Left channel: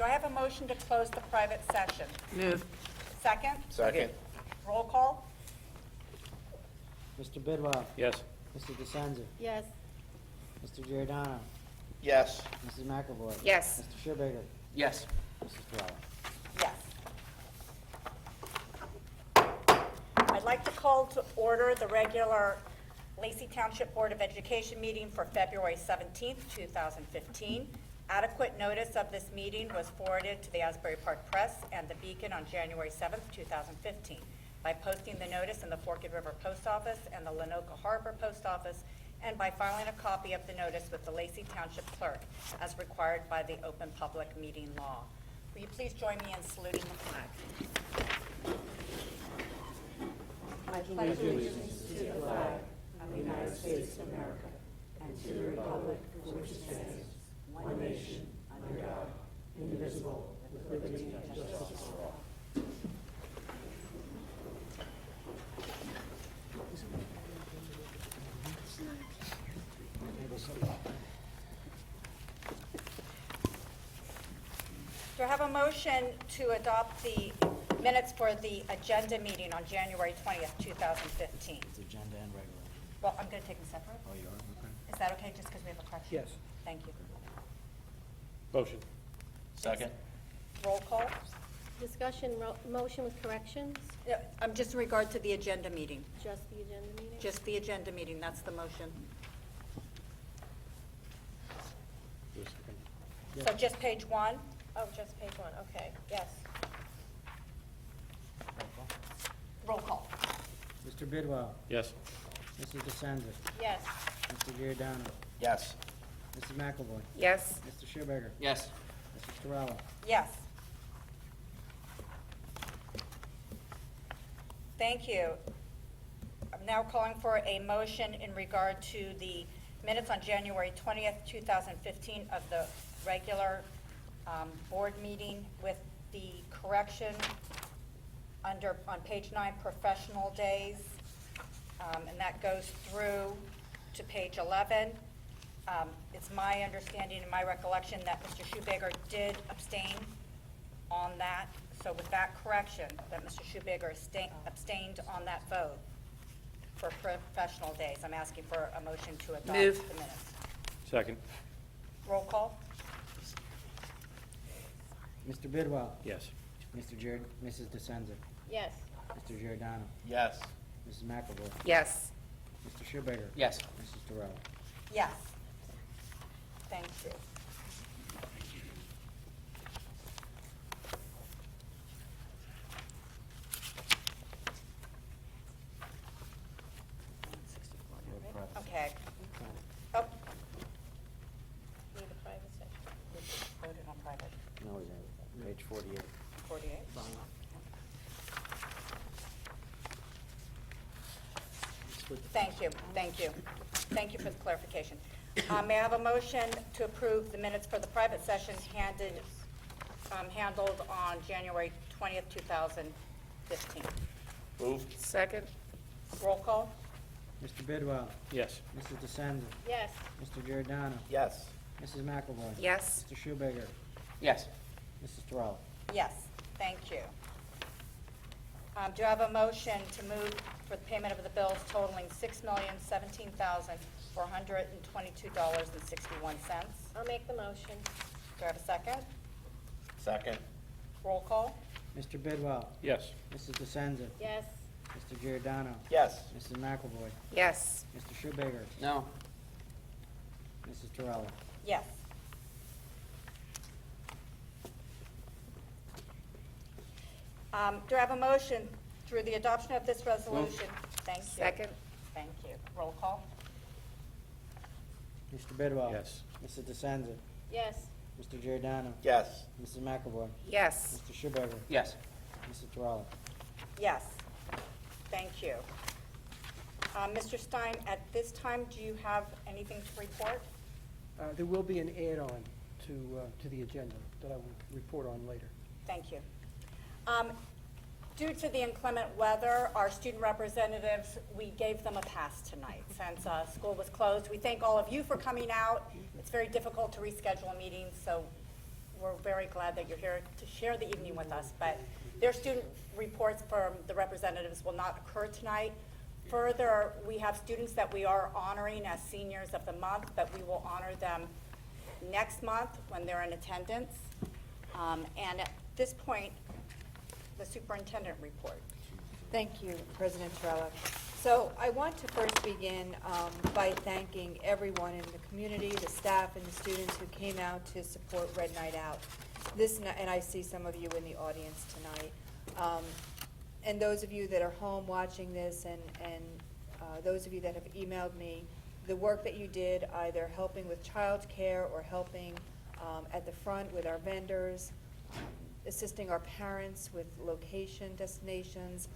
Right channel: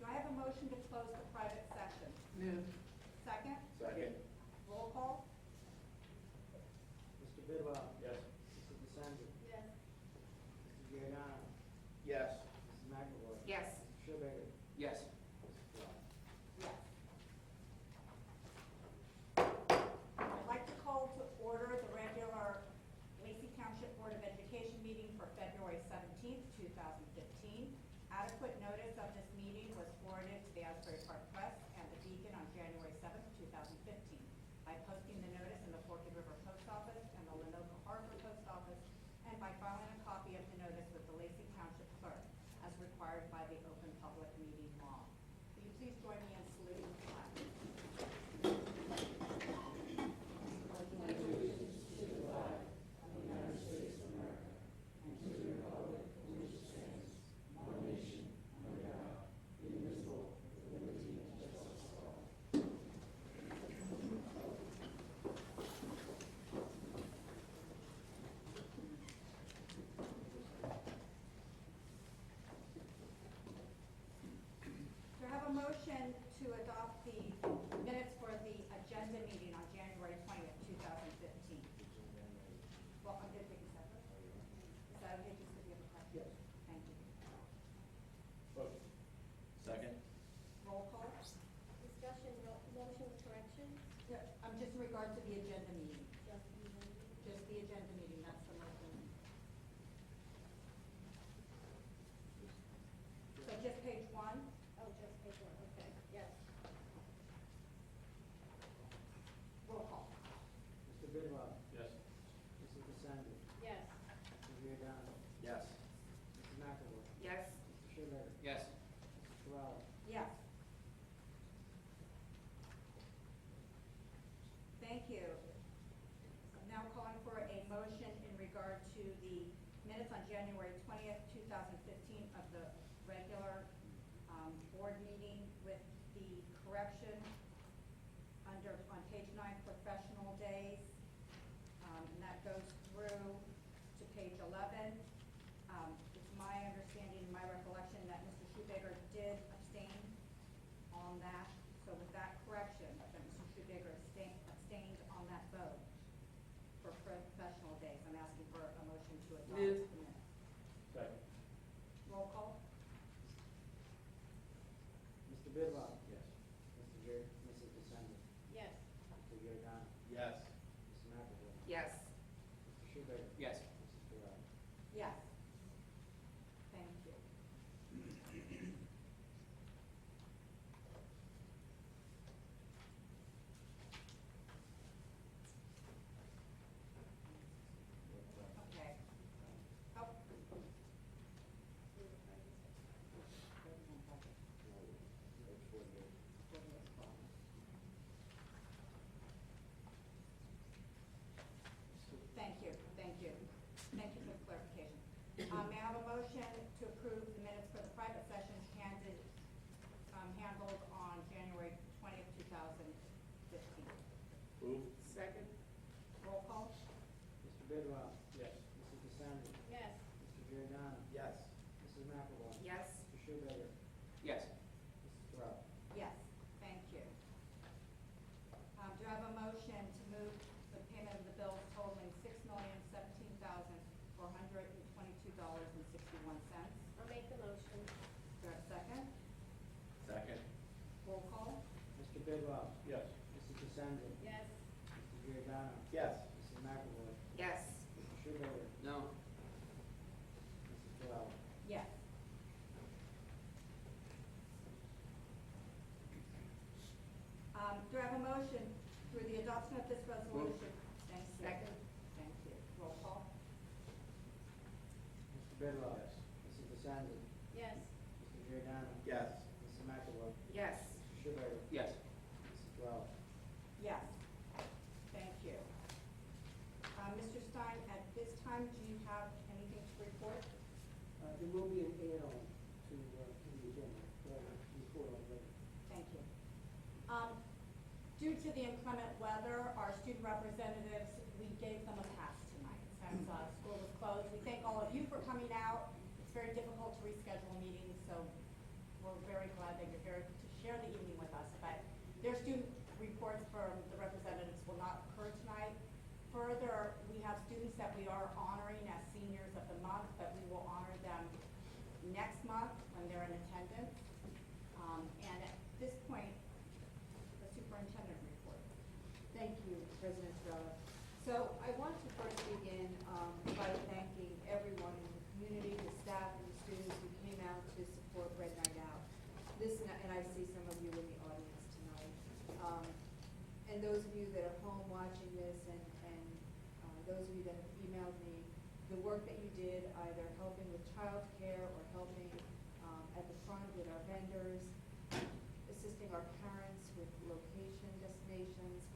Do I have a motion to close the private session? Move. Second? Second. Roll call? Mr. Bidwell. Yes. Mrs. DeSenza. Yes. Mr. Giordano. Yes. Mrs. McAvoy. Yes. Mr. Schubager. Yes. Mrs. Torella. Yes. I'd like to call to order the regular Lacey Township Board of Education meeting for February 17th, 2015. Adequate notice of this meeting was forwarded to the Asbury Park Press and the Beacon on January 7th, 2015, by posting the notice in the Forked River Post Office and the Lenoka Harbor Post Office, and by filing a copy of the notice with the Lacey Township Clerk, as required by the Open Public Meeting Law. Will you please join me in saluting the flag? Pledge allegiance to the flag of the United States of America and to the republic for which it stands, one nation, under God, indivisible, with liberty and justice for all. Do I have a motion to adopt the minutes for the agenda meeting on January 20th, 2015? It's agenda and regular. Well, I'm going to take them separate. Oh, you are? Okay. Is that okay, just because we have a correction? Yes. Thank you. Motion. Second. Roll call? Discussion, motion with corrections, Yeah, just in regard to the agenda meeting. just the agenda meeting? Just the agenda meeting, that's the motion. Yes. So just page one? Oh, just page one, okay, yes. Roll call. Mr. Bidwell. Yes. Mrs. DeSenza. Yes. Mr. Giordano. Yes. Mrs. McAvoy. Yes. Mr. Schubager. Yes. Mrs. Torella. Yes. Thank you. I'm now calling for a motion in regard to the minutes on January 20th, 2015 of the regular board meeting with the correction on page 9, professional days, and that goes through to page 11. It's my understanding and my recollection that Mr. Schubager did abstain on that. So with that correction, that Mr. Schubager abstained on that vote for professional days, I'm asking for a motion to adopt Move. the minutes. Second. Roll call? Mr. Bidwell. Yes. Mrs. DeSenza. Yes. Mr. Giordano. Yes. Mrs. McAvoy. Yes. Mr. Schubager. Yes. Mrs. Torella. Yes. Thank you. Okay. Oh, Need a private session. voted on private, No, we have page 48. 48. Thank you, thank you. Thank you for the clarification. May I have a motion to approve the minutes for the private session handled on January 20th, 2015? Move. Second? Roll call? Mr. Bidwell. Yes. Mrs. DeSenza. Yes. Mr. Giordano. Yes. Mrs. McAvoy. Yes. Mr. Schubager. Yes. Mrs. Torella. Yes, thank you. Do I have a motion to move for the payment of the bills totaling $6,017,422.61? I'll make the motion. Do I have a second? Second. Roll call? Mr. Bidwell. Yes. Mrs. DeSenza. Yes. Mr. Giordano. Yes. Mrs. McAvoy. Yes. Mr. Schubager. No. Mrs. Torella. Yes. Do I have a motion through the adoption of this resolution? Thank you. Second? Thank you. Roll call? Mr. Bidwell. Yes. Mrs. DeSenza. Yes. Mr. Giordano. Yes. Mrs. McAvoy. Yes. Mr. Schubager. Yes. Mrs. Torella. Yes. Thank you. Mr. Stein, at this time, do you have anything to report? There will be an add-on to the agenda that I will report on later. Thank you. Due to the inclement weather, our student representatives, we gave them a pass tonight since school was closed. We thank all of you for coming out. It's very difficult to reschedule meetings, so we're very very glad that you're here to share the evening with us, but their student reports from the representatives will not occur tonight. Further, we have students that we are honoring as seniors of the month, but we will honor them next month when they're in attendance. And at this point, the superintendent report. Thank you, President Torella. So I want to first begin by thanking everyone in the community, the staff and the students who came out to support Red Night Out. And I see some of you in the audience tonight. And those of you that are home watching this and those of you that have emailed me, the work that you did either helping with childcare or helping at the front with our vendors, assisting our parents with location destinations,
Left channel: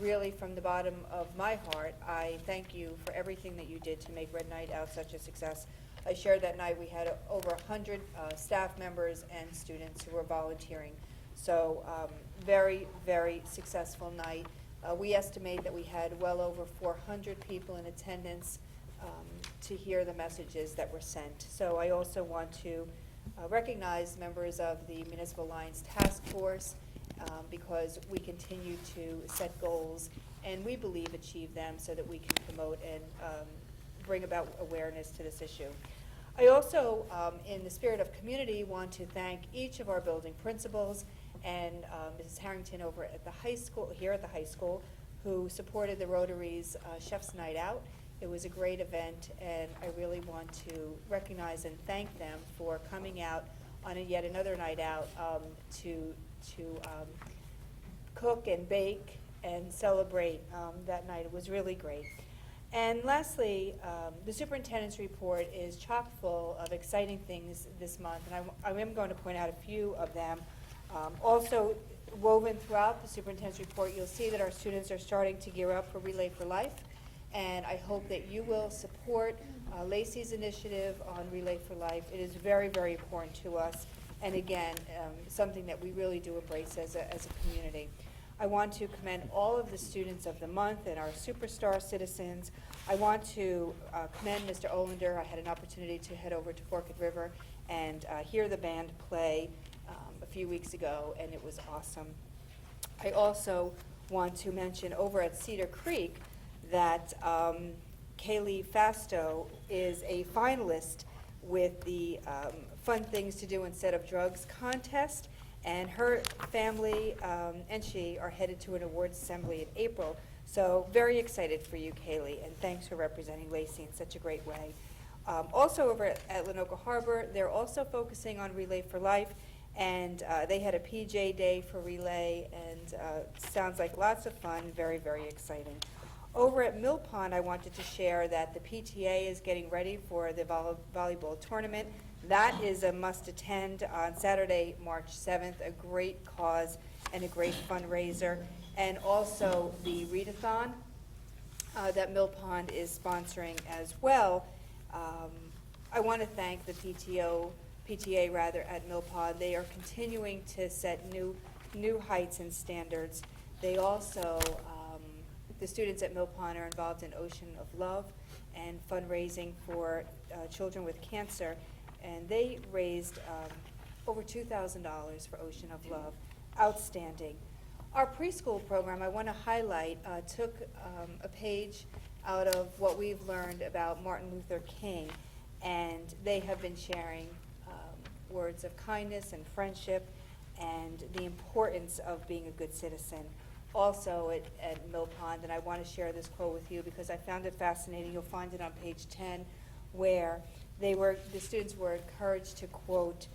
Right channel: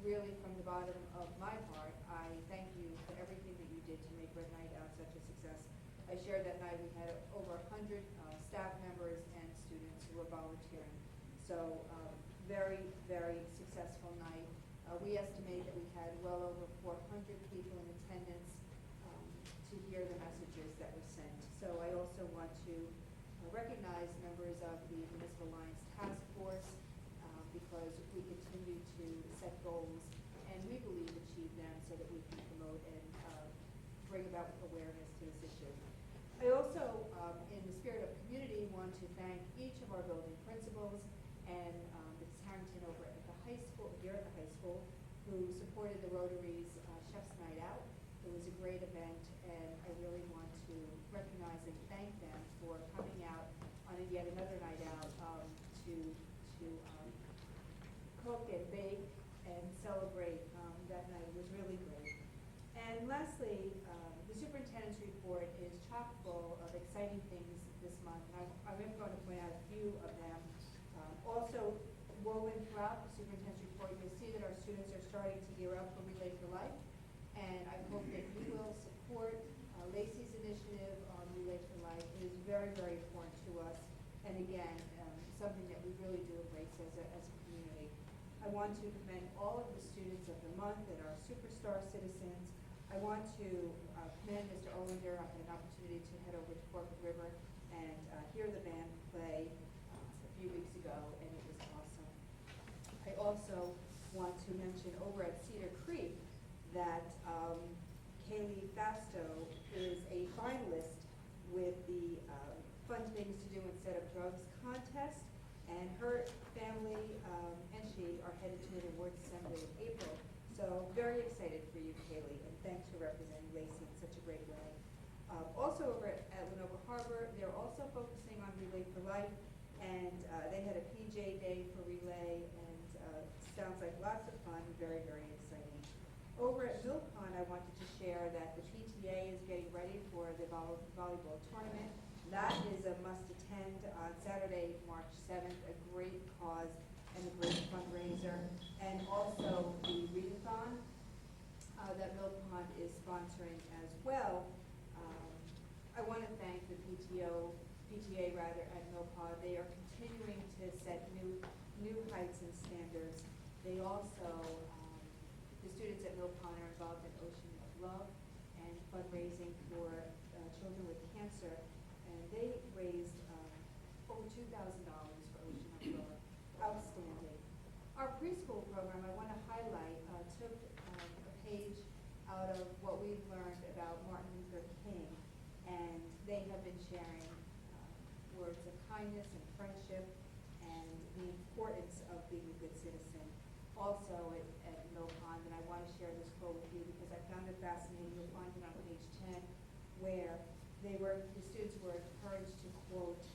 really from the bottom of my heart, I thank you for everything that you did to make Red Night Out such a success. I shared that night we had over 100 staff members and students who were volunteering. So very, very successful night. We estimate that we had well over 400 people in attendance to hear the messages that were sent. So I also want to recognize members of the Municipal Alliance Task Force because we continue to set goals and we believe achieve them so that we can promote and bring about awareness to this issue. I also, in the spirit of community, want to thank each of our building principals and Mrs. Harrington over at the high school, here at the high school, who supported the Rotary's Chef's Night Out. It was a great event, and I really want to recognize and thank them for coming out on yet another night out to cook and bake and celebrate that night. It was really great. And lastly, the superintendent's report is chock full of exciting things this month, and I am going to point out a few of them. Also woven throughout the superintendent's report, you'll see that our students are starting to gear up for Relay for Life, and I hope that you will support Lacey's initiative on Relay for Life. It is very, very important to us, and again, something that we really do embrace as a community. I want to commend all of the students of the month and our superstar citizens. I want to commend Mr. Olander. I had an opportunity to head over to Forked River and hear the band play a few weeks ago, and it was awesome. I also want to mention over at Cedar Creek that Kaylee Fasto is a finalist with the Fun Things to Do Instead of Drugs contest, and her family and she are headed to an awards assembly in April. So very excited for you, Kaylee, and thanks for representing Lacey in such a great way. Also over at Lenoka Harbor, they're also focusing on Relay for Life, and they had a PJ day for Relay, and sounds like lots of fun, very, very exciting. Over at Mill Pond, I wanted to share that the PTA is getting ready for the volleyball tournament. That is a must attend on Saturday, March 7th, a great cause and a great fundraiser. And also the readathon that Mill Pond is sponsoring as well. I want to thank the PTA at Mill Pond. They are continuing to set new heights and standards. They also, the students at Mill Pond are involved in Ocean of Love and fundraising for children with cancer. And they raised over $2,000 for Ocean of Love. Outstanding. Our preschool program, I want to highlight, took a page out of what we've learned about Martin Luther King, and they have been sharing words of kindness and friendship and the importance of being a good citizen. Also at Mill Pond, and I want to share this quote with you because I found it fascinating. You'll find it on page 10, where the students were encouraged to quote,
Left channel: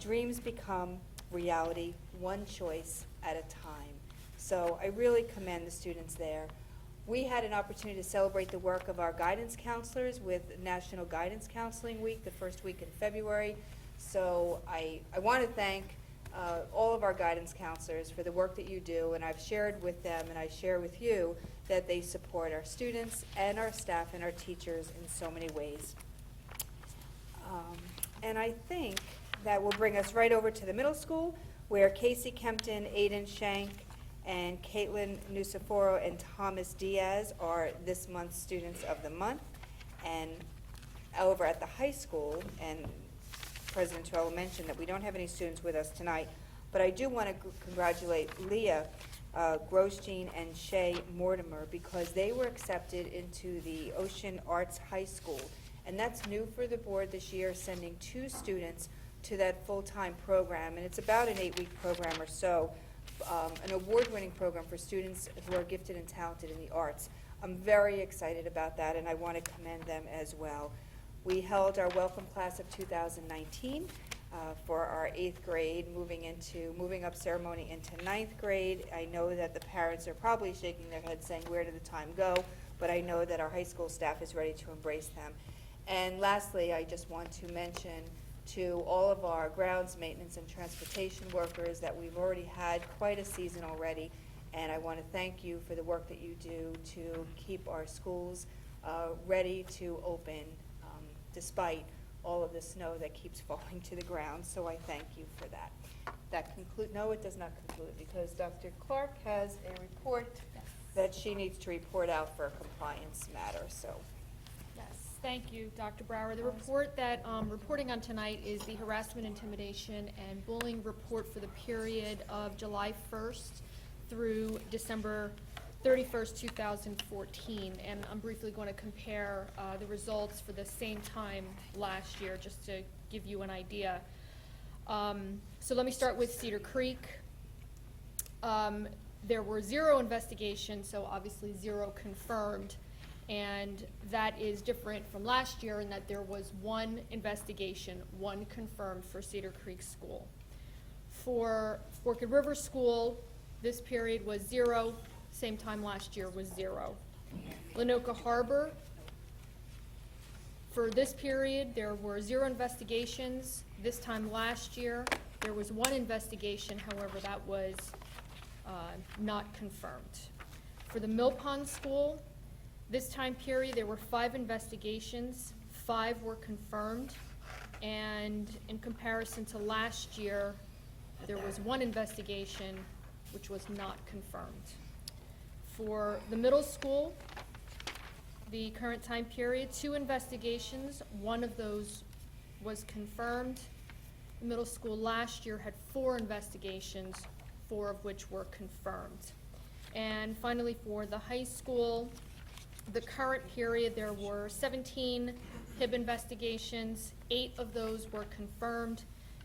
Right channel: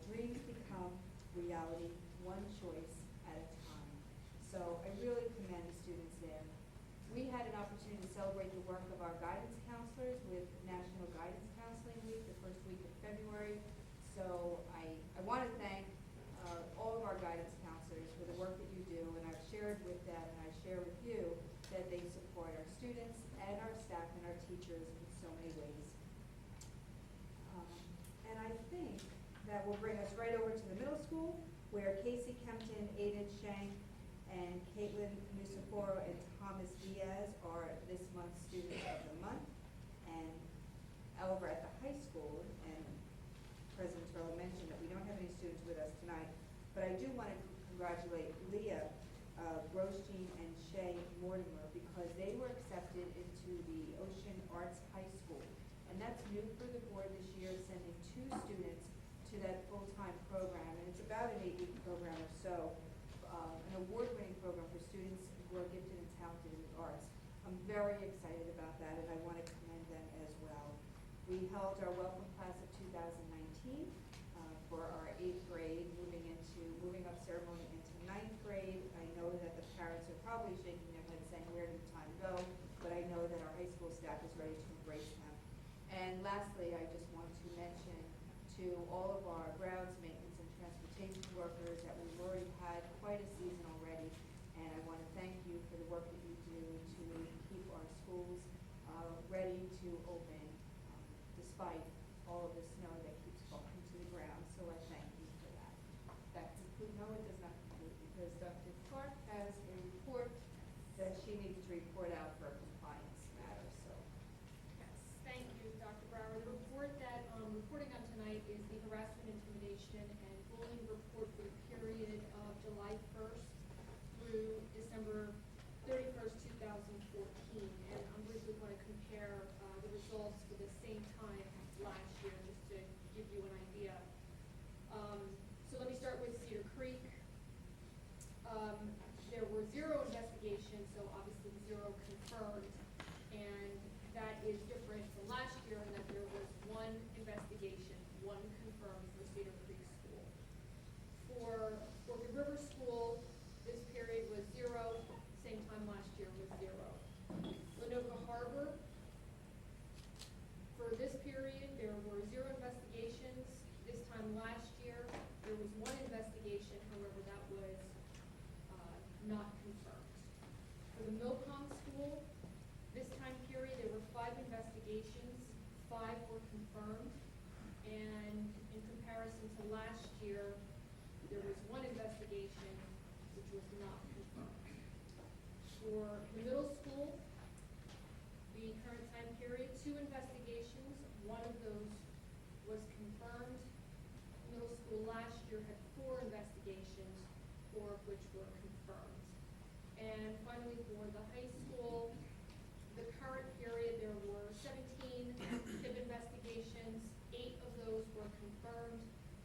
dreams become reality one choice at a time. So I really commend the students there. We had an opportunity to celebrate the work of our guidance counselors with National Guidance Counseling Week, the first week in February. So I want to thank all of our guidance counselors for the work that you do, and I've shared with them and I share with you that they support our students and our staff and our teachers in so many ways. And I think that will bring us right over to the middle school, where Casey Kempton, Aiden Shank, and Caitlin Nusiforo and Thomas Diaz are this month's Students of the Month. And over at the high school, and President Torella mentioned, that we don't have any students with us tonight, but I do want to congratulate Leah Grosjean and Shay Mortimer, because they were accepted into the Ocean Arts High School. And that's new for the board this year, sending 2 students to that full-time program. And it's about an 8-week program or so, an award-winning program for students who are gifted and talented in the arts. I'm very excited about that, and I want to commend them as well. We held our welcome class of 2019 for our 8th grade, moving up ceremony into 9th grade. I know that the parents are probably shaking their heads saying, where did the time go? But I know that our high school staff is ready to embrace them. And lastly, I just want to mention to all of our grounds maintenance and transportation workers that we've already had quite a season already, and I want to thank you for the work that you do to keep our schools ready to open despite all of the snow that keeps falling to the ground, so I thank you for that. That conclude, no, it does not conclude, because Dr. Clark has a report that she needs to report out for a compliance matter, so. Yes, thank you, Dr. Brower. The report that I'm reporting on tonight is the harassment, intimidation, and bullying report for the period of July 1st through December 31st, 2014. And I'm briefly going to compare the results for the same time last year, just to give you an idea. So let me start with Cedar Creek. There were 0 investigations, so obviously 0 confirmed. And that is different from last year in that there was 1 investigation, 1 confirmed for Cedar Creek School. For Orchid River School, this period was 0, same time last year was 0. Lenoka Harbor, for this period, there were 0 investigations. This time last year, there was 1 investigation, however, that was not confirmed. For the Mill Pond School, this time period, there were 5 investigations, 5 were confirmed, and in comparison to last year, there was 1 investigation which was not confirmed. For the middle school, the current time period, 2 investigations, 1 of those was confirmed. Middle school last year had 4 investigations, 4 of which were confirmed. And finally, for the high school, the current period, there were 17 HIB investigations, 8 of those were confirmed.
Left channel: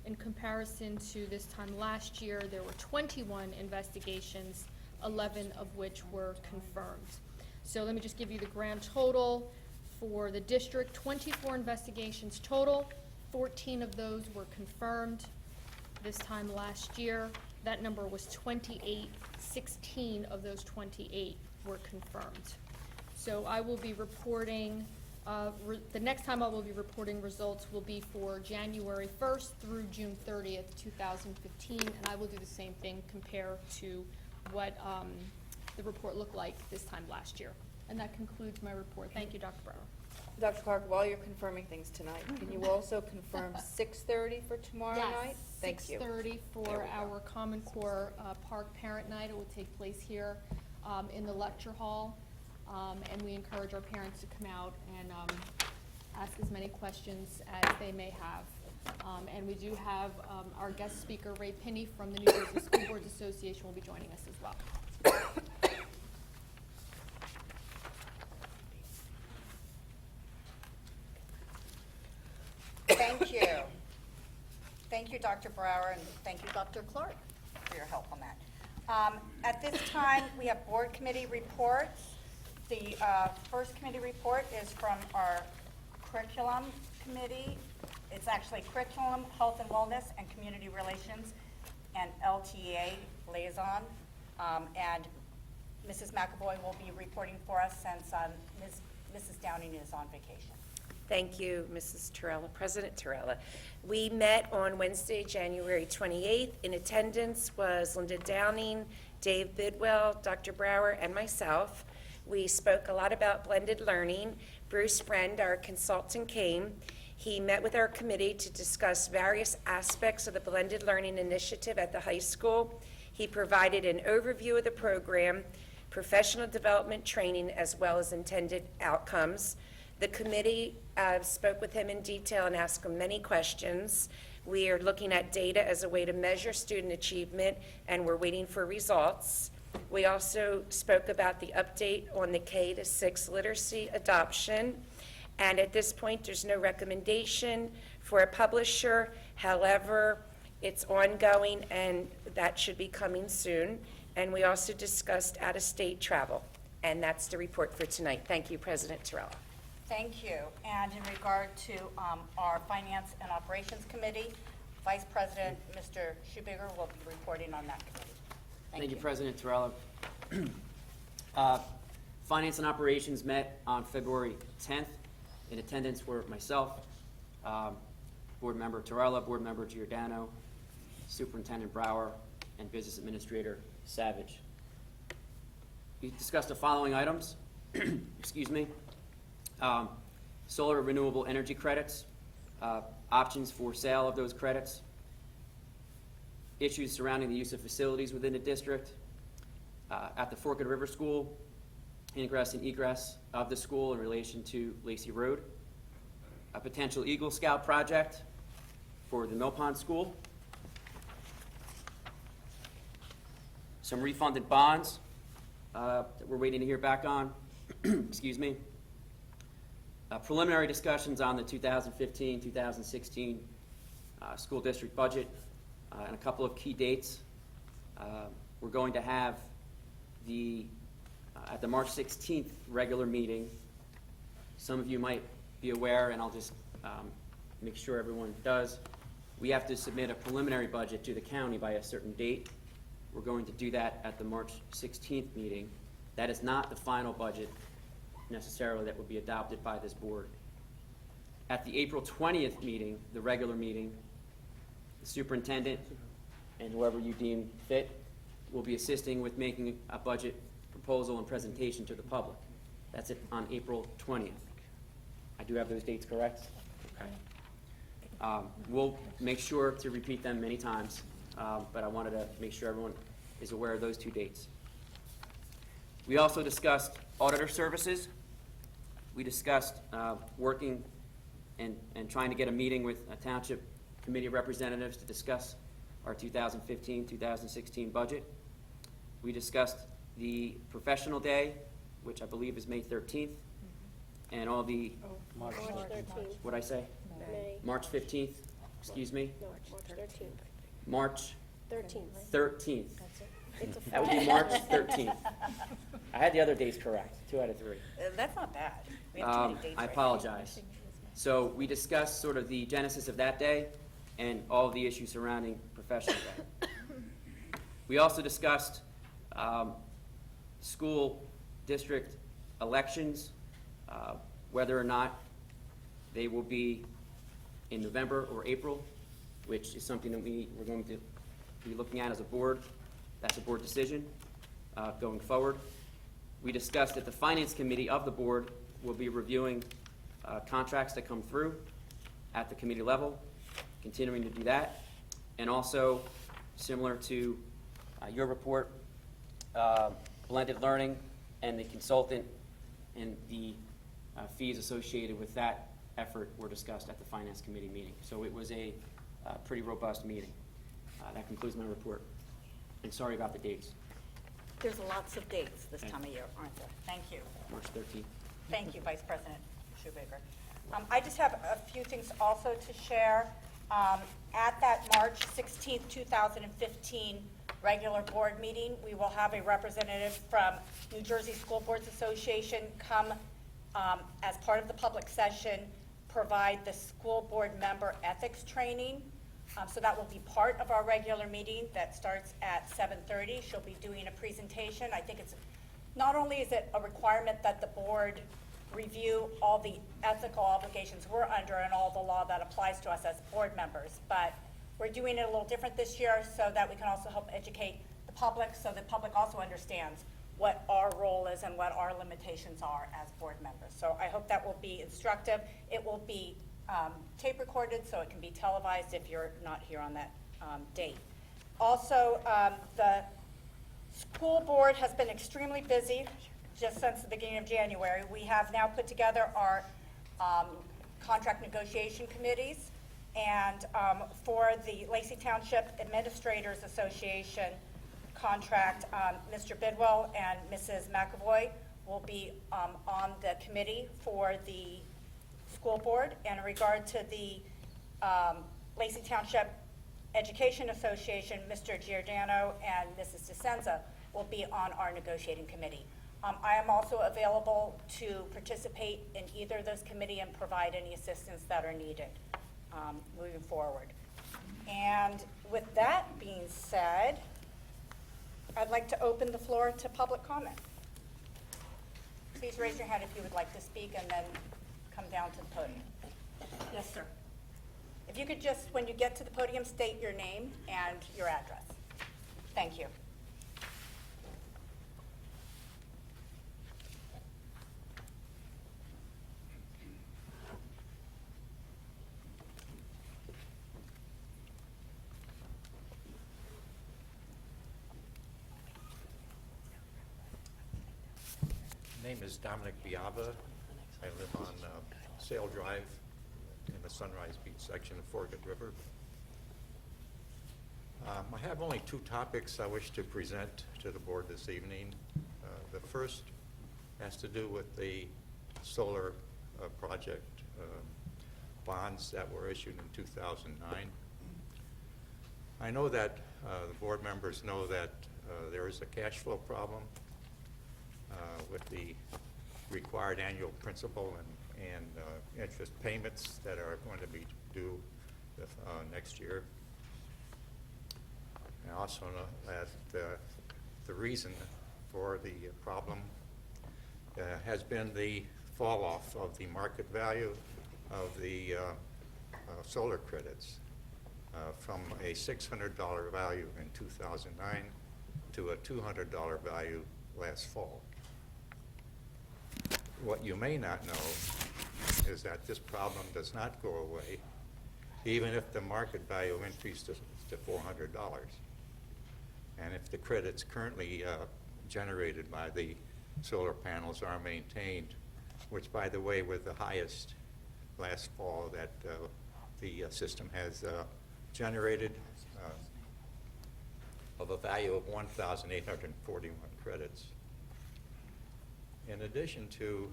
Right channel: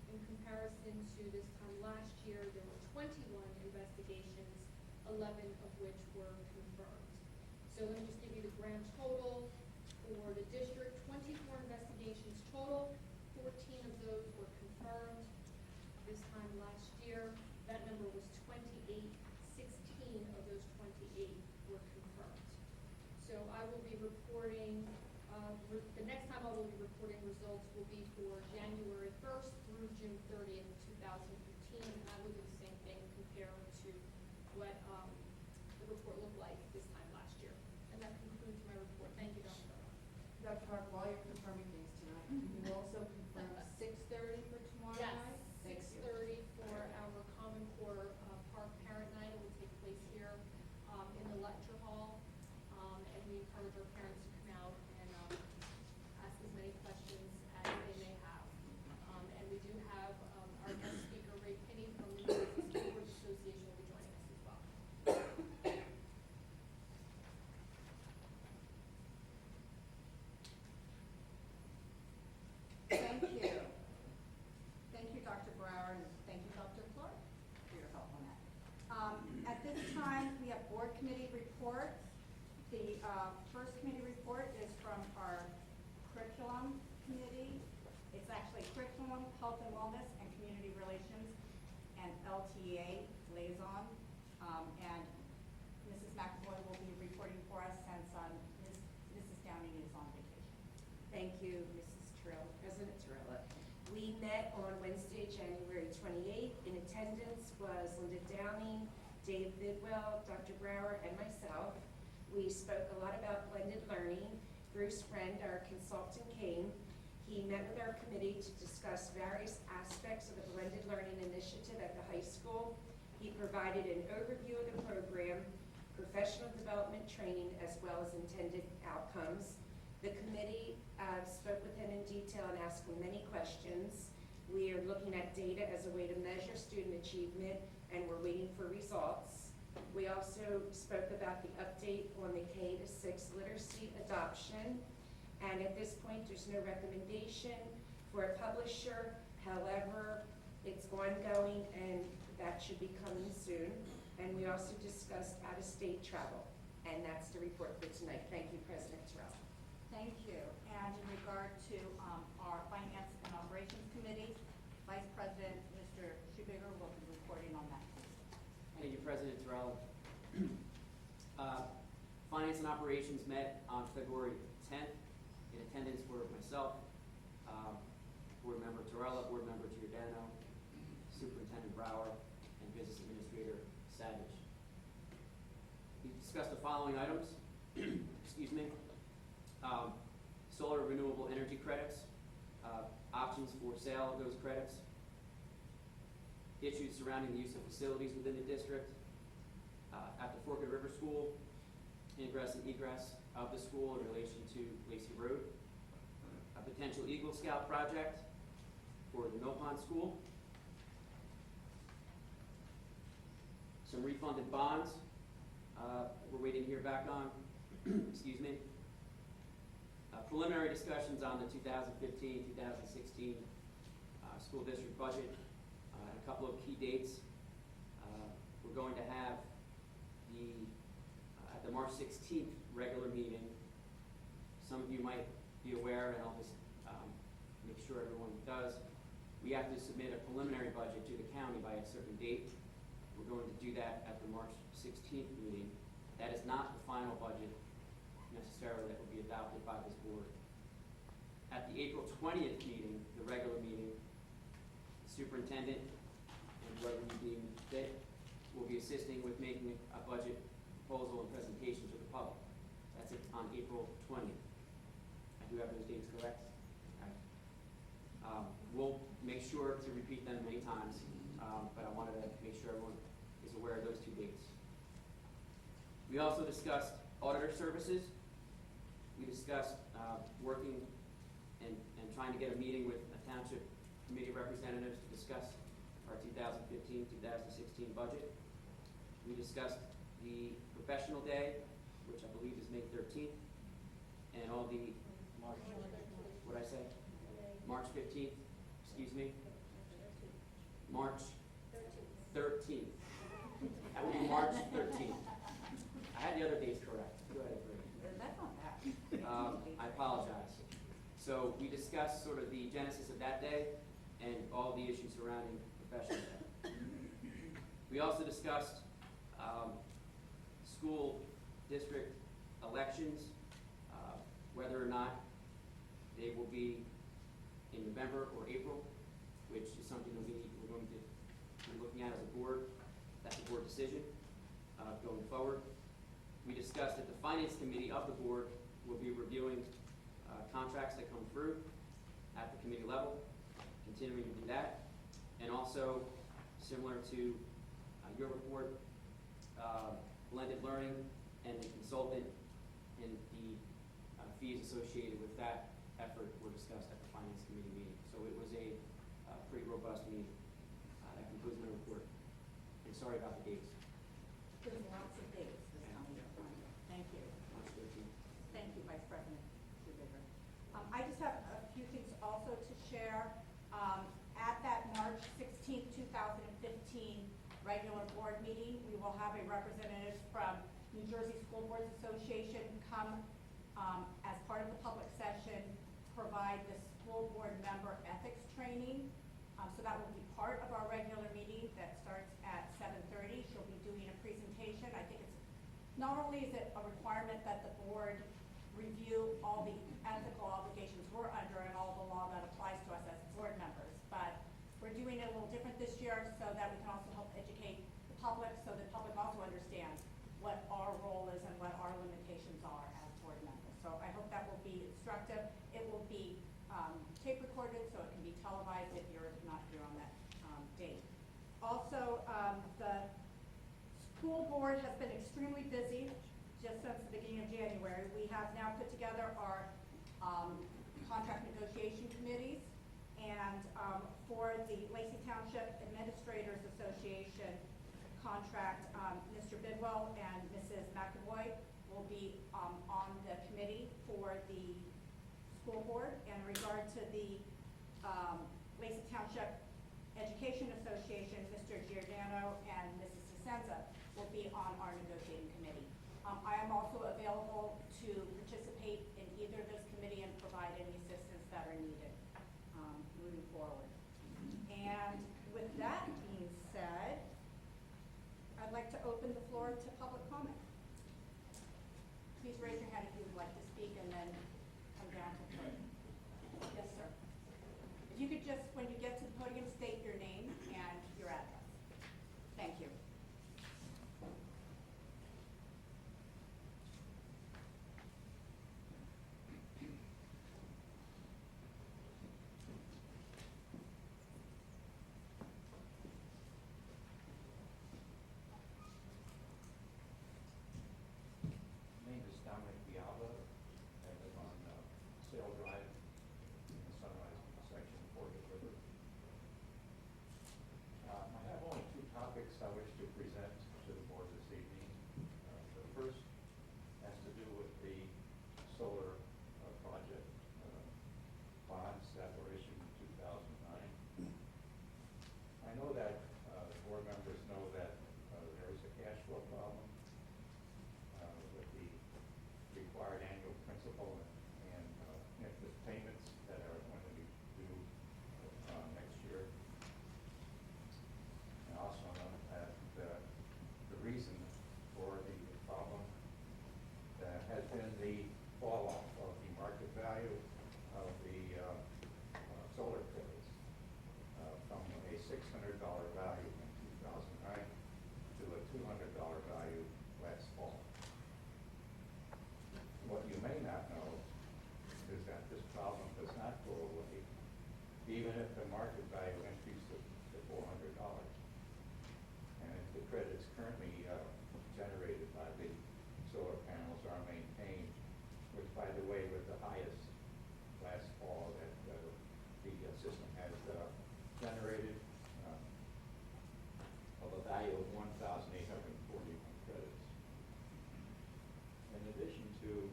In comparison to this time last year, there were 21 investigations, 11 of which were confirmed. So let me just give you the grand total. For the district, 24 investigations total, 14 of those were confirmed. This time last year, that number was 28, 16 of those 28 were confirmed. So I will be reporting, the next time I will be reporting results will be for January 1st through June 30th, 2015, and I will do the same thing, compare to what the report looked like this time last year. And that concludes my report. Thank you, Dr. Brower. Dr. Clark, while you're confirming things tonight, can you also confirm 6:30 for tomorrow night? Thank you. 6:30 for our Common Core Park Parent Night. It will take place here in the lecture hall. And we encourage our parents to come out and ask as many questions as they may have. And we do have our guest speaker, Ray Pinney from the New Jersey School Boards Association, will be joining us as well. Thank you. Thank you, Dr. Brower, and thank you, Dr. Clark, for your help on that. At this time, we have board committee reports. The first committee report is from our curriculum committee. It's actually curriculum, health and wellness, and community relations, and LTA liaison. And Mrs. McAvoy will be reporting for us since Mrs. Downing is on vacation. Thank you, Mrs. Torella, President Torella. We met on Wednesday, January 28th. In attendance was Linda Downing, Dave Bidwell, Dr. Brower, and myself. We spoke a lot about blended learning. Bruce Friend, our consultant, came. He met with our committee to discuss various aspects of the blended learning initiative at the high school. He provided an overview of the program, professional development training, as well as intended outcomes. The committee spoke with him in detail and asked him many questions. We are looking at data as a way to measure student achievement, and we're waiting for results. We also spoke about the update on the K to 6 literacy adoption, and at this point, there's no recommendation for a publisher. However, it's ongoing, and that should be coming soon. And we also discussed out-of-state travel, and that's the report for tonight. Thank you, President Torella. Thank you. And in regard to our Finance and Operations Committee, Vice President Mr. Schubiger will be reporting on that committee. Thank you, President Torella. Finance and Operations met on February 10th. In attendance were myself, Board Member Torella, Board Member Giordano, Superintendent Brower, and Business Administrator Savage. We discussed the following items. Excuse me. Solar renewable energy credits, options for sale of those credits, issues surrounding the use of facilities within the district, at the Forked River School, ingress and egress of the school in relation to Lacey Road, a potential Eagle Scout project for the Mill Pond School, some refunded bonds that we're waiting to hear back on, excuse me, preliminary discussions on the 2015-2016 school district budget, and a couple of key dates. We're going to have at the March 16th regular meeting, some of you might be aware, and I'll just make sure everyone does, we have to submit a preliminary budget to the county by a certain date. We're going to do that at the March 16th meeting. That is not the final budget necessarily that will be adopted by this board. At the April 20th meeting, the regular meeting, the superintendent and whoever you deem fit will be assisting with making a budget proposal and presentation to the public. That's it on April 20th. I do have those dates correct? Okay. We'll make sure to repeat them many times, but I wanted to make sure everyone is aware of those two dates. We also discussed auditor services. We discussed working and trying to get a meeting with township committee representatives to discuss our 2015-2016 budget. We discussed the professional day, which I believe is May 13th, and all the, March 13th. what'd I say? May. March 15th, excuse me, March 13th. March 13th. That would be March 13th. I had the other dates correct, 2 out of 3. That's not bad. We have too many dates I right now. apologize. So we discussed sort of the genesis of that day and all of the issues surrounding professional day. We also discussed school district elections, whether or not they will be in November or April, which is something that we're going to be looking at as a board. That's a board decision going forward. We discussed that the Finance Committee of the board will be reviewing contracts that come through at the committee level, continuing to do that. And also, similar to your report, blended learning and the consultant and the fees associated with that effort were discussed at the Finance Committee meeting. So it was a pretty robust meeting. That concludes my report. And sorry about the dates. There's lots of dates this time of year, aren't there? Thank you. March 13th. Thank you, Vice President Schubiger. I just have a few things also to share. At that March 16th, 2015 regular board meeting, we will have a representative from New Jersey School Boards Association come as part of the public session, provide the school board member ethics training. So that will be part of our regular meeting that starts at 7:30. She'll be doing a presentation. I think it's, not only is it a requirement that the board review all the ethical obligations we're under and all the law that applies to us as board members, but we're doing it a little different this year so that we can also help educate the public, so the public also understands what our role is and what our limitations are as board members. So I hope that will be instructive. It will be tape recorded, so it can be televised if you're not here on that date. Also, the school board has been extremely busy just since the beginning of January. We have now put together our contract negotiation committees. And for the Lacey Township Administrators Association contract, Mr. Bidwell and Mrs. McAvoy will be on the committee for the school board. And in regard to the Lacey Township Education Association, Mr. Giordano and Mrs. DeSenza will be on our negotiating committee. I am also available to participate in either of those committees and provide any assistance that are needed moving forward. And with that being said, I'd like to open the floor to public comment. Please raise your hand if you would like to speak and then come down to the podium. Yes, sir. If you could just, when you get to the podium, state your name and your address. Thank you. My name is Dominic Beaba. I live on Sail Drive in the Sunrise Beach section of Forget River. I have only two topics I wish to present to the board this evening. The first has to do with the solar project bonds that were issued in 2009. I know that the board members know that there is a cash flow problem with the required annual principal and interest payments that are going to be due next year. I also know that the reason for the problem has been the fall off of the market value of the solar credits from a $600 value in 2009 to a $200 value last fall. What you may not know is that this problem does not go away even if the market value increased to $400. And if the credits currently generated by the solar panels are maintained, which by the way were the highest last fall that the system has generated of a value of 1,841 credits. In addition to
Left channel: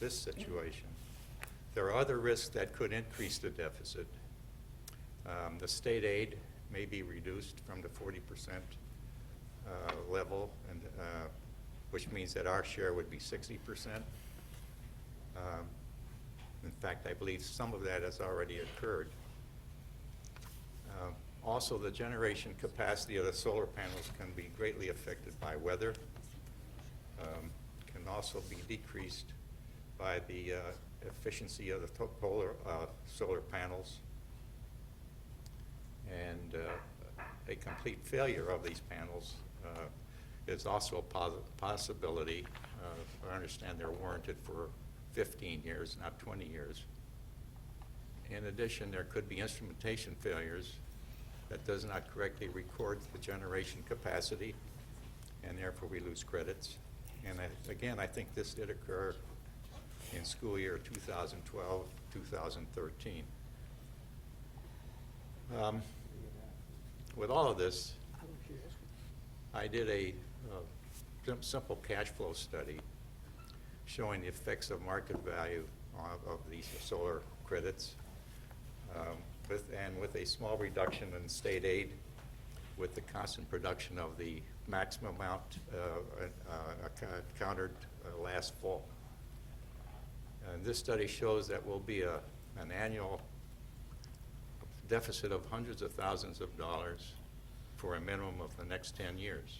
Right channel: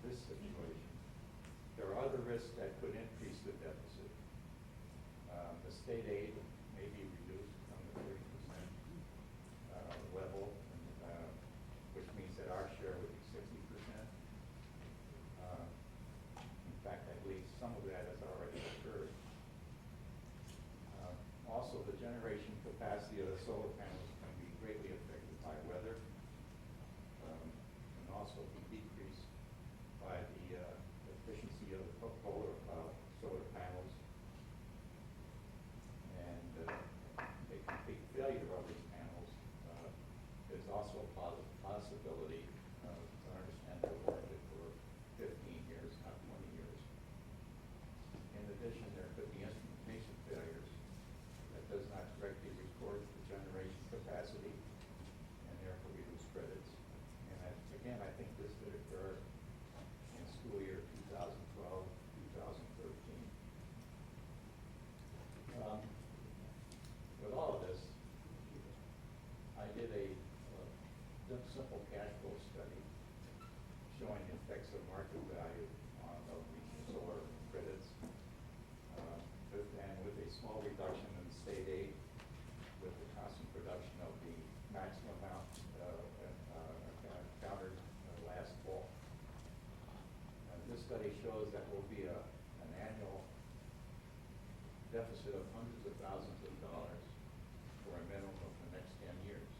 this situation, there are other risks that could increase the deficit. The state aid may be reduced from the 40% level, and, which means that our share would be 60%. In fact, I believe some of that has already occurred. Also, the generation capacity of the solar panels can be greatly affected by weather. Can also be decreased by the efficiency of the solar panels. And a complete failure of these panels is also a possibility. I understand they're warranted for 15 years, not 20 years. In addition, there could be instrumentation failures that does not correctly record the generation capacity, and therefore we lose credits. And again, I think this did occur in school year 2012, 2013. With all of this, I did a simple cash flow study showing the effects of market value of these solar credits, with a small reduction in state aid, with the constant production of the maximum amount countered last fall. This study shows that will be an annual deficit of hundreds of thousands of dollars for a minimum of the next 10 years.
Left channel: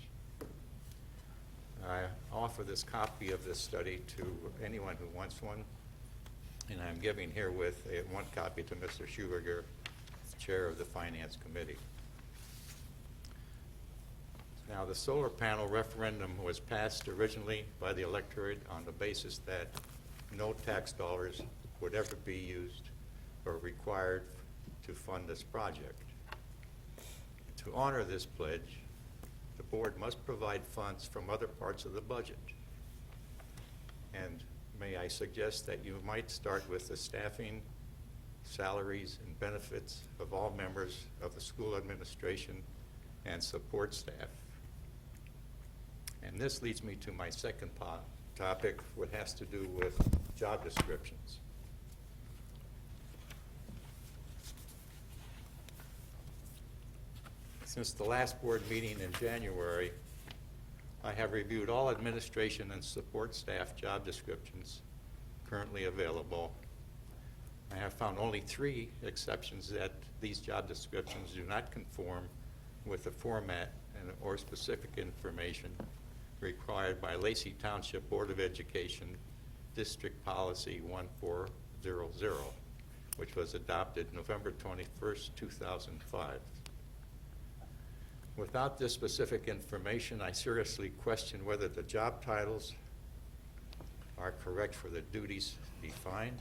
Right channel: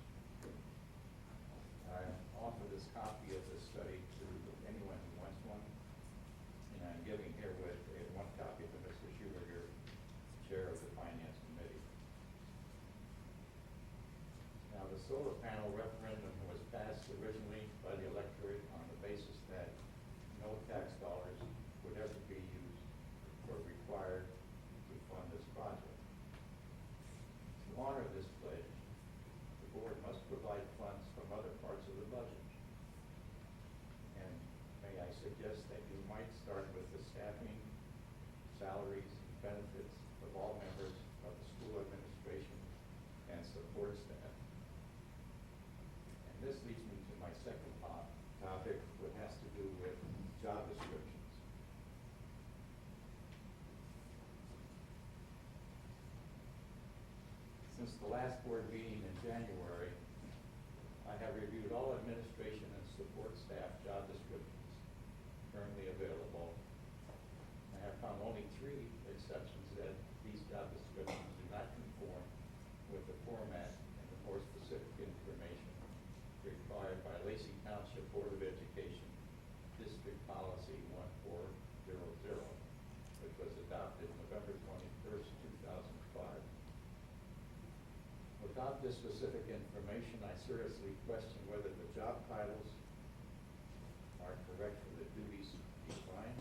I offer this copy of this study to anyone who wants one, and I'm giving herewith one copy to Mr. Schuberger, Chair of the Finance Committee. Now, the solar panel referendum was passed originally by the electorate on the basis that no tax dollars would ever be used or required to fund this project. To honor this pledge, the board must provide funds from other parts of the budget. And may I suggest that you might start with the staffing, salaries, and benefits of all members of the school administration and support staff. And this leads me to my second topic, what has to do with job descriptions. Since the last board meeting in January, I have reviewed all administration and support staff job descriptions currently available. I have found only 3 exceptions that these job descriptions do not conform with the format or specific information required by Lacey Township Board of Education District Policy 1400, which was adopted November 21st, 2005. Without this specific information, I seriously question whether the job titles are correct for the duties defined,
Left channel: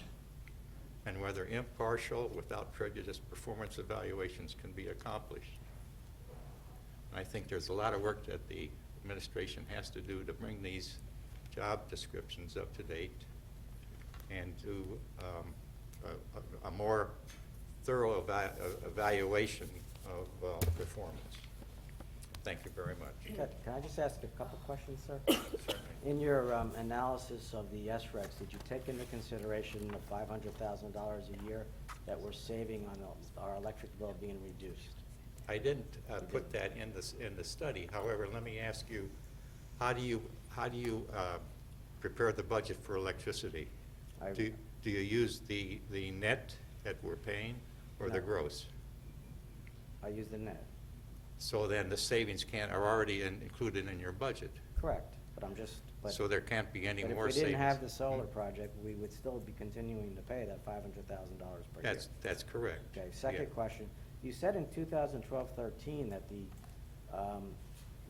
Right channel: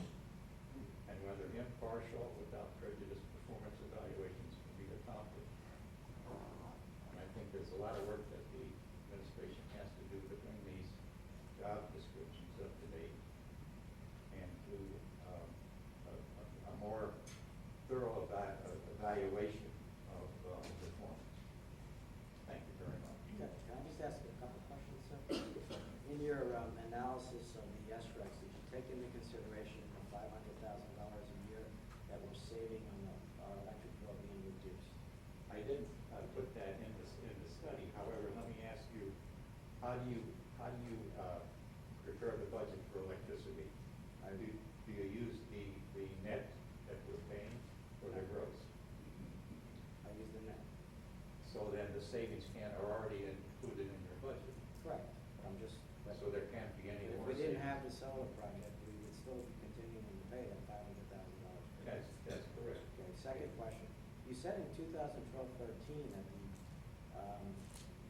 and whether impartial, without prejudice, performance evaluations can be accomplished. I think there's a lot of work that the administration has to do to bring these job descriptions up to date and to a more thorough evaluation of performance. Thank you very much. Can I just ask a couple questions, sir? In your analysis of the SRECs, did you take into consideration the $500,000 a year that we're saving on our electric bill being reduced? I didn't put that in the study. However, let me ask you, how do you prepare the budget for electricity? Do you use the net that we're paying or the No. gross? I use the net. So then the savings are already included in your budget. Correct, but I'm just. So there can't be any more savings. If we didn't have the solar project, we would still be continuing to pay that $500,000 per year. That's correct. Okay, second Yeah. question. You said in 2012-13 that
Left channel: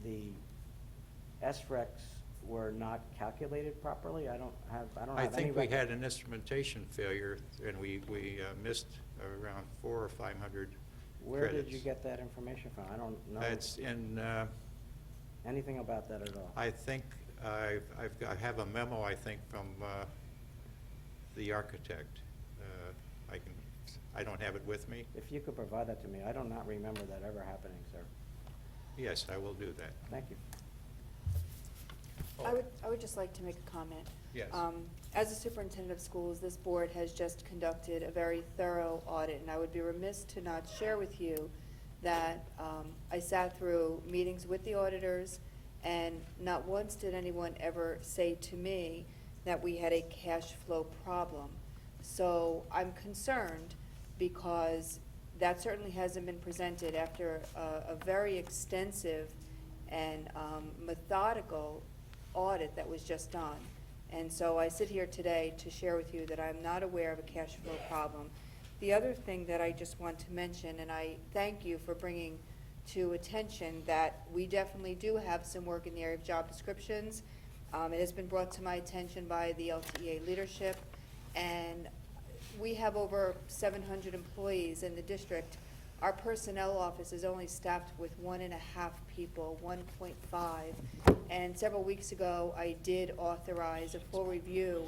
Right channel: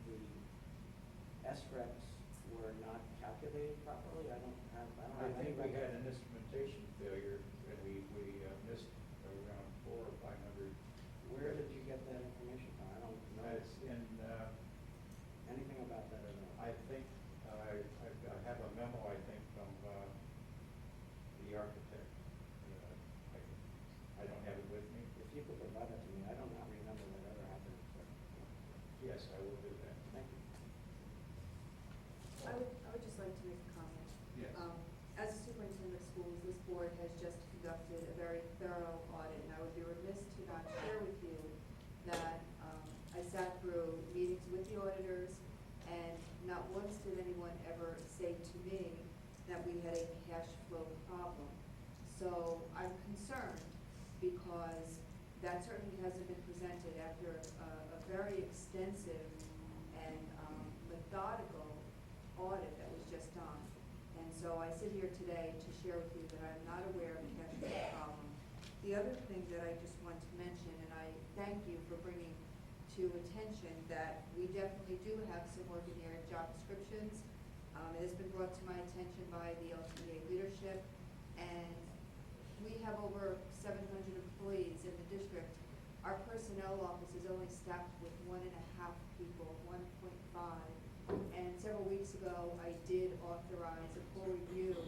the SRECs were not calculated properly? I don't have I any think we record. had an instrumentation failure, and we missed around 400 or 500 Where did credits. you get that information from? I don't know It's in, anything about that at all. I think, I have a memo, I think, from the architect. I don't have it with me. If you could provide that to me, I do not remember that ever happening, sir. Yes, I will do that. Thank you. I would just like to make a comment. Yes. As a superintendent of schools, this board has just conducted a very thorough audit, and I would be remiss to not share with you that I sat through meetings with the auditors, and not once did anyone ever say to me that we had a cash flow problem. So I'm concerned because that certainly hasn't been presented after a very extensive and methodical audit that was just done. And so I sit here today to share with you that I'm not aware of a cash flow problem. The other thing that I just want to mention, and I thank you for bringing to attention that we definitely do have some work in the area of job descriptions. It has been brought to my attention by the LTA leadership, and we have over 700 employees in the district. Our personnel office is only staffed with 1.5 people, 1.5. And several weeks ago, I did authorize a full review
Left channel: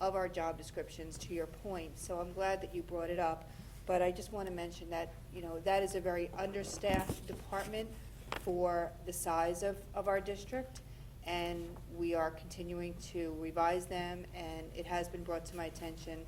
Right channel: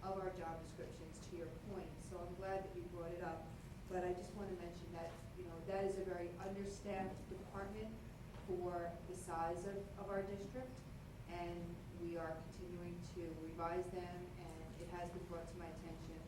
of our job descriptions, to your point. So I'm glad that you brought it up. But I just want to mention that, that is a very understaffed department for the size of our district. And we are continuing to revise them, and it has been brought to my attention.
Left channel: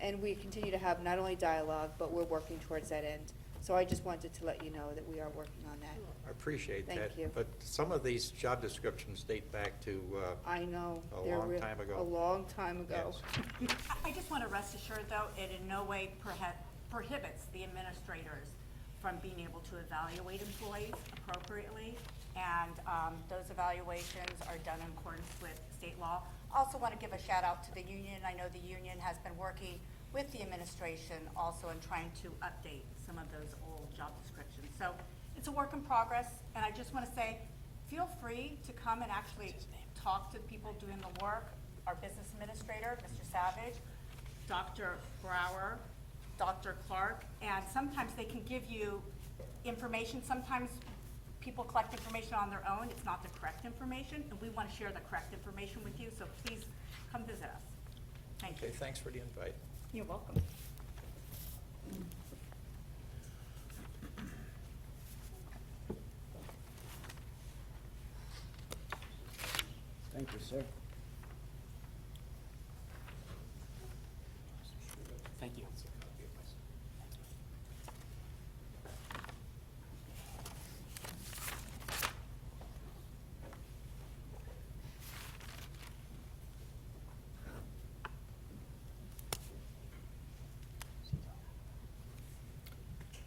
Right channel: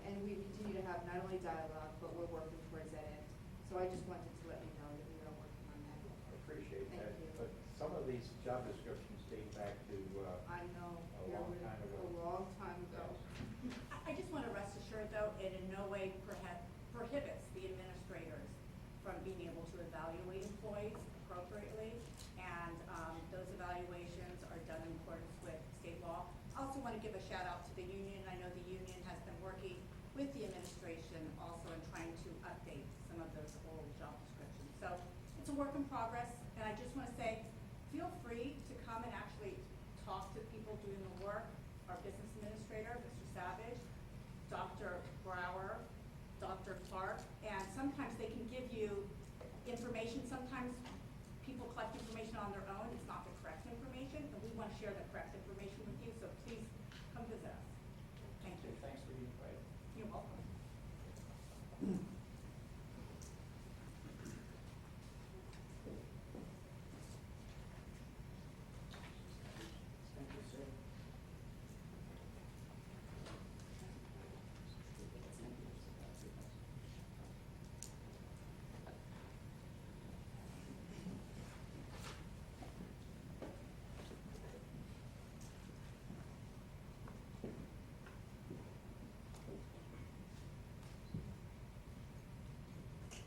And we continue to have not only dialogue, but we're working towards that end. So I just wanted to let you know that we are working on that. I appreciate that. Thank you. But some of these job descriptions date back to I know. a long time ago. A long time ago. Yes. I just want to rest assured, though, it in no way prohibits the administrators from being able to evaluate employees appropriately, and those evaluations are done in accordance with state law. Also want to give a shout out to the union. I know the union has been working with the administration also in trying to update some of those old job descriptions. So it's a work in progress, and I just want to say, feel free to come and actually talk to the people doing the work, our business administrator, Mr. Savage, Dr. Brower, Dr. Clark, and sometimes they can give you information. Sometimes people collect information on their own. It's not the correct information, and we want to share the correct information with you, so please come visit us. Thank you. Okay, thanks for the invite. You're welcome. Thank you, sir. Thank you.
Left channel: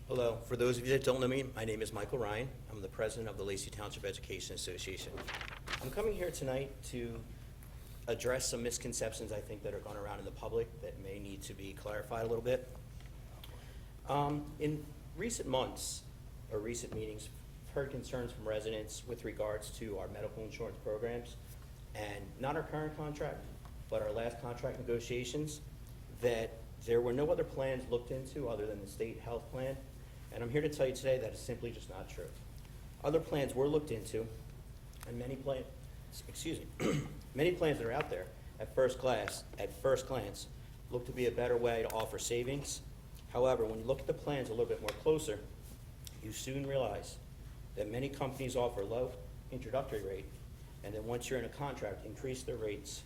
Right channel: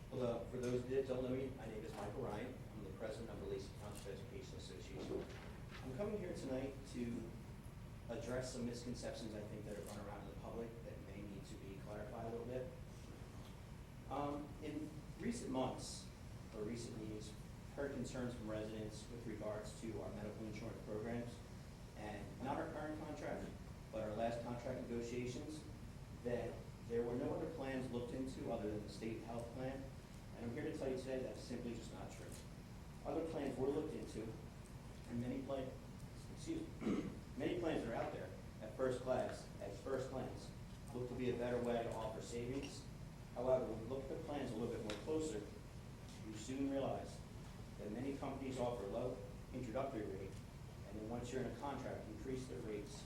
Hello. For those of you that don't know me, my name is Michael Ryan. I'm the president of the Lacey Township Education Association. I'm coming here tonight to address some misconceptions I think that are going around in the public that may need to be clarified a little bit. In recent months or recent meetings, I've heard concerns from residents with regards to our medical insurance programs and not our current contract, but our last contract negotiations, that there were no other plans looked into other than the state health plan. And I'm here to tell you today that is simply just not true. Other plans were looked into, and many plans that are out there at first glance look to be a better way to offer savings. However, when you look at the plans a little bit more closer, you soon realize that many companies offer low introductory rate, and then once you're in a contract, increase their rates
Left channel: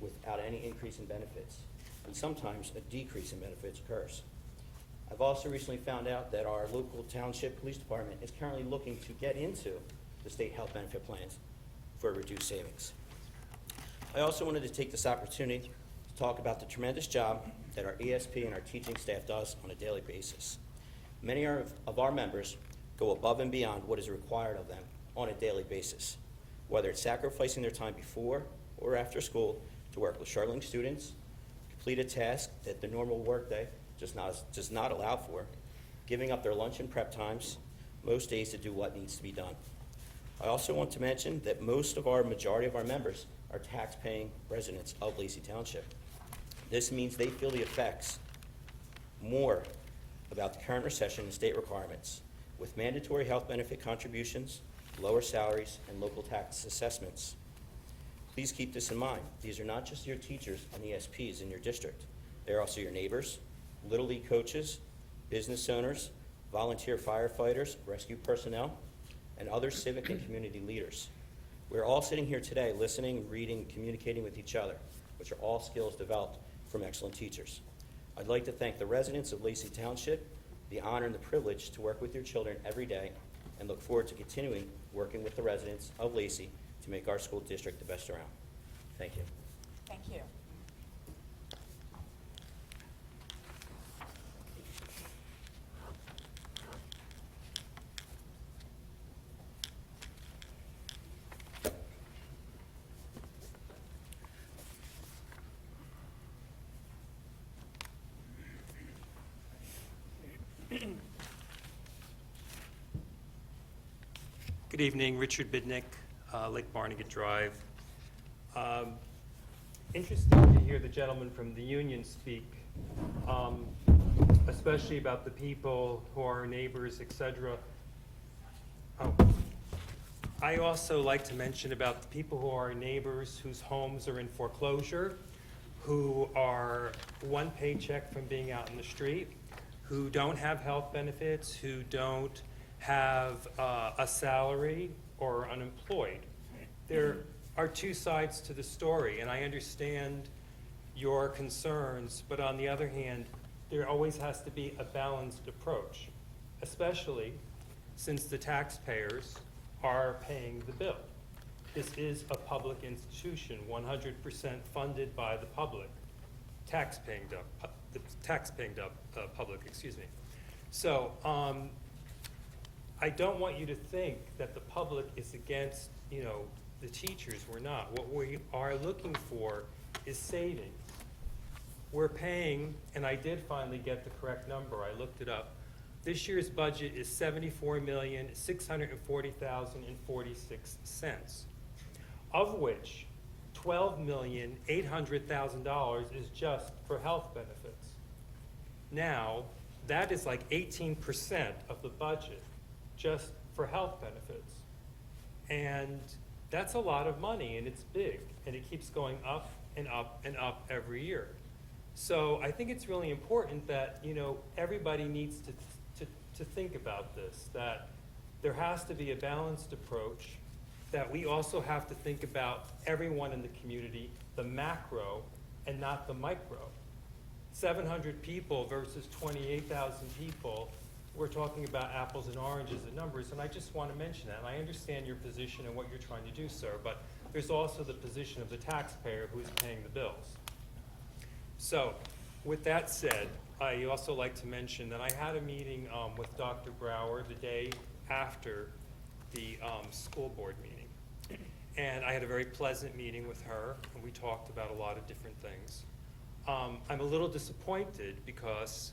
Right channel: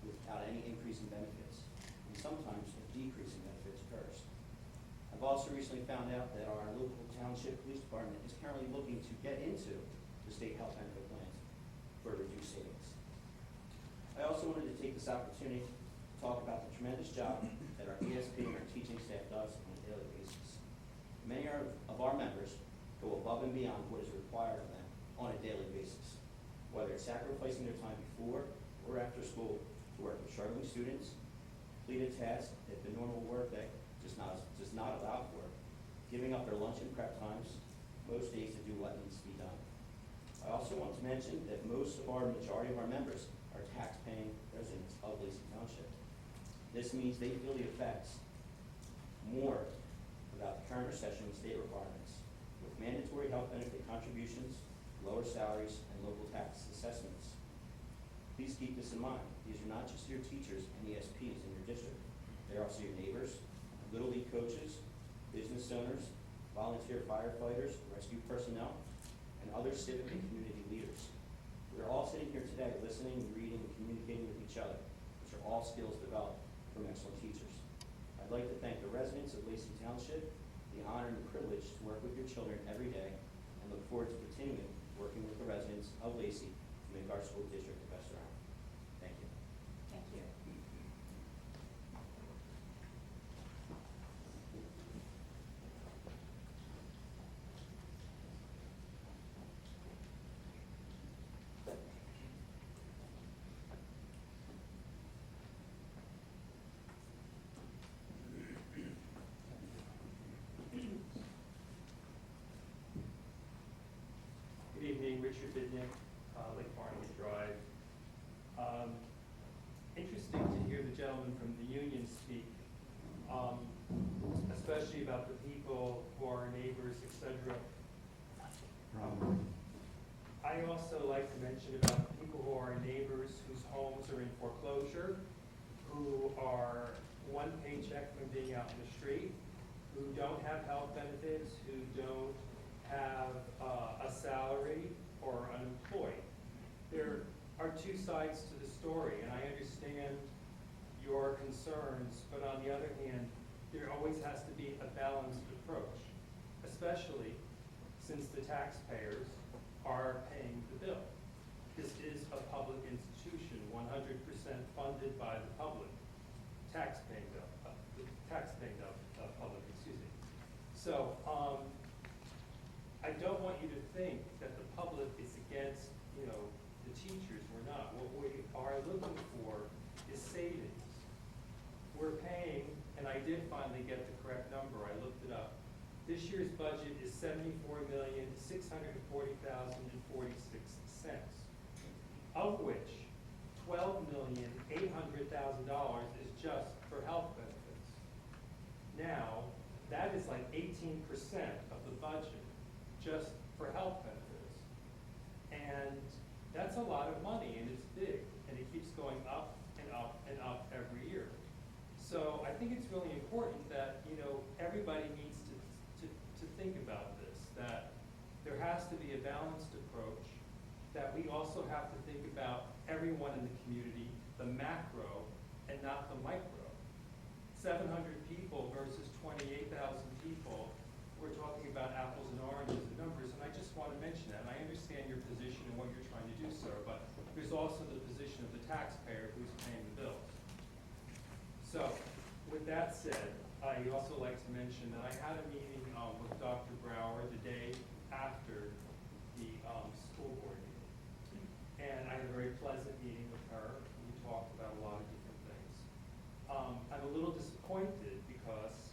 without any increase in benefits. And sometimes a decrease in benefits occurs. I've also recently found out that our local township police department is currently looking to get into the state health benefit plans for reduced savings. I also wanted to take this opportunity to talk about the tremendous job that our ESP and our teaching staff does on a daily basis. Many of our members go above and beyond what is required of them on a daily basis, whether it's sacrificing their time before or after school to work with struggling students, complete a task that the normal workday just not allowed for, giving up their lunch and prep times most days to do what needs to be done. I also want to mention that majority of our members are tax-paying residents of Lacey Township. This means they feel the effects more about the current recession and state requirements, with mandatory health benefit contributions, lower salaries, and local tax assessments. Please keep this in mind. These are not just your teachers and ESPs in your district. They're also your neighbors, Little League coaches, business owners, volunteer firefighters, rescue personnel, and other civic and community leaders. We're all sitting here today listening, reading, communicating with each other, which are all skills developed from excellent teachers. I'd like to thank the residents of Lacey Township, the honor and the privilege to work with your children every day, and look forward to continuing working with the residents of Lacey to make our school district the best around. Thank you. Thank you. Good evening, Richard Bidnick, Lake Barnegat Drive. Interesting to hear the gentleman from the union speak, especially about the people who are our neighbors, etc. I also like to mention about the people who are our neighbors whose homes are in foreclosure, who are one paycheck from being out in the street, who don't have health benefits, who don't have a salary or are unemployed. There are two sides to the story, and I understand your concerns, but on the other hand, there always has to be a balanced approach, especially since the taxpayers are paying the bill. This is a public institution, 100% funded by the public, tax-paying public, excuse me. So, I don't want you to think that the public is against, the teachers. We're not. What we are looking for is savings. We're paying, and I did finally get the correct number. I looked it up. This year's budget is $74,640,046, of which $12,800,000 is just for health benefits. Now, that is like 18% of the budget just for health benefits. And that's a lot of money, and it's big, and it keeps going up and up and up every year. So I think it's really important that, you know, everybody needs to think about this, that there has to be a balanced approach, that we also have to think about everyone in the community, the macro and not the micro. 700 people versus 28,000 people, we're talking about apples and oranges and numbers, and I just want to mention that. I understand your position and what you're trying to do, sir, but there's also the position of the taxpayer who's paying the bills. So, with that said, I also like to mention that I had a meeting with Dr. Brower the day after the school board meeting. And I had a very pleasant meeting with her, and we talked about a lot of different things. I'm a little disappointed because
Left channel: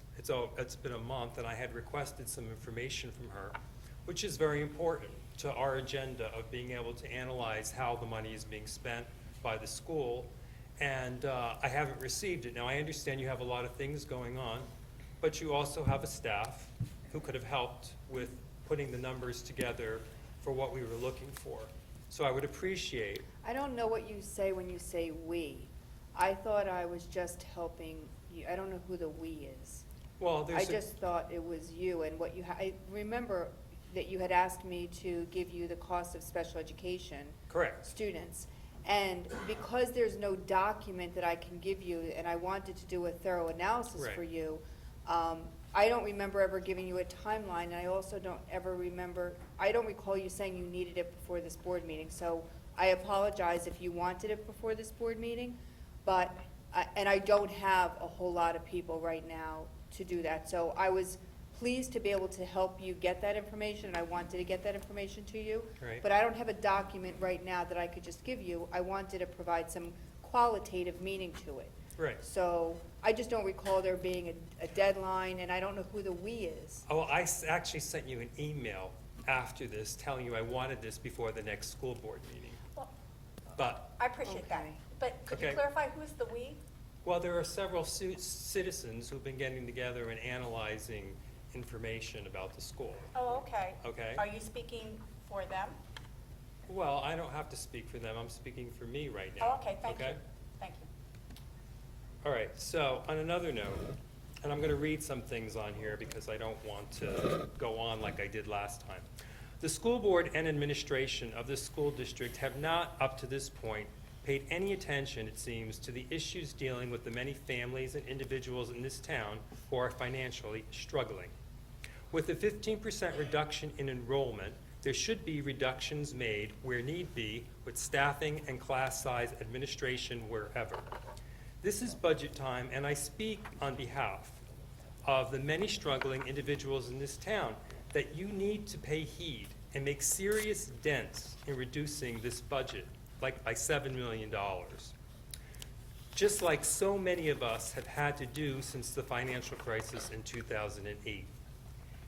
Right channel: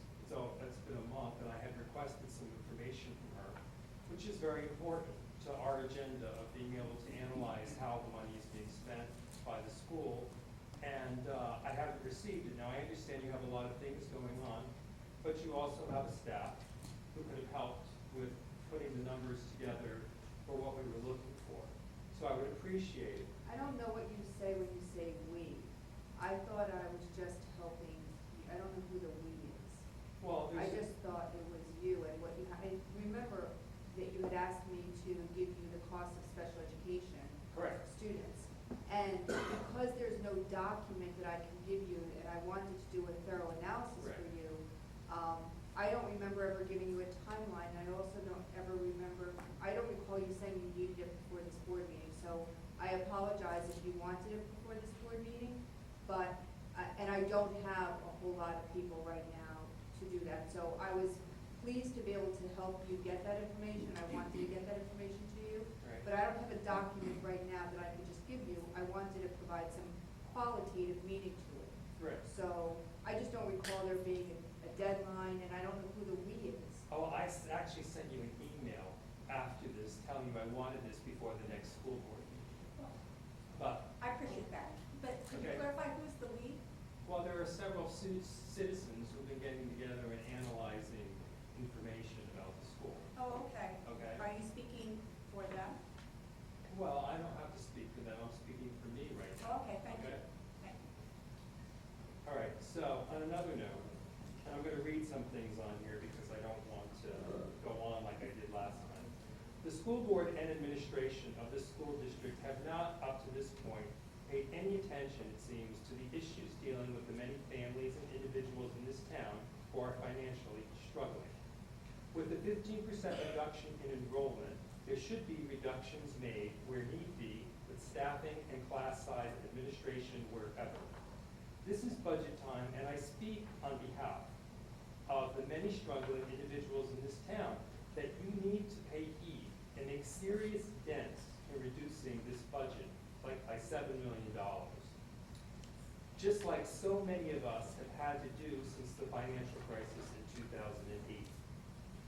it's been a month and I had requested some information from her, which is very important to our agenda of being able to analyze how the money is being spent by the school. And I haven't received it. Now, I understand you have a lot of things going on, but you also have a staff who could have helped with putting the numbers together for what we were looking for. So I would appreciate. I don't know what you say when you say "we." I thought I was just helping you. I don't know who the "we" is. Well, I just thought it was you and what you, I remember that you had asked me to give you the cost of special education Correct. students. And because there's no document that I can give you, and I wanted to do a thorough analysis Right. for you, I don't remember ever giving you a timeline, and I also don't ever remember, I don't recall you saying you needed it before this board meeting, so I apologize if you wanted it before this board meeting, but, and I don't have a whole lot of people right now to do that, so I was pleased to be able to help you get that information, and I wanted to get that information to you. Right. But I don't have a document right now that I could just give you. I wanted to provide some qualitative meaning to it. Right. So I just don't recall there being a deadline, and I don't know who the "we" is. Oh, well, actually sent you an email after this telling you I wanted this before the next school board meeting. Well, But, I appreciate that, but could you Okay. clarify who's the "we"? well, there are several citizens who've been getting together and analyzing information about the school. Oh, okay. Okay. Are you speaking for them? Well, I don't have to speak for them, I'm speaking for me right Oh, now. okay, thank you. Okay? Thank you. All right, so on another note, and I'm gonna read some things on here because I don't want to go on like I did last time. The school board and administration of the school district have not, up to this point, paid any attention, it seems, to the issues dealing with the many families and individuals in this town who are financially struggling. With a 15% reduction in enrollment, there should be reductions made where need be with staffing and class size administration wherever. This is budget time, and I speak on behalf of the many struggling individuals in this town that you need to pay heed and make serious dents in reducing this budget, like by $7 million. Just like so many of us have had to do since the financial crisis in 2008.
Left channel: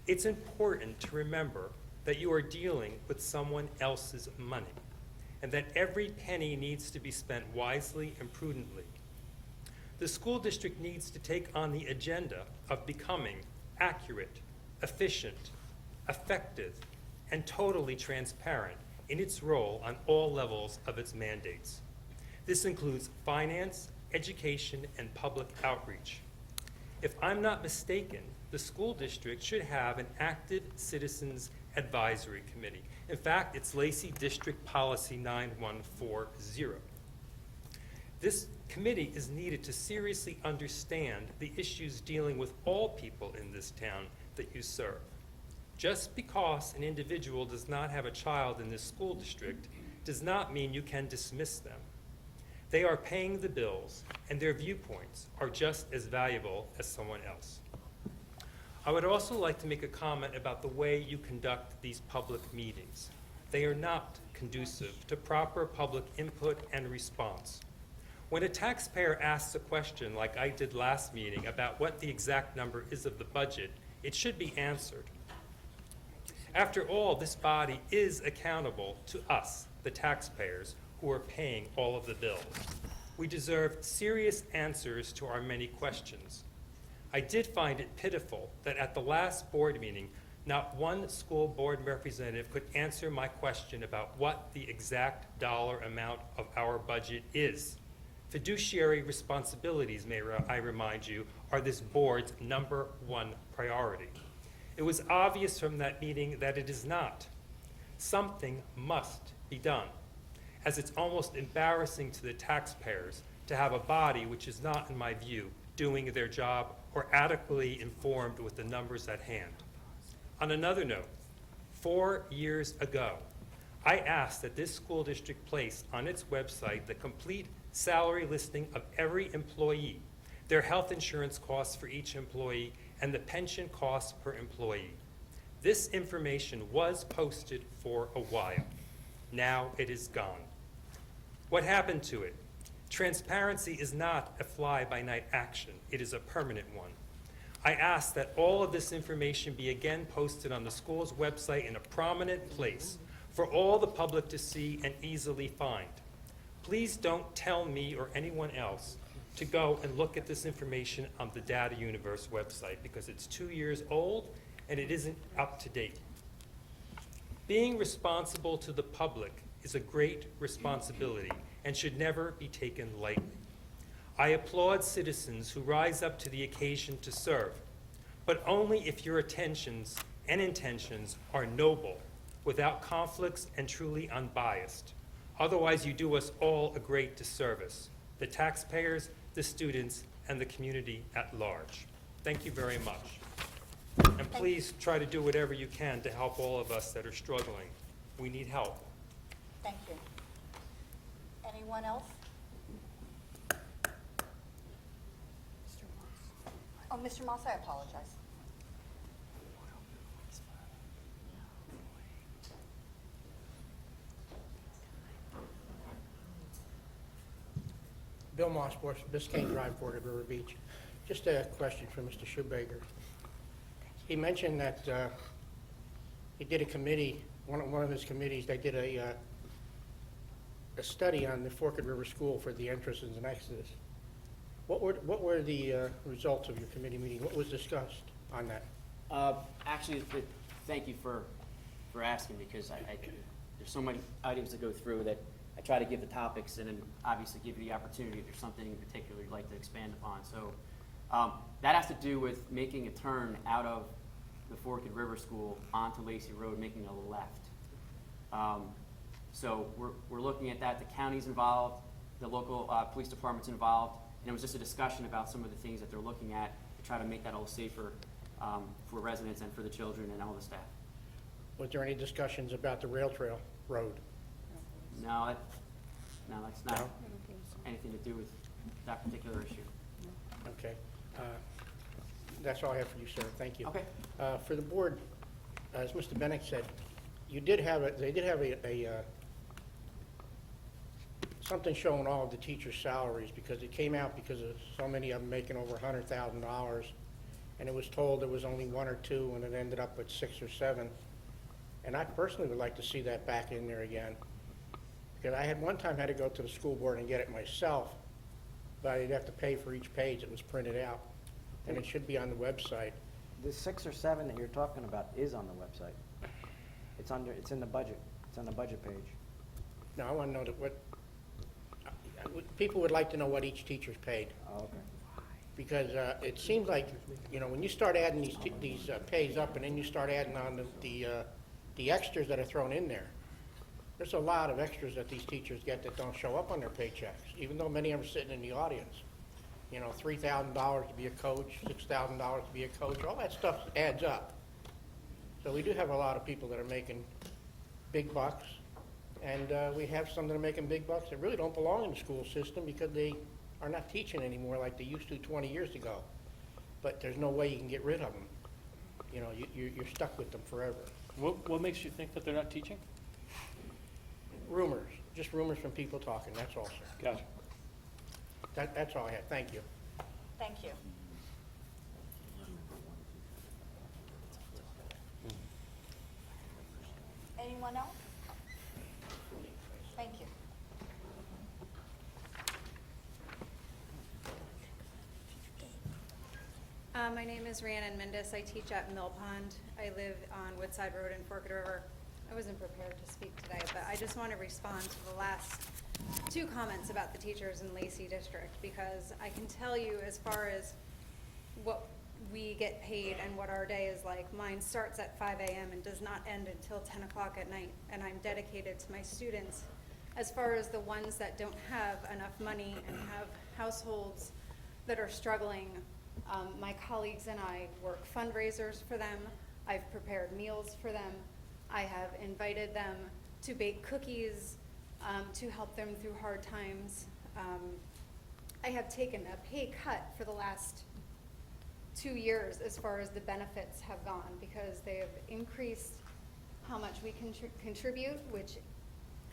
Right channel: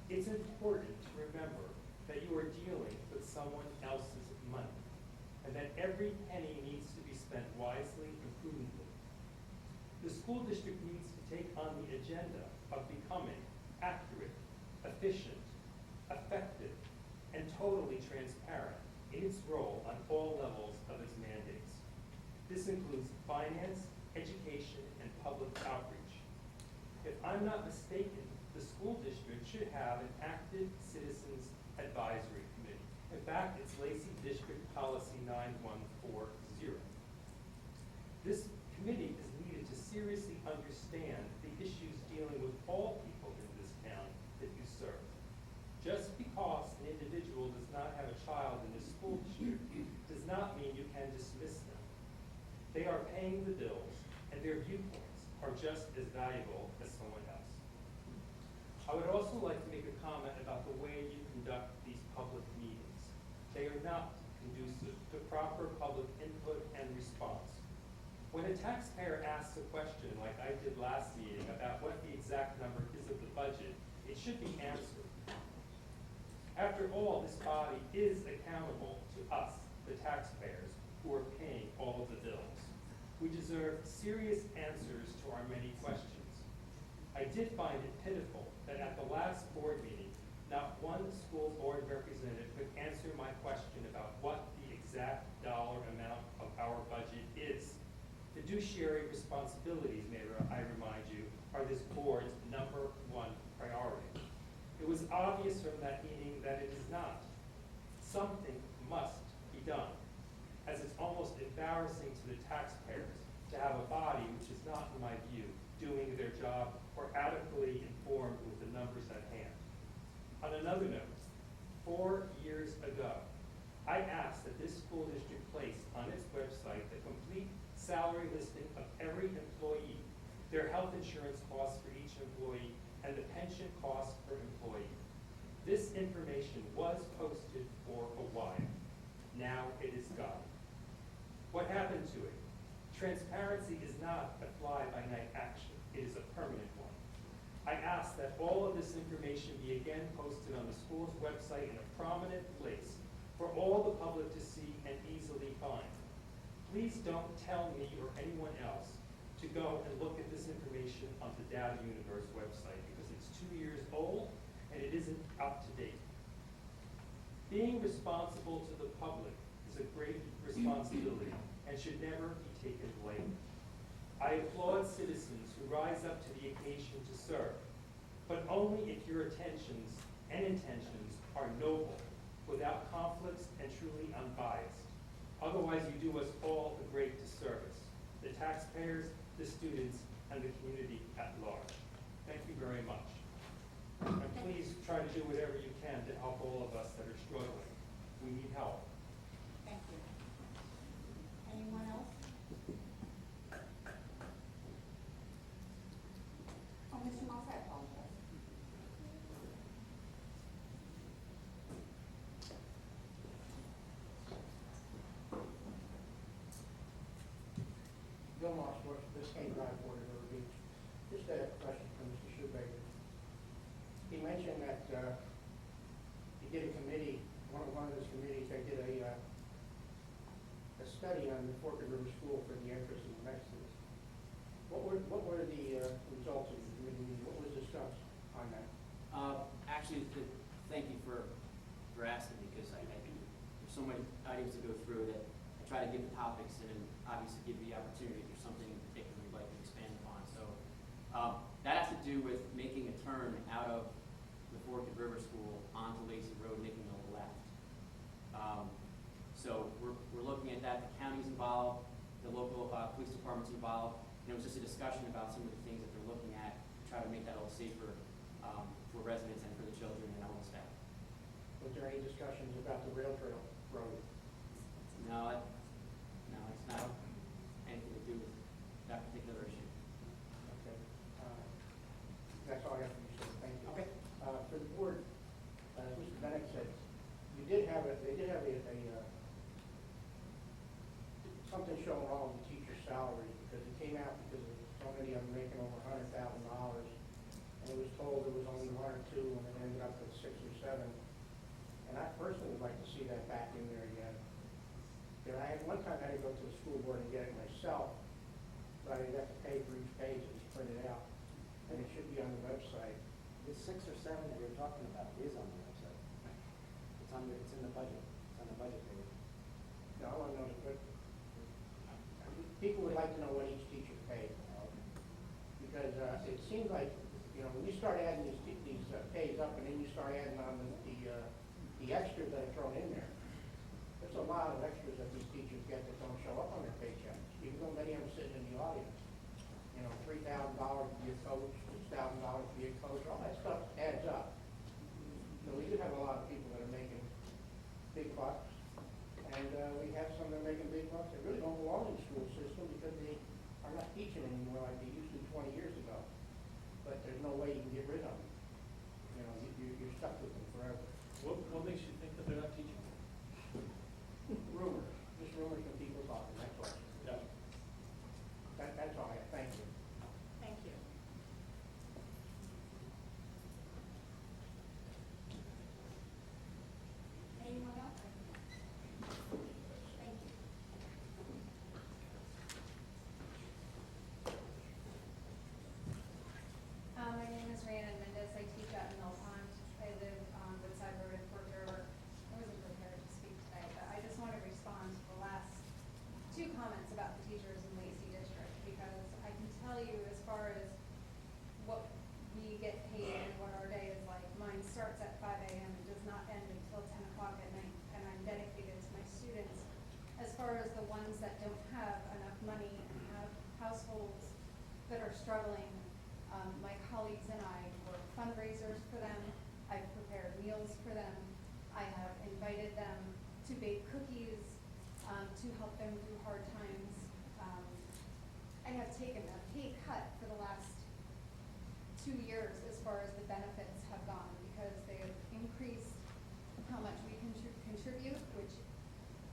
It's important to remember that you are dealing with someone else's money, and that every penny needs to be spent wisely and prudently. The school district needs to take on the agenda of becoming accurate, efficient, effective, and totally transparent in its role on all levels of its mandates. This includes finance, education, and public outreach. If I'm not mistaken, the school district should have an active citizens advisory committee. In fact, it's Lacey District Policy 9140. This committee is needed to seriously understand the issues dealing with all people in this town that you serve. Just because an individual does not have a child in this school district does not mean you can dismiss them. They are paying the bills, and their viewpoints are just as valuable as someone else. I would also like to make a comment about the way you conduct these public meetings. They are not conducive to proper public input and response. When a taxpayer asks a question like I did last meeting about what the exact number is of the budget, it should be answered. After all, this body is accountable to us, the taxpayers, who are paying all of the bills. We deserve serious answers to our many questions. I did find it pitiful that at the last board meeting, not one school board representative could answer my question about what the exact dollar amount of our budget is. Fiduciary responsibilities, I remind you, are this board's #1 priority. It was obvious from that meeting that it is not. Something must be done, as it's almost embarrassing to the taxpayers to have a body which is not, in my view, doing their job or adequately informed with the numbers at hand. On another note, 4 years ago, I asked that this school district place on its website the complete salary listing of every employee, their health insurance costs for each employee, and the pension costs per employee. This information was posted for a while. Now it is gone. What happened to it? Transparency is not a fly-by-night action. It is a permanent one. I ask that all of this information be again posted on the school's website in a prominent place for all the public to see and easily find. Please don't tell me or anyone else to go and look at this information on the Data Universe website because it's 2 years old and it isn't up to date. Being responsible to the public is a great responsibility and should never be taken lightly. I applaud citizens who rise up to the occasion to serve, but only if your intentions are noble, without conflicts and truly unbiased. Otherwise, you do us all a great disservice, the taxpayers, the students, and the community at large. Thank you very much. And please try to do whatever you can to help all of us that are struggling. We need help. Thank you. Anyone else? Oh, Mr. Moss, I apologize. Bill Mossbush, Biscayne Drive, Port of River Beach. Just a question for Mr. Shoemaker. He mentioned that he did a committee, one of his committees, they did a study on the Forked River School for the entrances and exits. What were the results of your committee meeting? What was discussed on that? Actually, thank you for asking, because there's so many items to go through that I try to give the topics and then obviously give you the opportunity if there's something in particular you'd like to expand upon. So that has to do with making a turn out of the Forked River School onto Lacey Road, making a left. So we're looking at that. The county's involved, the local police department's involved, and it was just a discussion about some of the things that they're looking at to try to make that a little safer for residents and for the children and all the staff. Was there any discussions about the rail trail road? No, it's not anything to do with that particular issue. Okay. That's all I have for you, sir. Thank you. Okay. For the board, as Mr. Bennett said, they did have something showing all of the teachers' salaries, because it came out because of so many of them making over $100,000, and it was told there was only 1 or 2, and it ended up at 6 or 7. And I personally would like to see that back in there again. Because I had one time had to go to the school board and get it myself, but I'd have to pay for each page that was printed out, and it should be on the website. The 6 or 7 that you're talking about is on the website. It's in the budget. It's on the budget page. Now, I want to know people would like to know what each teacher's paid. Oh, okay. Because it seems like, when you start adding these pays up, and then you start adding on the extras that are thrown in there, there's a lot of extras that these teachers get that don't show up on their paychecks, even though many of them are sitting in the audience. $3,000 to be a coach, $6,000 to be a coach, all that stuff adds up. So we do have a lot of people that are making big bucks, and we have some that are making big bucks that really don't belong in the school system because they are not teaching anymore like they used to 20 years ago. But there's no way you can get rid of them. You're stuck with them forever. What makes you think that they're not teaching? Rumors, just rumors from people talking, that's all, sir. Gotcha. That's all I have, thank you. Thank you. Anyone else? Thank you. My name is Rhiannon Mendez. I teach at Mill Pond. I live on Woodside Road in Forked River. I wasn't prepared to speak today, but I just want to respond to the last two comments about the teachers in Lacey District, because I can tell you as far as what we get paid and what our day is like, mine starts at 5 a.m. and does not end until 10 o'clock at night, and I'm dedicated to my students. As far as the ones that don't have enough money and have households that are struggling, my colleagues and I work fundraisers for them. I've prepared meals for them. I have invited them to bake cookies to help them through hard times. I have taken a pay cut for the last 2 years as far as the benefits have gone, because they have increased how much we contribute, which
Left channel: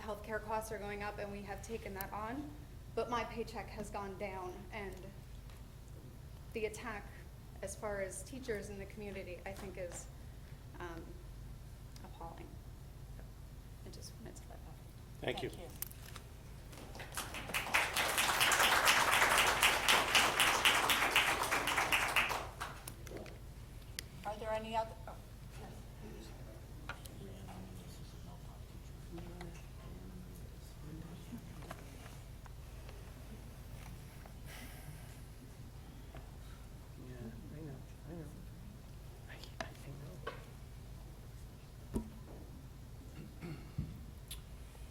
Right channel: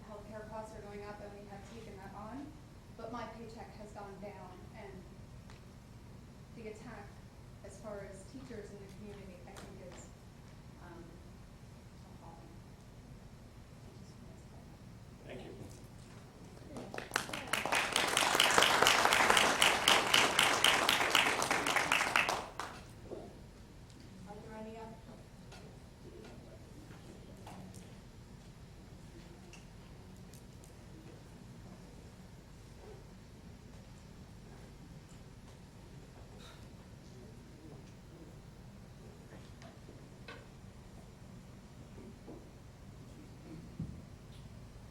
healthcare costs are going up, and we have taken that on. But my paycheck has gone down, and the attack as far as teachers in the community, I think, is appalling. I just wanted to let that. Thank you. Are there any other? Oh.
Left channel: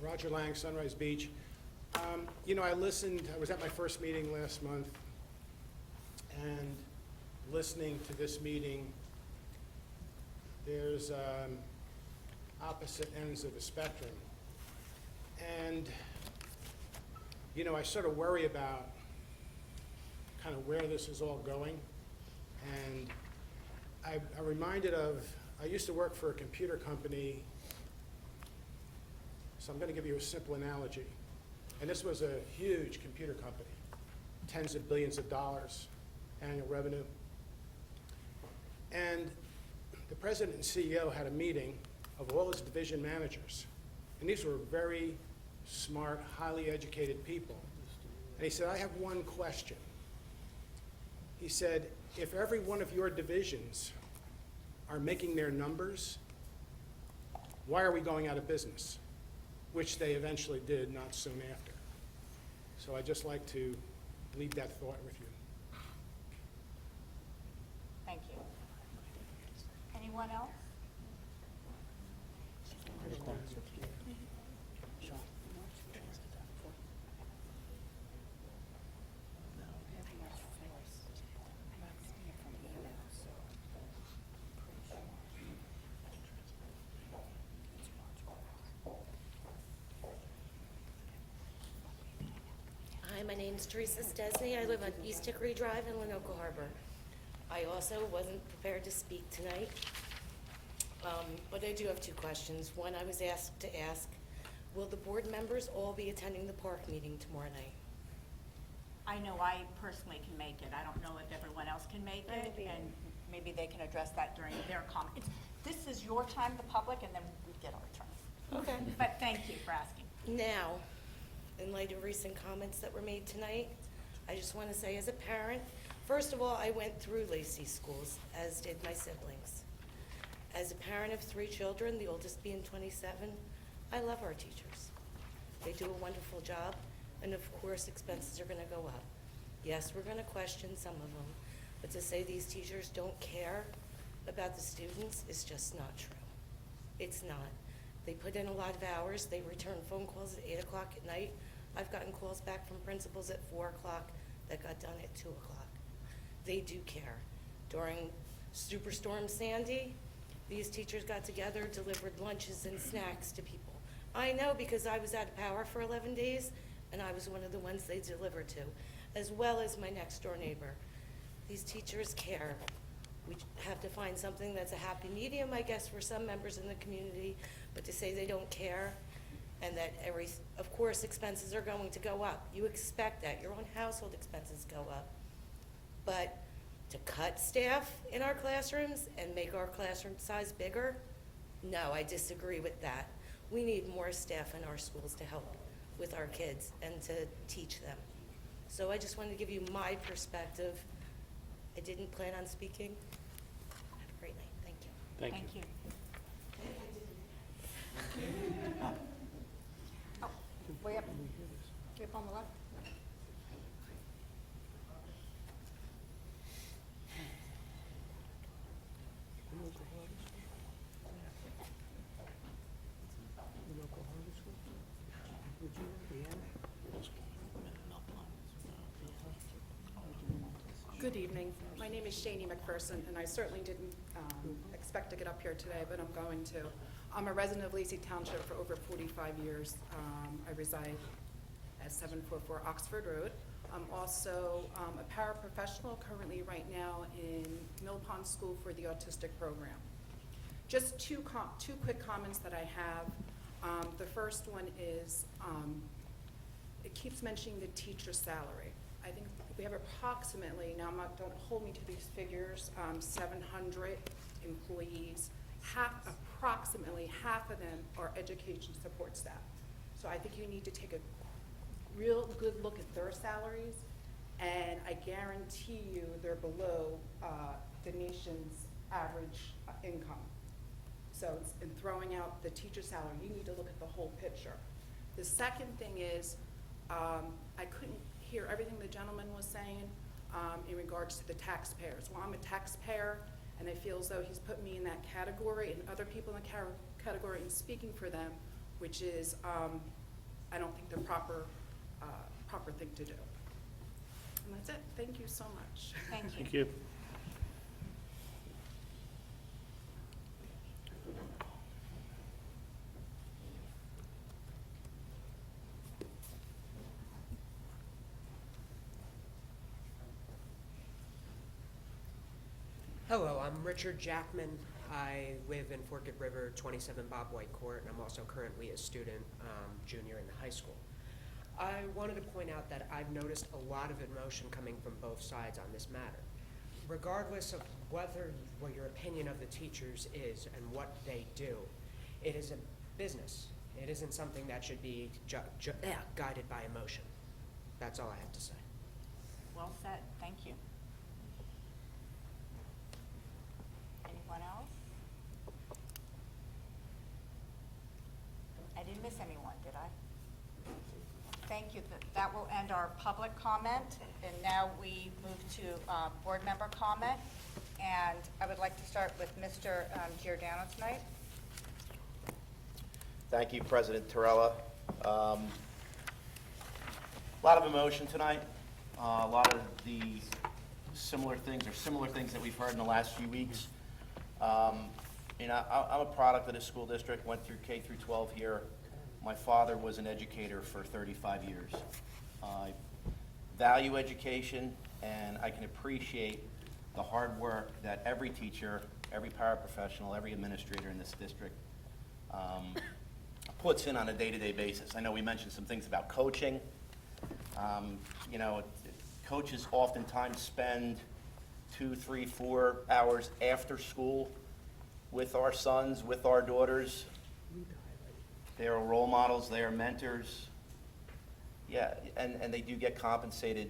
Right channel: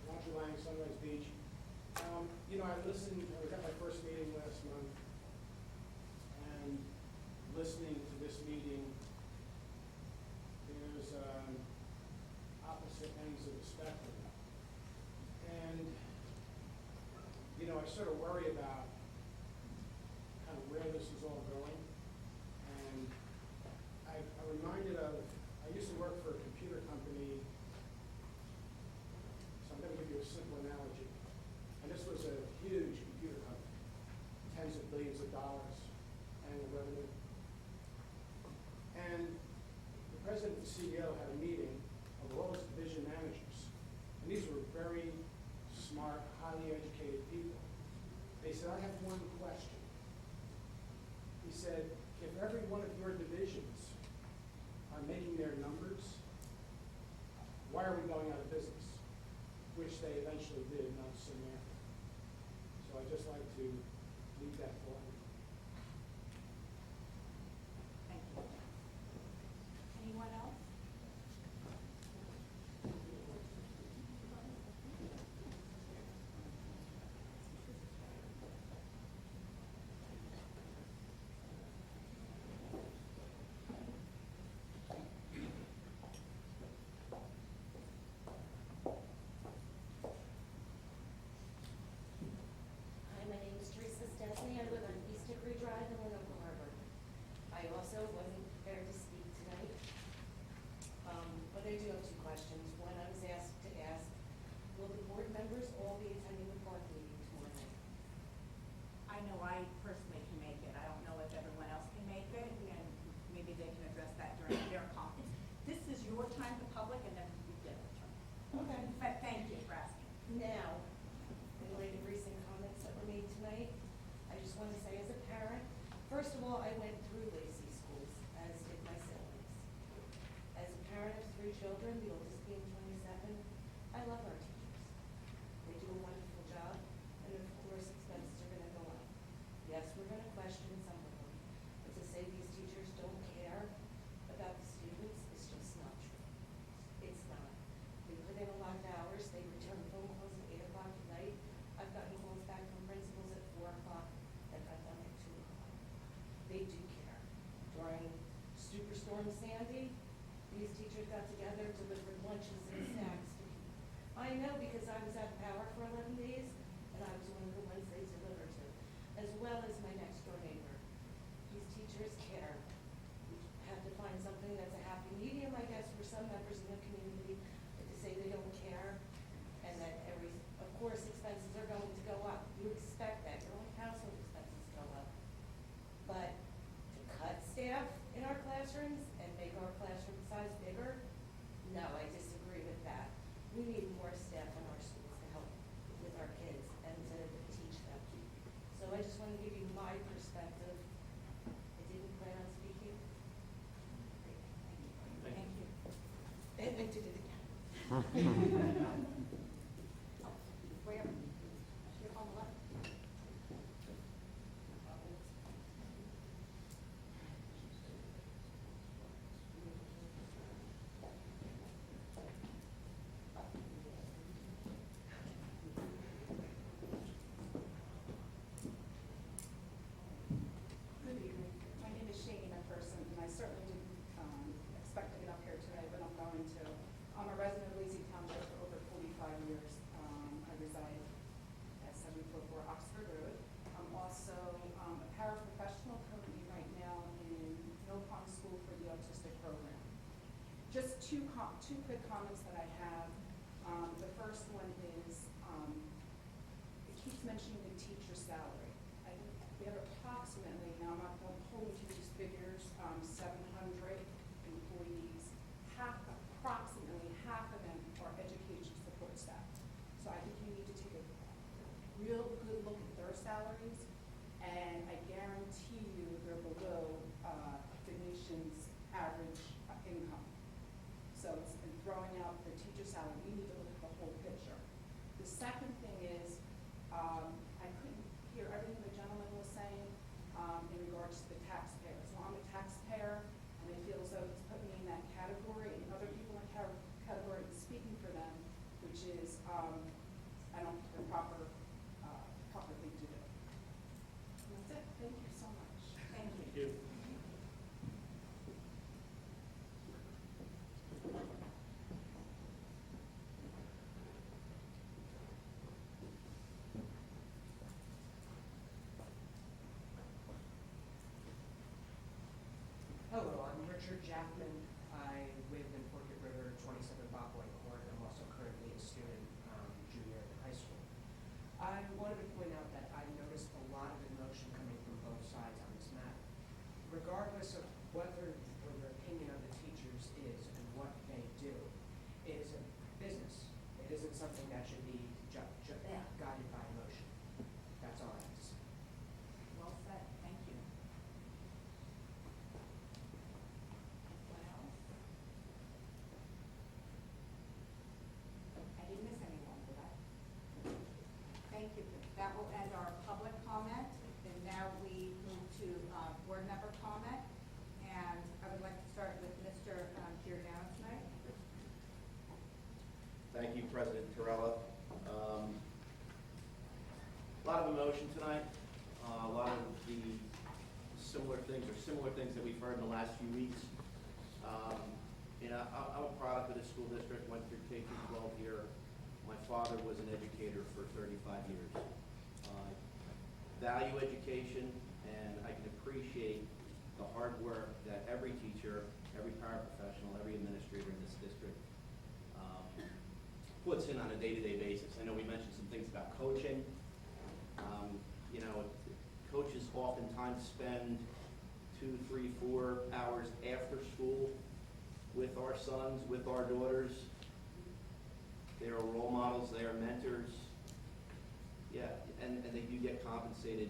Roger Lang, Sunrise Beach. You know, I was at my first meeting last month, and listening to this meeting, there's opposite ends of the spectrum. And, you know, I sort of worry about kind of where this is all going. And I'm reminded of, I used to work for a computer company. So I'm going to give you a simple analogy. And this was a huge computer company, tens of billions of dollars annual revenue. And the president and CEO had a meeting of all his division managers. And these were very smart, highly educated people. And he said, I have one question. He said, if every one of your divisions are making their numbers, why are we going out of business? Which they eventually did not soon after. So I'd just like to leave that thought with you. Thank you. Anyone else? My name is Teresa Stephanie. I live on East Hickory Drive in Lenoka Harbor. I also wasn't prepared to speak tonight, but I do have two questions. One, I was asked to ask, will the board members all be attending the park meeting tomorrow night? I know I personally can make it. I don't know if everyone else can make it, and maybe they can address that during their comments. This is your time, the public, and then we get a return. Okay. But thank you for asking. Now, in light of recent comments that were made tonight, I just want to say as a parent, first of all, I went through Lacey Schools, as did my siblings. As a parent of 3 children, the oldest being 27, I love our teachers. They do a wonderful job, and of course, expenses are going to go up. Yes, we're going to question some of them, but to say these teachers don't care about the students is just not true. It's not. They put in a lot of hours. They return phone calls at 8 o'clock at night. I've gotten calls back from principals at 4 o'clock that got done at 2 o'clock. They do care. During Superstorm Sandy, these teachers got together, delivered lunches and snacks to people. I know because I was out of power for 11 days, and I was one of the ones they delivered to, as well as my next door neighbor. These teachers care. We have to find something that's a happy medium, I guess, for some members in the community, but to say they don't care, and that of course, expenses are going to go up. You expect that. Your own household expenses go up. But to cut staff in our classrooms and make our classroom size bigger, no, I disagree with that. We need more staff in our schools to help with our kids and to teach them. So I just wanted to give you my perspective. I didn't plan on speaking. Have a great night. Thank you. Thank you. I did it again. Oh, we have Here on the left. Good evening. My name is Shaneemic, and I certainly didn't expect to get up here today, but I'm going to. I'm a resident of Lacey Township for over 45 years. I reside at 744 Oxford Road. I'm also a paraprofessional currently right now in Mill Pond School for the Autistic Program. Just two quick comments that I have. The first one is it keeps mentioning the teacher salary. I think we have approximately, now don't hold me to these figures, 700 employees. Approximately half of them are education support staff. So I think you need to take a real good look at their salaries, and I guarantee you they're below the nation's average income. So in throwing out the teacher salary, you need to look at the whole picture. The second thing is, I couldn't hear everything the gentleman was saying in regards to the taxpayers. Well, I'm a taxpayer, and I feel as though he's put me in that category, and other people in the category and speaking for them, which is, I don't think the proper thing to do. And that's it. Thank you so much. Thank you. Thank you. Hello, I'm Richard Jackman. I live in Fort Gibb River, 27 Bob White Court, and I'm also currently a student, junior in the high school. I wanted to point out that I've noticed a lot of emotion coming from both sides on this matter. Regardless of what your opinion of the teachers is and what they do, it is a business. It isn't something that should be guided by emotion. That's all I have to say. Well said. Thank you. Anyone else? I didn't miss anyone, did I? Thank you. That will end our public comment, and now we move to board member comment. And I would like to start with Mr. Giordano tonight. Thank you, President Torella. A lot of emotion tonight. A lot of the similar things that we've heard in the last few weeks. You know, I'm a product of the school district, went through K through 12 here. My father was an educator for 35 years. I value education, and I can appreciate the hard work that every teacher, every paraprofessional, every administrator in this district puts in on a day-to-day basis. I know we mentioned some things about coaching. You know, coaches oftentimes spend 2, 3, 4 hours after school with our sons, with our daughters. They are role models, they are mentors. Yeah, and they do get compensated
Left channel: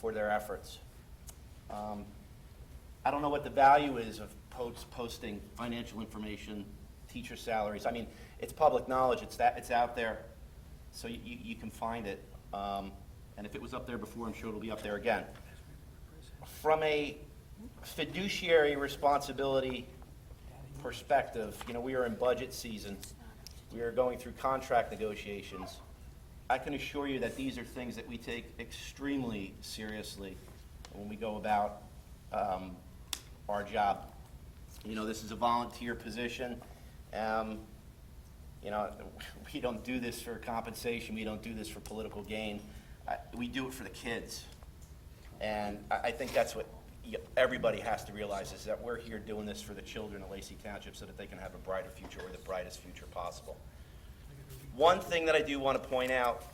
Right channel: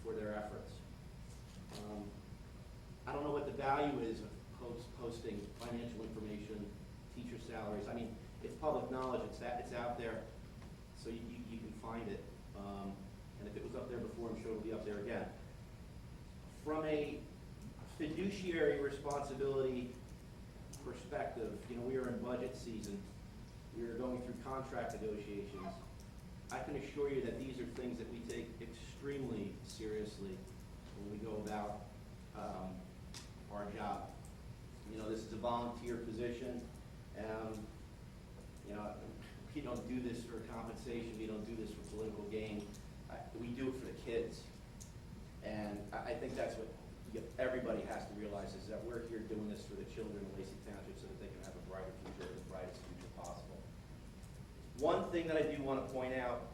for their efforts. I don't know what the value is of posting financial information, teacher salaries. I mean, it's public knowledge, it's out there, so you can find it. And if it was up there before, I'm sure it'll be up there again. From a fiduciary responsibility perspective, you know, we are in budget season. We are going through contract negotiations. I can assure you that these are things that we take extremely seriously when we go about our job. You know, this is a volunteer position. You know, we don't do this for compensation. We don't do this for political gain. We do it for the kids. And I think that's what everybody has to realize, is that we're here doing this for the children of Lacey Township so that they can have a brighter future, or the brightest future possible. One thing that I do want to point out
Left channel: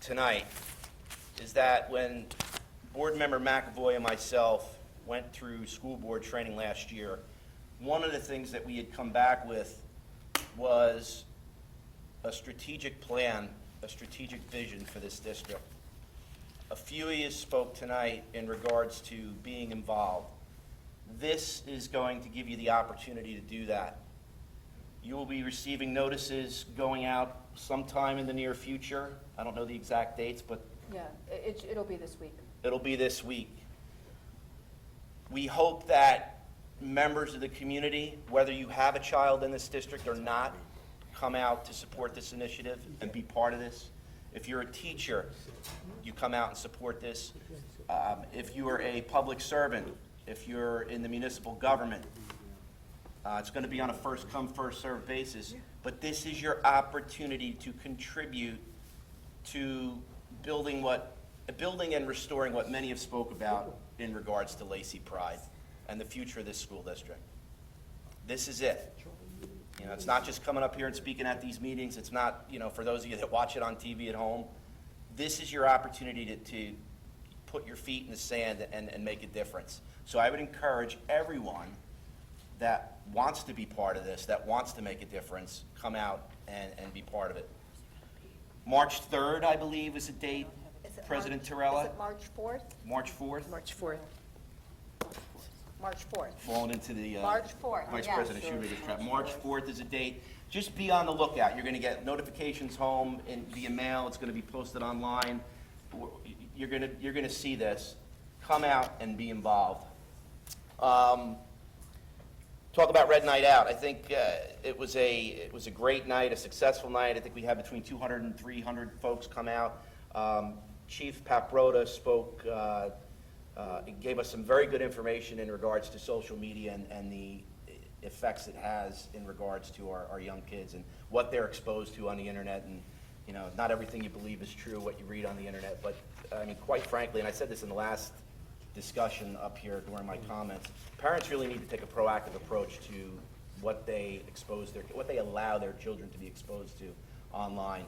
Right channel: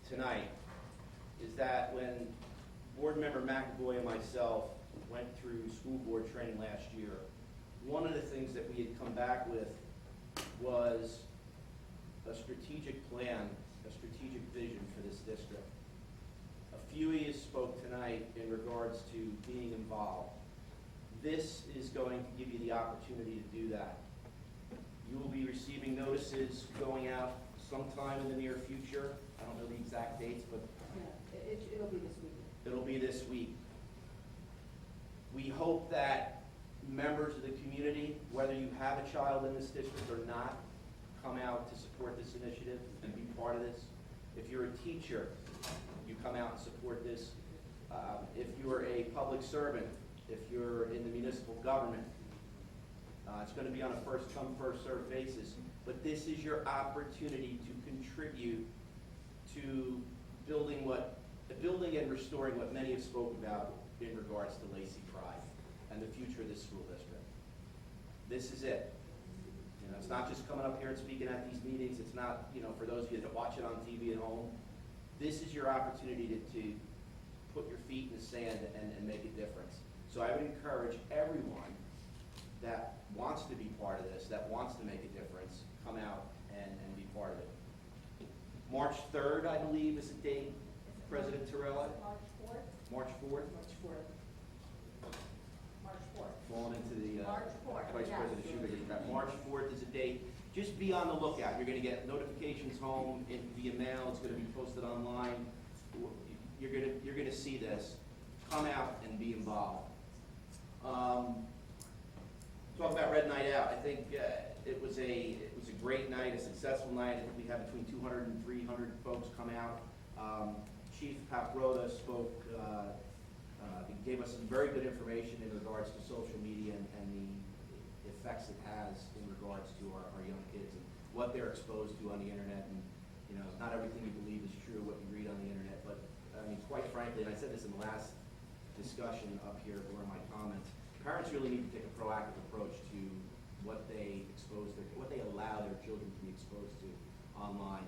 tonight is that when Board Member McAvoy and myself went through school board training last year, one of the things that we had come back with was a strategic plan, a strategic vision for this district. A few of you spoke tonight in regards to being involved. This is going to give you the opportunity to do that. You will be receiving notices going out sometime in the near future. I don't know the exact dates, but Yeah, it'll be this week. it'll be this week. We hope that members of the community, whether you have a child in this district or not, come out to support this initiative and be part of this. If you're a teacher, you come out and support this. If you are a public servant, if you're in the municipal government, it's going to be on a first-come, first-served basis. But this is your opportunity to contribute to building and restoring what many have spoke about in regards to Lacey Pride and the future of this school district. This is it. You know, it's not just coming up here and speaking at these meetings. It's not, you know, for those of you that watch it on TV at home, this is your opportunity to put your feet in the sand and make a difference. So I would encourage everyone that wants to be part of this, that wants to make a difference, come out and be part of it. March 3rd, I believe, is the date. President Torella? Is it March 4th? March 4th? March 4th. March 4th. Falling into the March 4th, Vice yes. President Schumer's trap. March 4th is a date. Just be on the lookout. You're going to get notifications home via mail. It's going to be posted online. You're going to see this. Come out and be involved. Talk about Red Night Out. I think it was a great night, a successful night. I think we had between 200 and 300 folks come out. Chief Paprota spoke, gave us some very good information in regards to social media and the effects it has in regards to our young kids and what they're exposed to on the internet. And, you know, not everything you believe is true, what you read on the internet. But, I mean, quite frankly, and I said this in the last discussion up here during my comments, parents really need to take a proactive approach to what they what they allow their children to be exposed to online.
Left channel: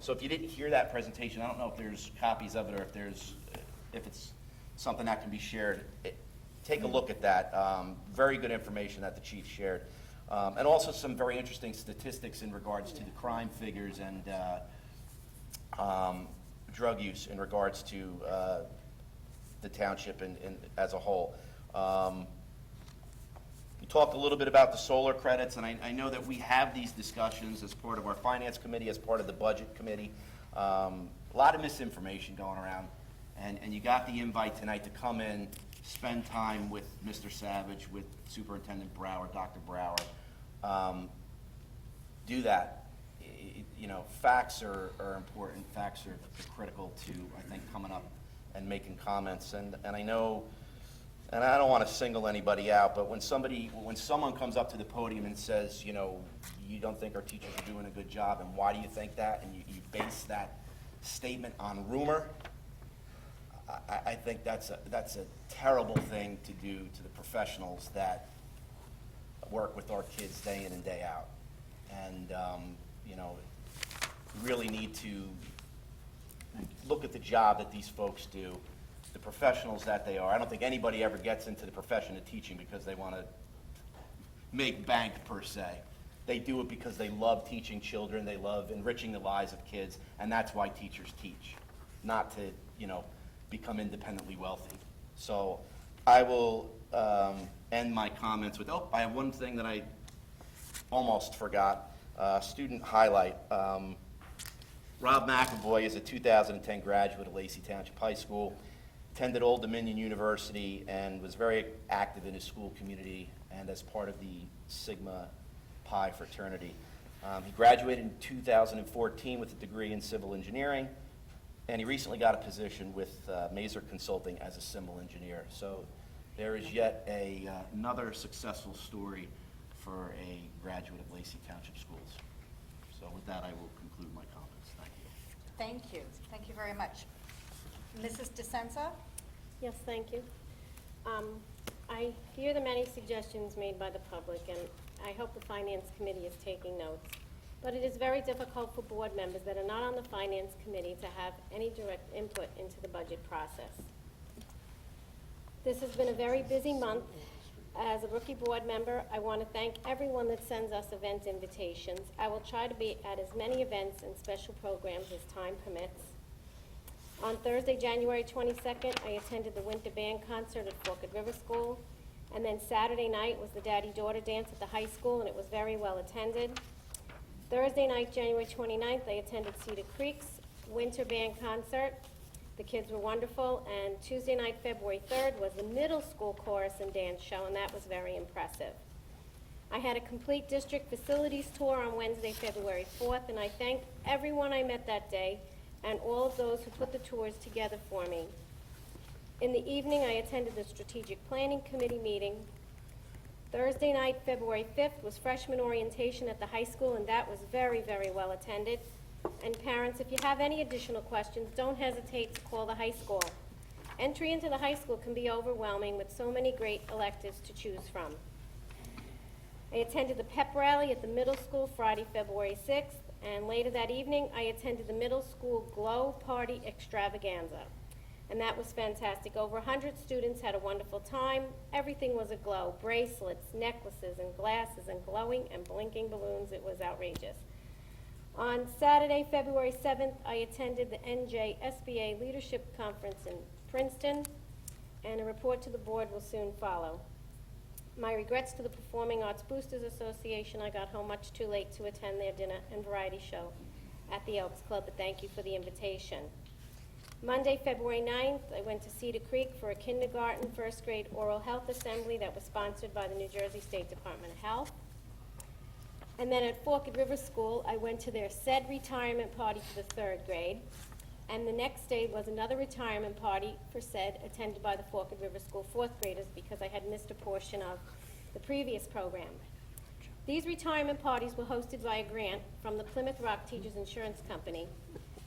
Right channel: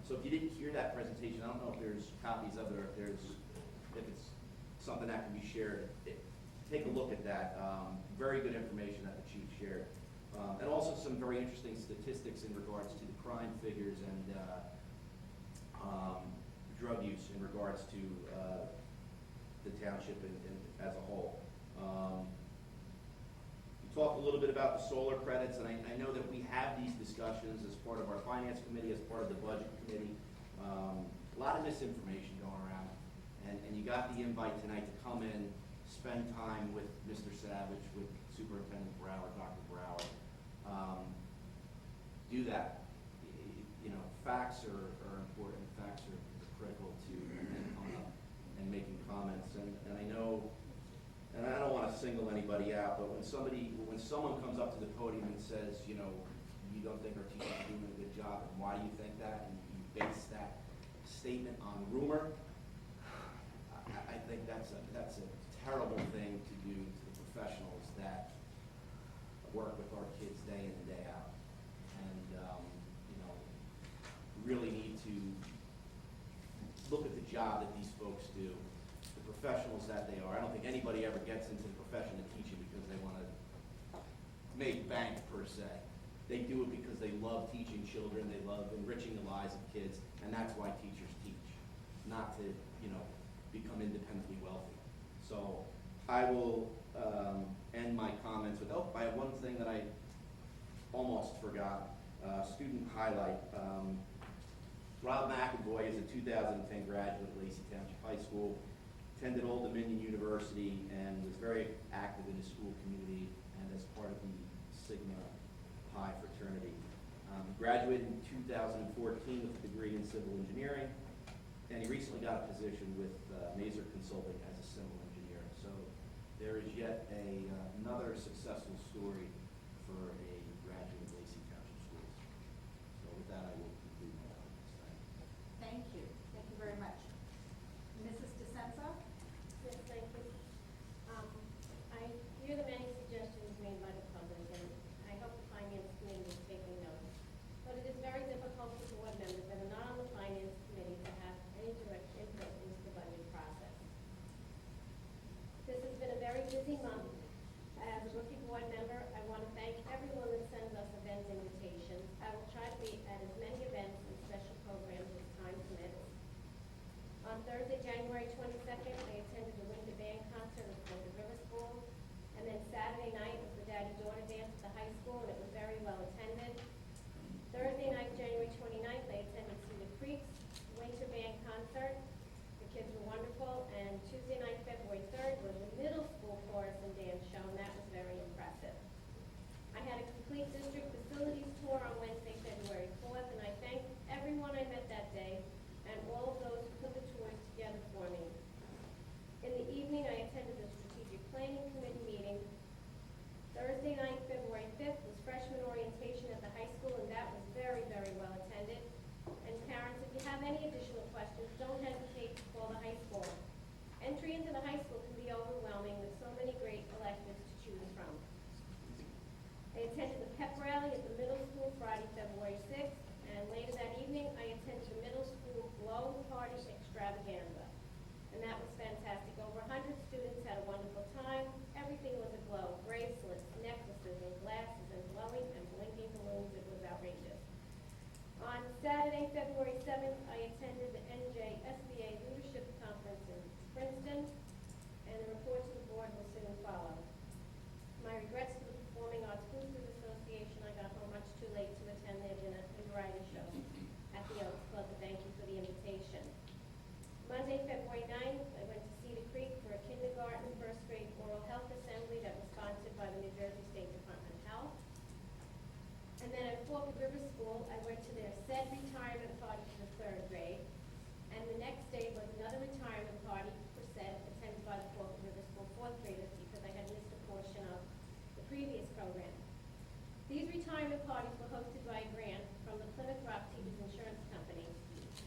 So if you didn't hear that presentation, I don't know if there's copies of it or if it's something that can be shared. Take a look at that. Very good information that the chief shared. And also some very interesting statistics in regards to the crime figures and drug use in regards to the township and as a whole. We talked a little bit about the solar credits, and I know that we have these discussions as part of our finance committee, as part of the budget committee. A lot of misinformation going around, and you got the invite tonight to come in, spend time with Mr. Savage, with Superintendent Brower, Dr. Brower. Do that. You know, facts are important. Facts are critical to, I think, coming up and making comments. And I know, and I don't want to single anybody out, but when someone comes up to the podium and says, you know, you don't think our teachers are doing a good job, and why do you think that? And you base that statement on rumor, I think that's a terrible thing to do to the professionals that work with our kids day in and day out. And, you know, we really need to look at the job that these folks do, the professionals that they are. I don't think anybody ever gets into the profession of teaching because they want to make bank, per se. They do it because they love teaching children, they love enriching the lives of kids, and that's why teachers teach, not to, you know, become independently wealthy. So I will end my comments with, I have one thing that I almost forgot, student highlight. Rob McAvoy is a 2010 graduate of Lacey Township High School, attended Old Dominion University, and was very active in his school community and as part of the Sigma Pi fraternity. He graduated in 2014 with a degree in civil engineering, and he recently got a position with Mazer Consulting as a civil engineer. So there is yet another successful story for a graduate of Lacey Township Schools. So with that, I will conclude my comments. Thank you. Thank you. Thank you very much. Mrs. DeSenza? Yes, thank you. I hear the many suggestions made by the public, and I hope the Finance Committee is taking notes. But it is very difficult for board members that are not on the Finance Committee to have any direct input into the budget process. This has been a very busy month. As a rookie board member, I want to thank everyone that sends us event invitations. I will try to be at as many events and special programs as time permits. On Thursday, January 22nd, I attended the Winter Band Concert at Forked River School. And then Saturday night was the daddy-daughter dance at the high school, and it was very well attended. Thursday night, January 29th, I attended Cedar Creek's winter band concert. The kids were wonderful. And Tuesday night, February 3rd, was the middle school chorus and dance show, and that was very impressive. I had a complete district facilities tour on Wednesday, February 4th, and I thank everyone I met that day and all of those who put the tours together for me. In the evening, I attended the Strategic Planning Committee meeting. Thursday night, February 5th, was freshman orientation at the high school, and that was very, very well attended. And parents, if you have any additional questions, don't hesitate to call the high school. Entry into the high school can be overwhelming with so many great electives to choose from. I attended the pep rally at the middle school Friday, February 6th, and later that evening, I attended the middle school Glow Party Extravaganza. And that was fantastic. Over 100 students had a wonderful time. Everything was aglow. Bracelets, necklaces, and glasses, and glowing and blinking balloons. It was outrageous. On Saturday, February 7th, I attended the NJSBA Leadership Conference in Princeton, and a report to the board will soon follow. My regrets to the Performing Arts Boosters Association. I got home much too late to attend their dinner and variety show at the Elks Club, but thank you for the invitation. Monday, February 9th, I went to Cedar Creek for a kindergarten, first grade oral health assembly that was sponsored by the New Jersey State Department of Health. And then at Forked River School, I went to their said retirement party for the third grade. And the next day was another retirement party for said, attended by the Forked River School fourth graders because I had missed a portion of the previous program. These retirement parties were hosted by a grant from the Plymouth Rock Teachers Insurance Company.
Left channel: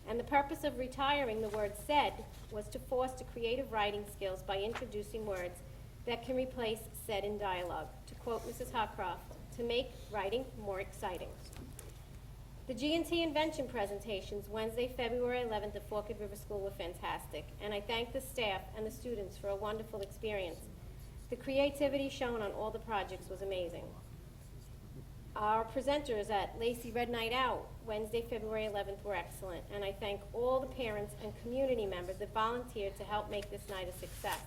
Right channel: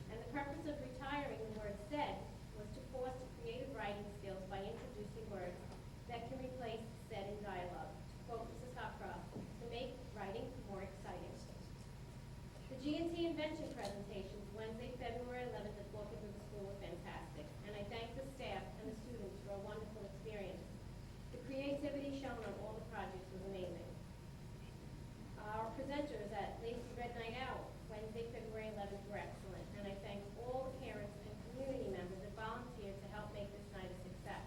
And the purpose of retiring the word said was to foster creative writing skills by introducing words that can replace said in dialogue. To quote Mrs. Hawcroft, to make writing more exciting. The G&T invention presentations Wednesday, February 11th at Forked River School were fantastic, and I thank the staff and the students for a wonderful experience. The creativity shown on all the projects was amazing. Our presenters at Lacey Red Night Out Wednesday, February 11th were excellent, and I thank all the parents and community members that volunteered to help make this night a success.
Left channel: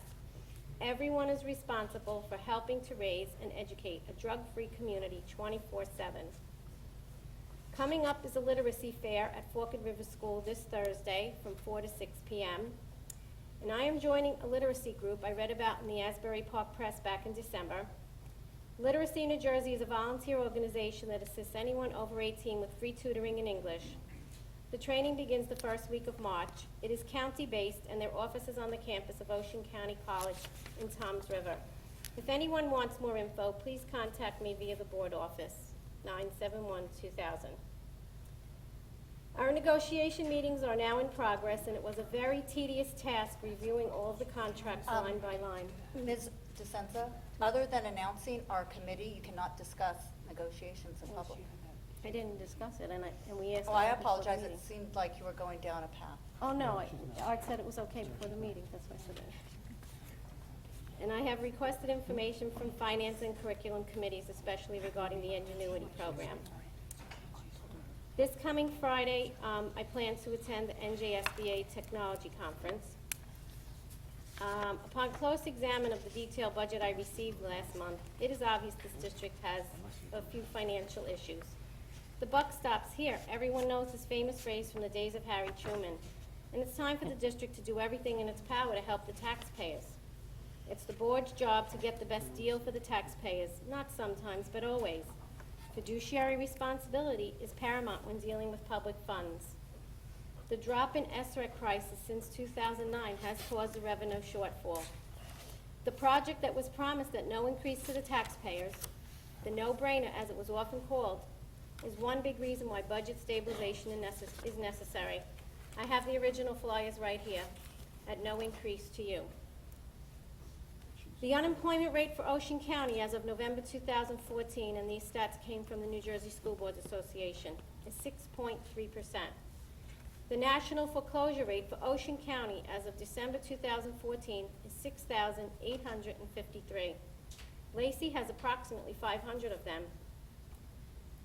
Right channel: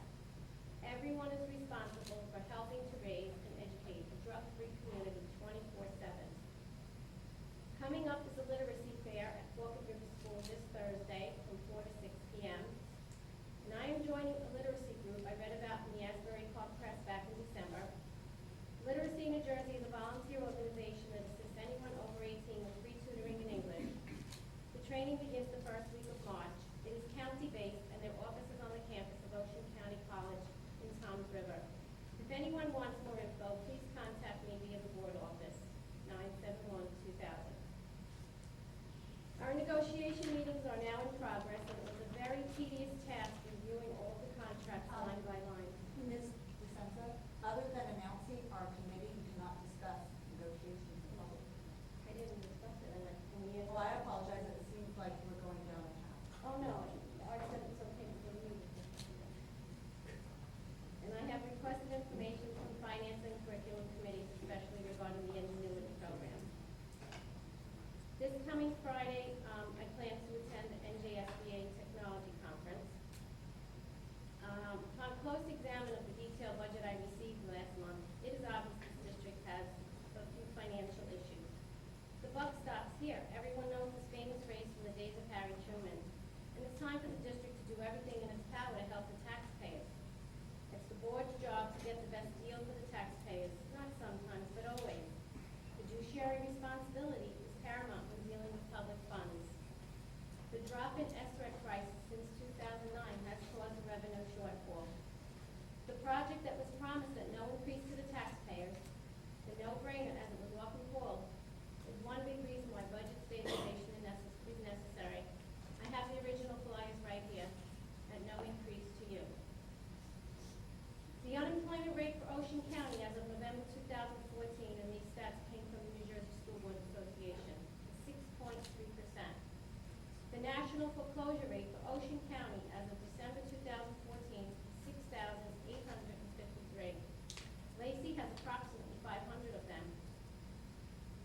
Everyone is responsible for helping to raise and educate a drug-free community 24/7. Coming up is a literacy fair at Forked River School this Thursday from 4 to 6 p.m. And I am joining a literacy group I read about in the Asbury Park Press back in December. Literacy New Jersey is a volunteer organization that assists anyone over 18 with free tutoring in English. The training begins the first week of March. It is county-based, and their office is on the campus of Ocean County College in Toms River. If anyone wants more info, please contact me via the board office, 971-2000. Our negotiation meetings are now in progress, and it was a very tedious task reviewing all of the contracts line by line. Ms. DeSenza, other than announcing our committee, you cannot discuss negotiations in public. I didn't discuss it, and we asked. Oh, I apologize, it seemed like you were going down a path. Oh, no, Art said it was okay before the meeting, that's what I said. And I have requested information from finance and curriculum committees, especially regarding the Ingenuity program. This coming Friday, I plan to attend the NJSBA Technology Conference. Upon close examine of the detailed budget I received last month, it is obvious this district has a few financial issues. The buck stops here. Everyone knows his famous phrase from the days of Harry Truman. And it's time for the district to do everything in its power to help the taxpayers. It's the board's job to get the best deal for the taxpayers, not sometimes, but always. Fiduciary responsibility is paramount when dealing with public funds. The drop in SREC crisis since 2009 has caused a revenue shortfall. The project that was promised at no increase to the taxpayers, the no-brainer as it was often called, is one big reason why budget stabilization is necessary. I have the original flyers right here, at no increase to you. The unemployment rate for Ocean County as of November 2014, and these stats came from the New Jersey School Boards Association, is 6.3%. The national foreclosure rate for Ocean County as of December 2014 is 6,853. Lacey has approximately 500 of them.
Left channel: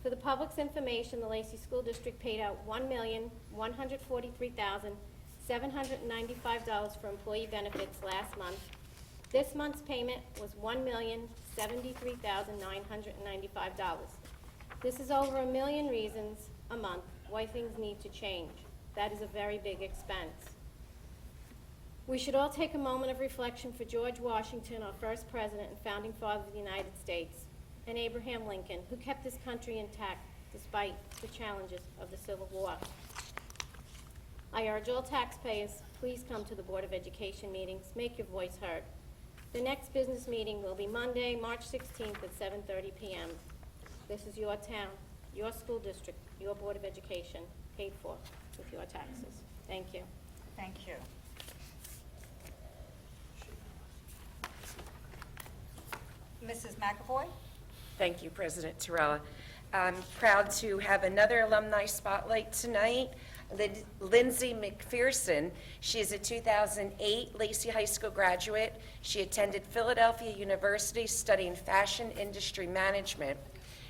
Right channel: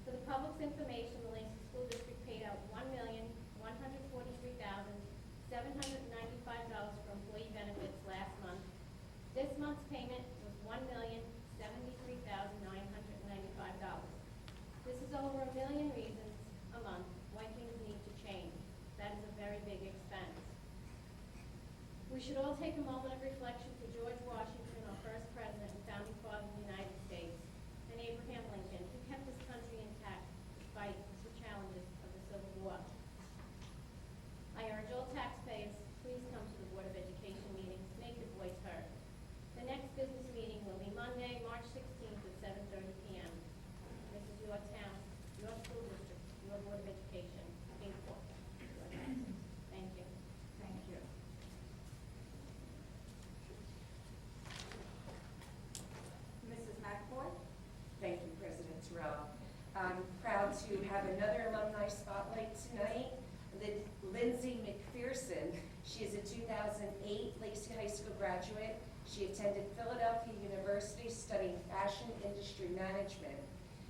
For the public's information, the Lacey School District paid out $1,143,795 for employee benefits last month, This month's payment was $1,073,995. This is over a million reasons a month why things need to change. That is a very big expense. We should all take a moment of reflection for George Washington, our first president and founding father of the United States, and Abraham Lincoln, who kept this country intact despite the challenges of the Civil War. I urge all taxpayers, please come to the Board of Education meetings, make your voice heard. The next business meeting will be Monday, March 16th at 7:30 p.m. This is your town, your school district, your Board of Education, paid for with your taxes. Thank you. Thank you. Mrs. McAvoy? Thank you, President Torella. I'm proud to have another alumni spotlight tonight. Lindsay McPherson. She is a 2008 Lacey High School graduate. She attended Philadelphia University studying fashion industry management.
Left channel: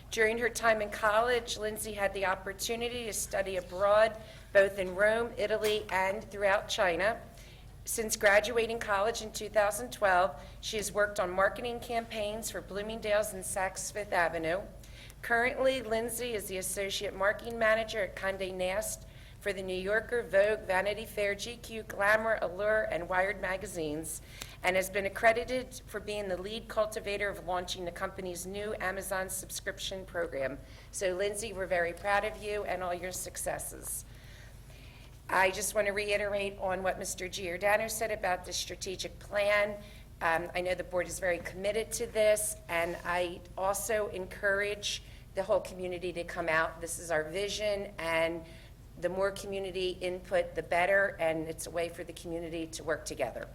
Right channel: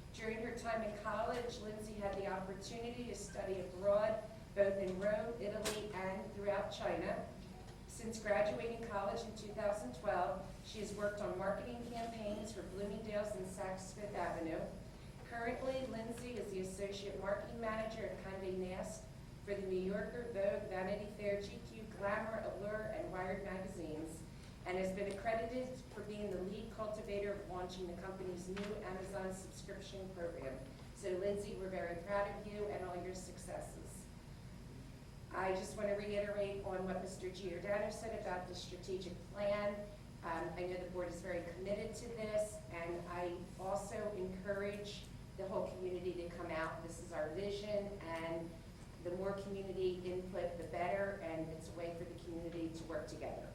During her time in college, Lindsay had the opportunity to study abroad, both in Rome, Italy, and throughout China. Since graduating college in 2012, she has worked on marketing campaigns for Bloomingdale's and Saks Fifth Avenue. Currently, Lindsay is the Associate Marketing Manager at Condé Nast for the New Yorker, Vogue, Vanity Fair, GQ, Glamour, Allure, and Wired magazines, and has been accredited for being the lead cultivator of launching the company's new Amazon subscription program. So Lindsay, we're very proud of you and all your successes. I just want to reiterate on what Mr. Giordano said about the strategic plan. I know the board is very committed to this, and I also encourage the whole community to come out. This is our vision, and the more community input, the better, and it's a way for the community to work together.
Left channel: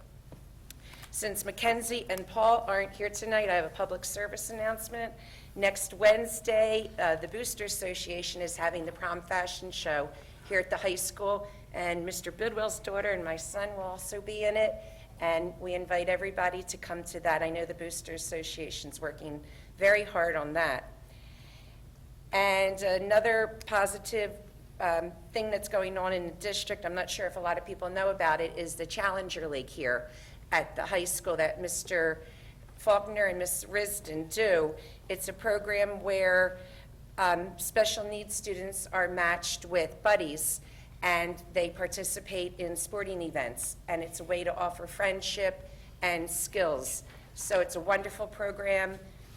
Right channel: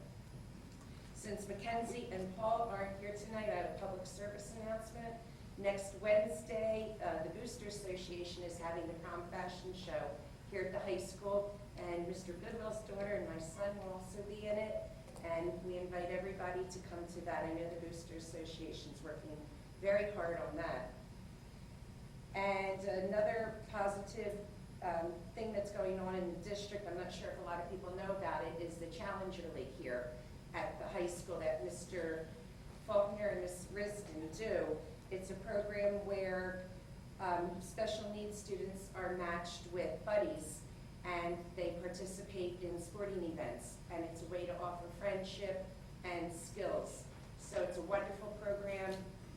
Since Mackenzie and Paul aren't here tonight, I have a public service announcement. Next Wednesday, the Booster Association is having the prom fashion show here at the high school, and Mr. Bidwell's daughter and my son will also be in it, and we invite everybody to come to that. I know the Booster Association's working very hard on that. And another positive thing that's going on in the district, I'm not sure if a lot of people know about it, is the Challenger League here at the high school that Mr. Faulkner and Ms. Risden do. It's a program where special needs students are matched with buddies, and they participate in sporting events, and it's a way to offer friendship and skills. So it's a wonderful program.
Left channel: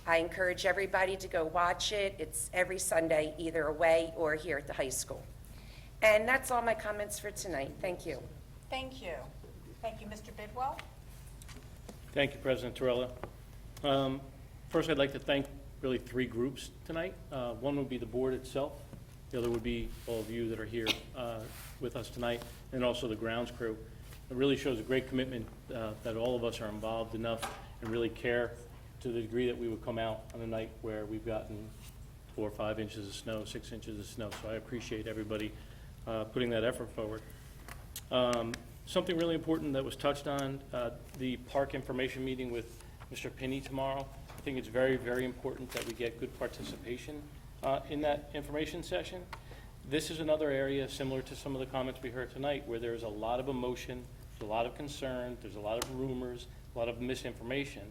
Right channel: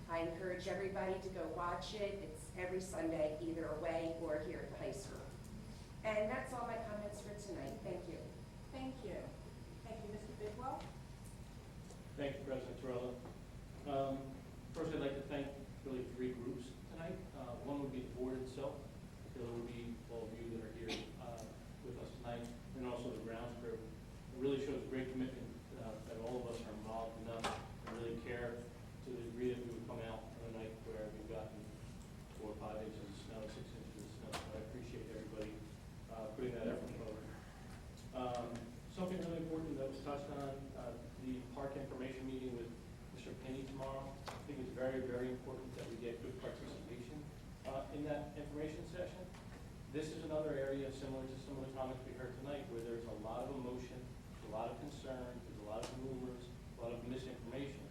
I encourage everybody to go watch it. It's every Sunday, either away or here at the high school. And that's all my comments for tonight. Thank you. Thank you. Thank you, Mr. Bidwell. Thank you, President Torella. First, I'd like to thank really three groups tonight. One would be the board itself. The other would be all of you that are here with us tonight, and also the grounds crew. It really shows a great commitment that all of us are involved enough and really care to the degree that we would come out on a night where we've gotten 4 or 5 inches of snow, 6 inches of snow. So I appreciate everybody putting that effort forward. Something really important that was touched on, the park information meeting with Mr. Pinney tomorrow. I think it's very, very important that we get good participation in that information session. This is another area similar to some of the comments we heard tonight where there's a lot of emotion, there's a lot of concern, there's a lot of rumors, a lot of misinformation.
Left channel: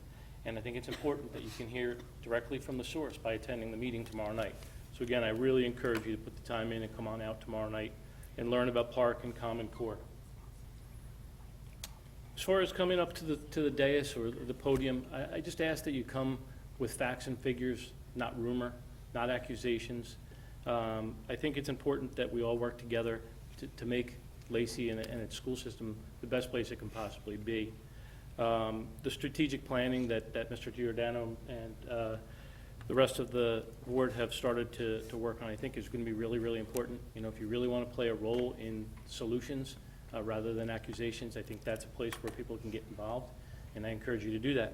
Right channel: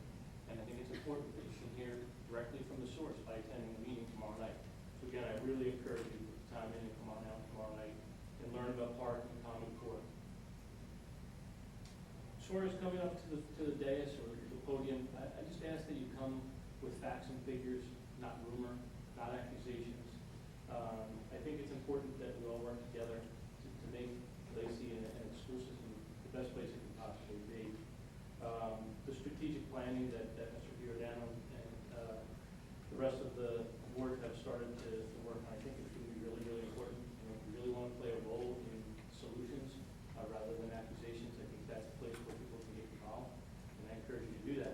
And I think it's important that you can hear directly from the source by attending the meeting tomorrow night. So again, I really encourage you to put the time in and come on out tomorrow night and learn about Park and Common Core. As far as coming up to the dais or the podium, I just ask that you come with facts and figures, not rumor, not accusations. I think it's important that we all work together to make Lacey and its school system the best place it can possibly be. The strategic planning that Mr. Giordano and the rest of the board have started to work on, I think is going to be really, really important. You know, if you really want to play a role in solutions rather than accusations, I think that's a place where people can get involved, and I encourage you to do that.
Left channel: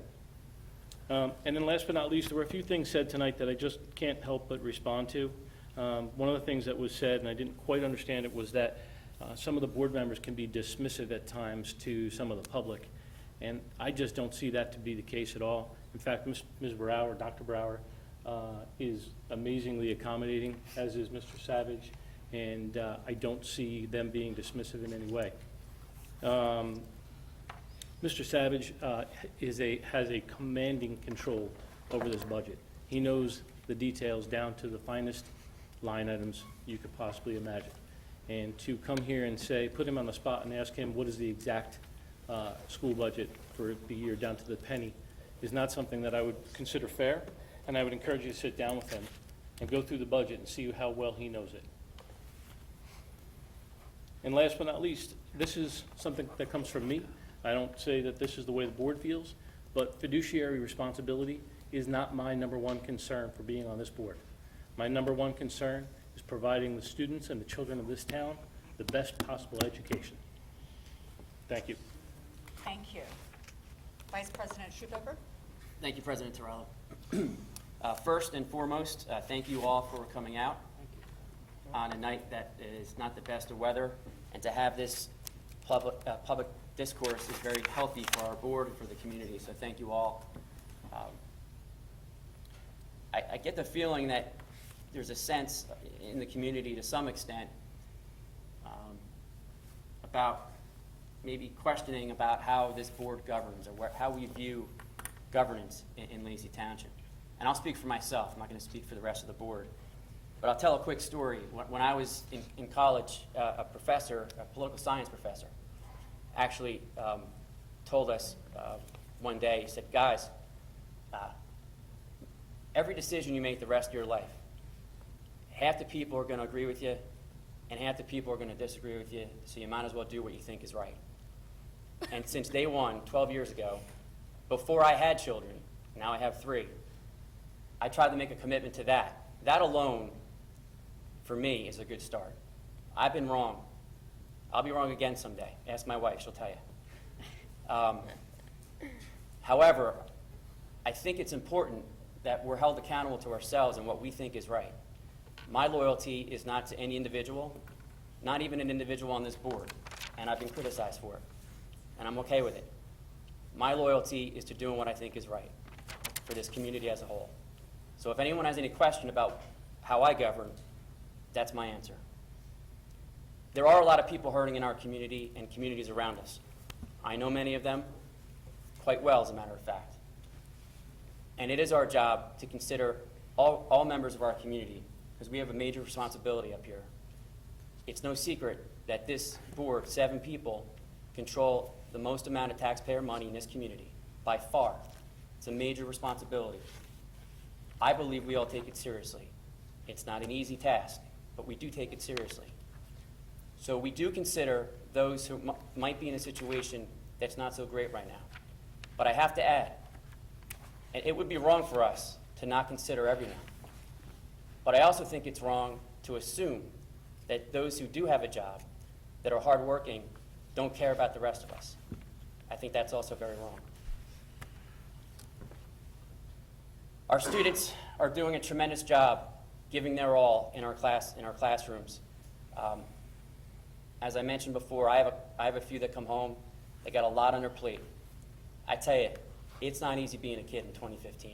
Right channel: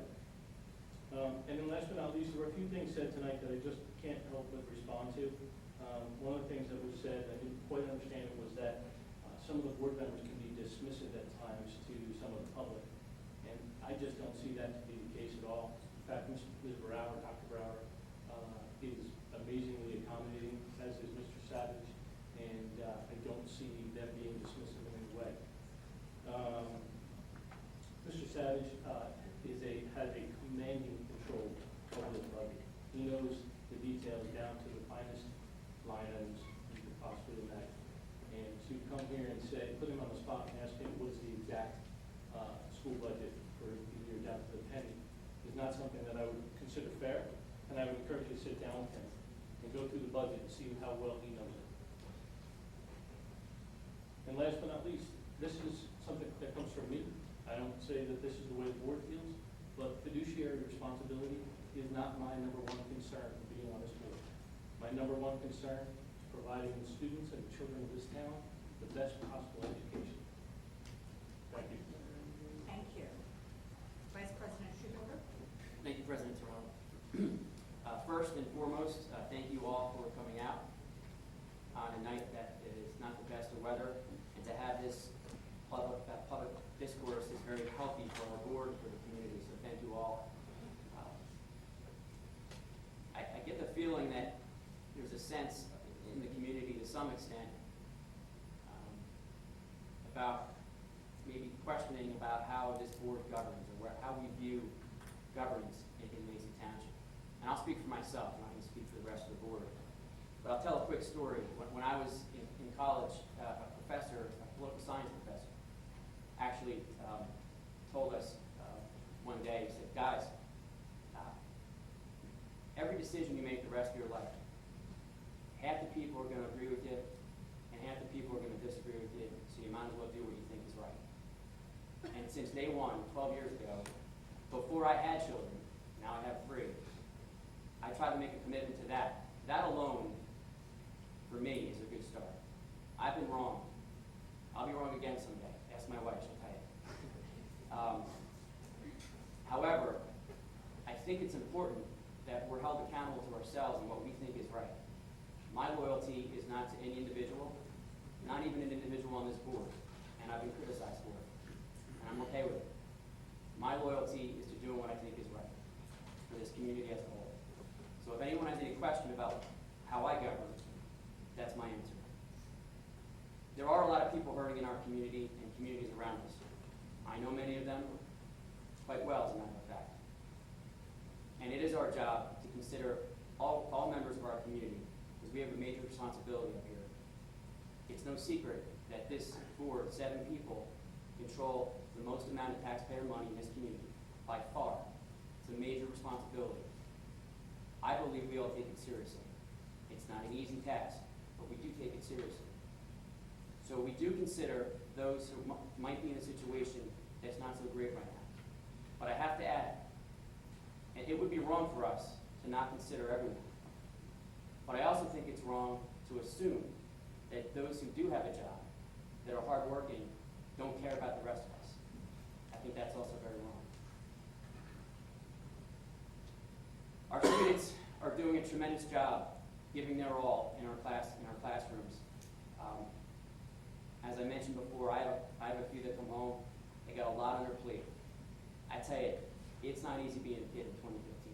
And then last but not least, there were a few things said tonight that I just can't help but respond to. One of the things that was said, and I didn't quite understand it, was that some of the board members can be dismissive at times to some of the public. And I just don't see that to be the case at all. In fact, Ms. Brower, Dr. Brower, is amazingly accommodating, as is Mr. Savage, and I don't see them being dismissive in any way. Mr. Savage has a commanding control over this budget. He knows the details down to the finest line items you could possibly imagine. And to come here and say, put him on the spot and ask him what is the exact school budget for the year down to the penny is not something that I would consider fair, and I would encourage you to sit down with him and go through the budget and see how well he knows it. And last but not least, this is something that comes from me. I don't say that this is the way the board feels, but fiduciary responsibility is not my number one concern for being on this board. My number one concern is providing the students and the children of this town the best possible education. Thank you. Thank you. Vice President Schubacher? Thank you, President Torella. First and foremost, thank you all for coming out on a night that is not the best of weather, and to have this public discourse is very healthy for our board and for the community, so thank you all. I get the feeling that there's a sense in the community to some extent about maybe questioning about how this board governs or how we view governance in Lacey Township. And I'll speak for myself, I'm not going to speak for the rest of the board. But I'll tell a quick story. When I was in college, a professor, a political science professor, actually told us one day, he said, guys, every decision you make the rest of your life, half the people are going to agree with you, and half the people are going to disagree with you, so you might as well do what you think is right. And since day one, 12 years ago, before I had children, now I have 3, I tried to make a commitment to that. That alone, for me, is a good start. I've been wrong. I'll be wrong again someday. Ask my wife, she'll tell you. However, I think it's important that we're held accountable to ourselves and what we think is right. My loyalty is not to any individual, not even an individual on this board, and I've been criticized for it, and I'm okay with it. My loyalty is to doing what I think is right for this community as a whole. So if anyone has any question about how I govern, that's my answer. There are a lot of people hurting in our community and communities around us. I know many of them quite well, as a matter of fact. And it is our job to consider all members of our community, because we have a major responsibility up here. It's no secret that this board, 7 people, control the most amount of taxpayer money in this community, by far. It's a major responsibility. I believe we all take it seriously. It's not an easy task, but we do take it seriously. So we do consider those who might be in a situation that's not so great right now. But I have to add, and it would be wrong for us to not consider everyone. But I also think it's wrong to assume that those who do have a job, that are hardworking, don't care about the rest of us. I think that's also very wrong. Our students are doing a tremendous job giving their all in our classrooms. As I mentioned before, I have a few that come home. They got a lot on their plate. I tell you, it's not easy being a kid in 2015.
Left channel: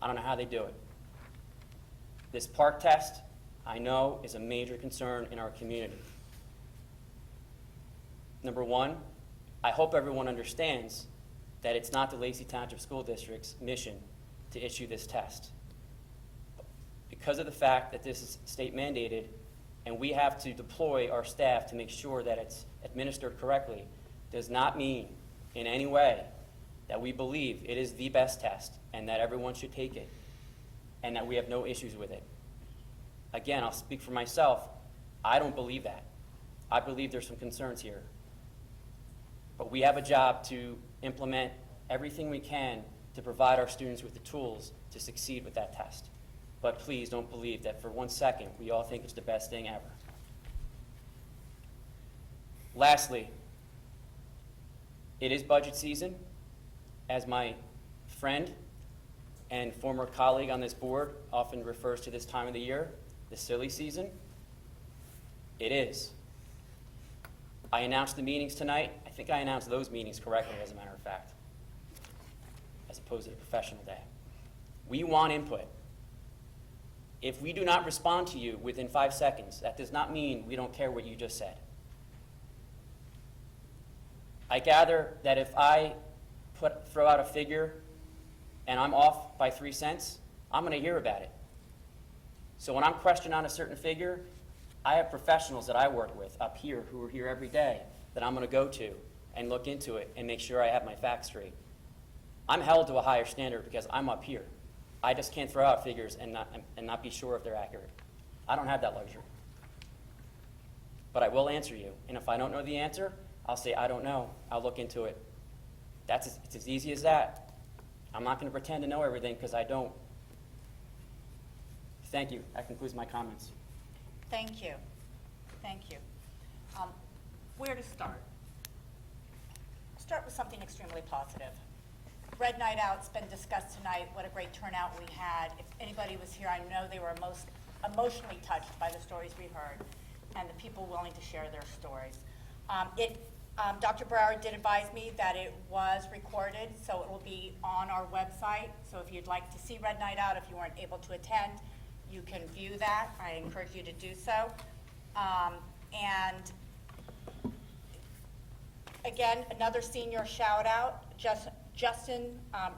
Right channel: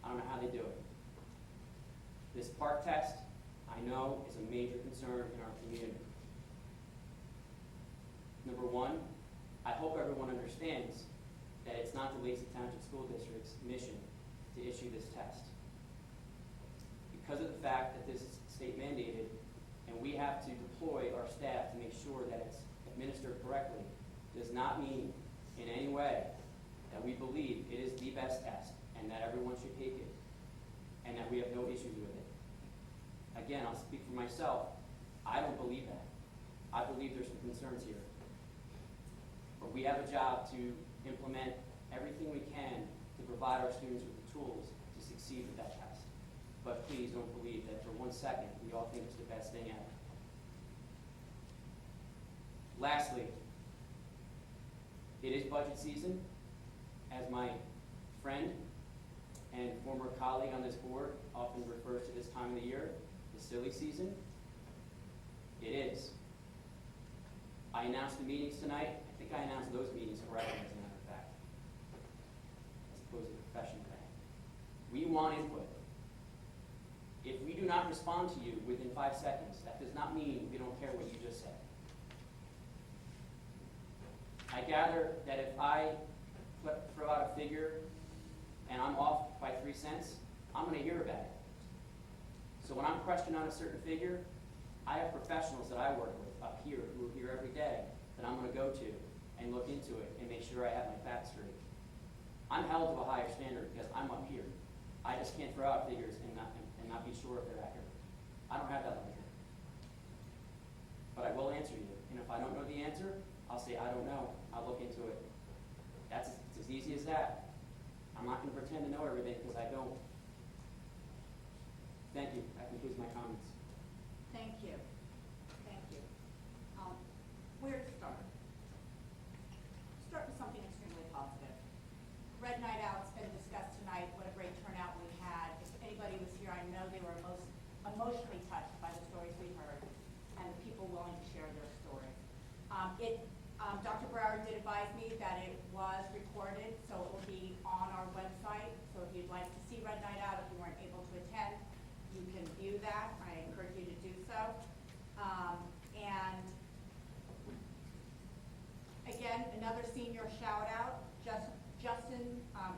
I don't know how they do it. This park test, I know, is a major concern in our community. Number one, I hope everyone understands that it's not the Lacey Township School District's mission to issue this test. Because of the fact that this is state mandated and we have to deploy our staff to make sure that it's administered correctly, does not mean in any way that we believe it is the best test and that everyone should take it and that we have no issues with it. Again, I'll speak for myself. I don't believe that. I believe there's some concerns here. But we have a job to implement everything we can to provide our students with the tools to succeed with that test. But please don't believe that for 1 second we all think it's the best thing ever. Lastly, it is budget season. As my friend and former colleague on this board often refers to this time of the year, the silly season, it is. I announced the meetings tonight. I think I announced those meetings correctly, as a matter of fact, as opposed to the professional day. We want input. If we do not respond to you within 5 seconds, that does not mean we don't care what you just said. I gather that if I throw out a figure and I'm off by 3 cents, I'm gonna hear about it. So when I'm questioned on a certain figure, I have professionals that I work with up here who are here every day that I'm gonna go to and look into it and make sure I have my facts straight. I'm held to a higher standard because I'm up here. I just can't throw out figures and not be sure if they're accurate. I don't have that luxury. But I will answer you, and if I don't know the answer, I'll say, I don't know, I'll look into it. It's as easy as that. I'm not gonna pretend to know everything, because I don't. Thank you, that concludes my comments. Thank you. Thank you. Where to start? Start with something extremely positive. Red Night Out's been discussed tonight. What a great turnout we had. If anybody was here, I know they were most emotionally touched by the stories we heard and the people willing to share their stories. Dr. Brower did advise me that it was recorded, so it will be on our website. So if you'd like to see Red Night Out, if you weren't able to attend, you can view that. I encourage you to do so. And again, another senior shout out, Justin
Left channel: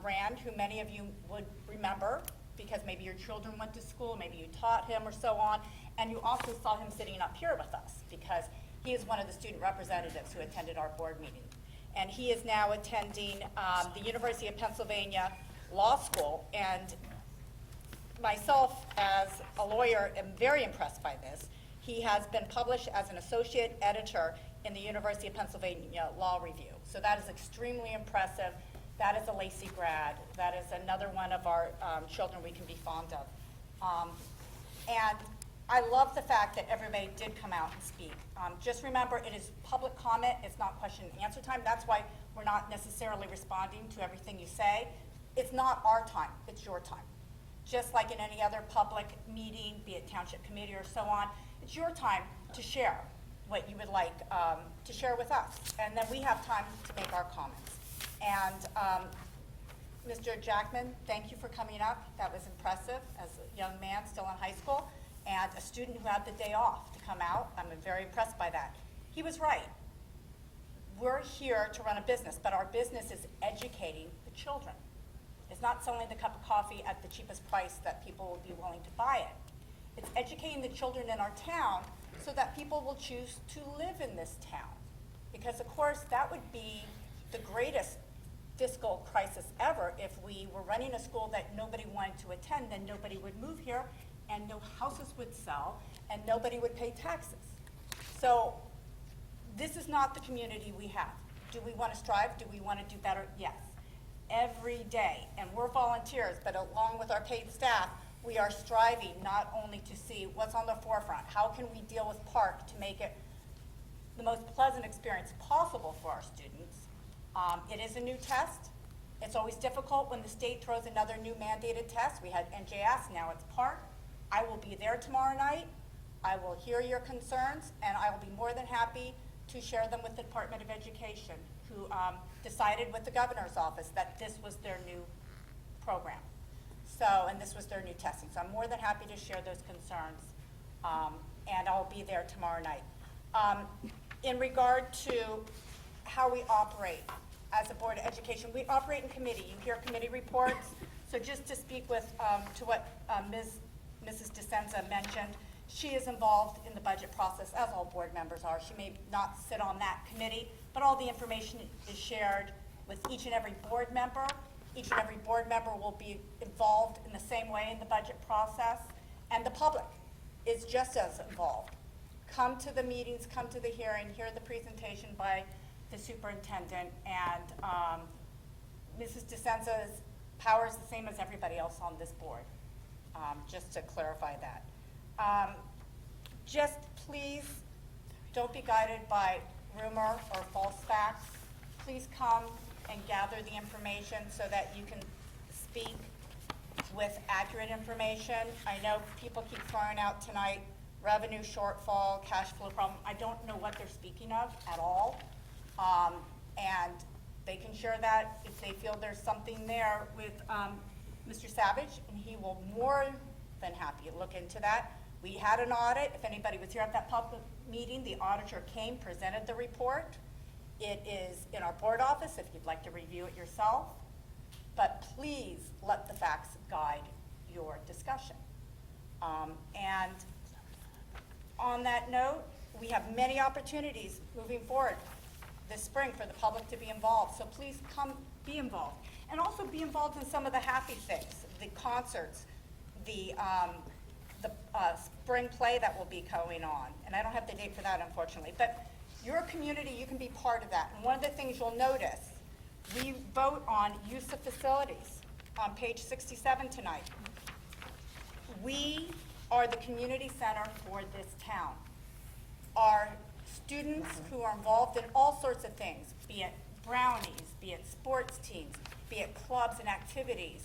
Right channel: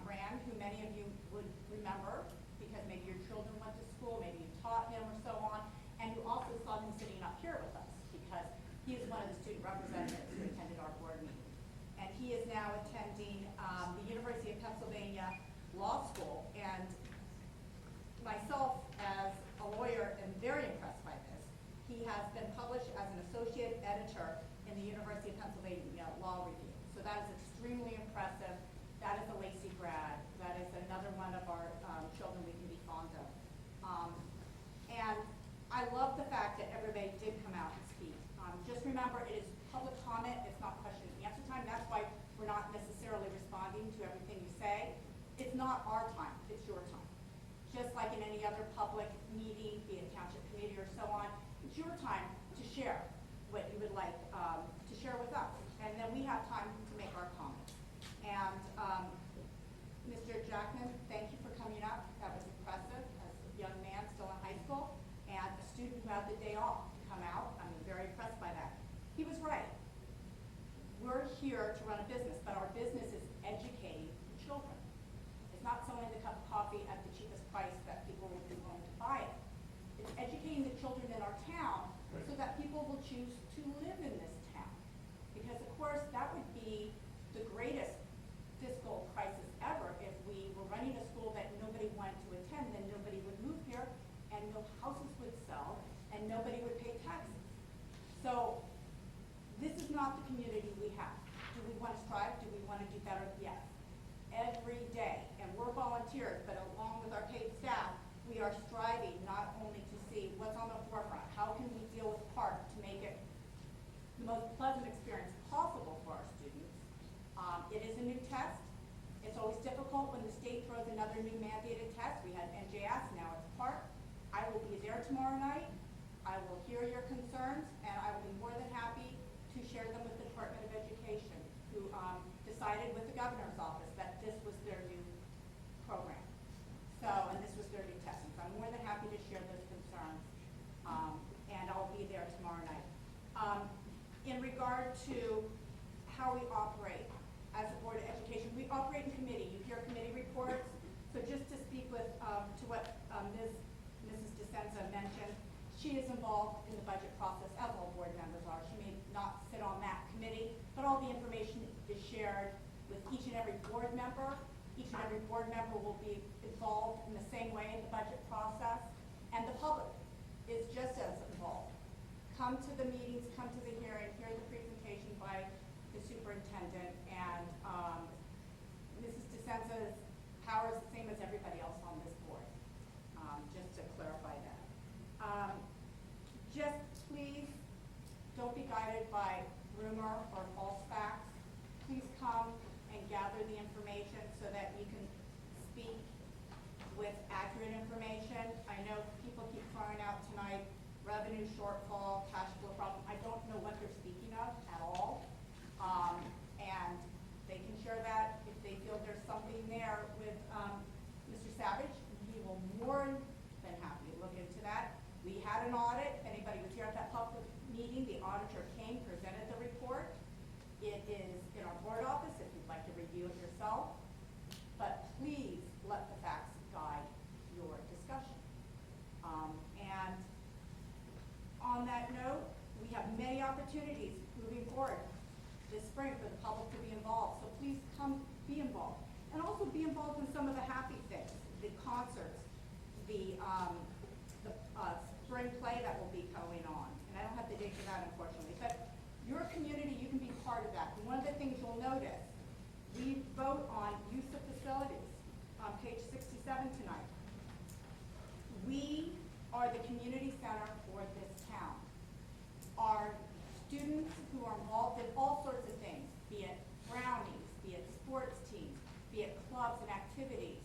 Rand, who many of you would remember because maybe your children went to school, maybe you taught him or so on, and you also saw him sitting up here with us because he is one of the student representatives who attended our board meeting. And he is now attending the University of Pennsylvania Law School, and myself as a lawyer am very impressed by this. He has been published as an associate editor in the University of Pennsylvania Law Review. So that is extremely impressive. That is a Lacey grad. That is another one of our children we can be fond of. And I love the fact that everybody did come out and speak. Just remember, it is public comment. It's not question and answer time. That's why we're not necessarily responding to everything you say. It's not our time. It's your time. Just like in any other public meeting, be it township committee or so on, it's your time to share what you would like to share with us. And then we have time to make our comments. And Mr. Jackman, thank you for coming up. That was impressive as a young man still in high school and a student who had the day off to come out. I'm very impressed by that. He was right. We're here to run a business, but our business is educating the children. It's not selling the cup of coffee at the cheapest price that people will be willing to buy it. It's educating the children in our town so that people will choose to live in this town. Because of course, that would be the greatest fiscal crisis ever if we were running a school that nobody wanted to attend, then nobody would move here and no houses would sell and nobody would pay taxes. So this is not the community we have. Do we want to strive? Do we want to do better? Yes. Every day, and we're volunteers, but along with our paid staff, we are striving not only to see what's on the forefront, how can we deal with Park to make it the most pleasant experience possible for our students. It is a new test. It's always difficult when the state throws another new mandated test. We had NJS, now it's Park. I will be there tomorrow night. I will hear your concerns, and I will be more than happy to share them with the Department of Education, who decided with the governor's office that this was their new program. So, and this was their new testing. So I'm more than happy to share those concerns, and I'll be there tomorrow night. In regard to how we operate as a Board of Education, we operate in committee. You hear committee reports. So just to speak with, to what Mrs. DeSenza mentioned, she is involved in the budget process, as all board members are. She may not sit on that committee, but all the information is shared with each and every board member. Each and every board member will be involved in the same way in the budget process, and the public is just as involved. Come to the meetings, come to the hearing, hear the presentation by the superintendent, and Mrs. DeSenza's power is the same as everybody else on this board, just to clarify that. Just please don't be guided by rumor or false facts. Please come and gather the information so that you can speak with accurate information. I know people keep throwing out tonight revenue shortfall, cash flow problem. I don't know what they're speaking of at all. And they can share that if they feel there's something there with Mr. Savage, and he will more than happy to look into that. We had an audit. If anybody was here at that public meeting, the auditor came, presented the report, It is in our board office if you'd like to review it yourself, but please let the facts guide your discussion. And on that note, we have many opportunities moving forward this spring for the public to be involved, so please come be involved. And also be involved in some of the happy things, the concerts, the spring play that will be going on. And I don't have the date for that, unfortunately, but your community, you can be part of that. And one of the things you'll notice, we vote on use of facilities on page 67 tonight. We are the community center for this town. Our students who are involved in all sorts of things, be it brownies, be it sports teams, be it clubs and activities,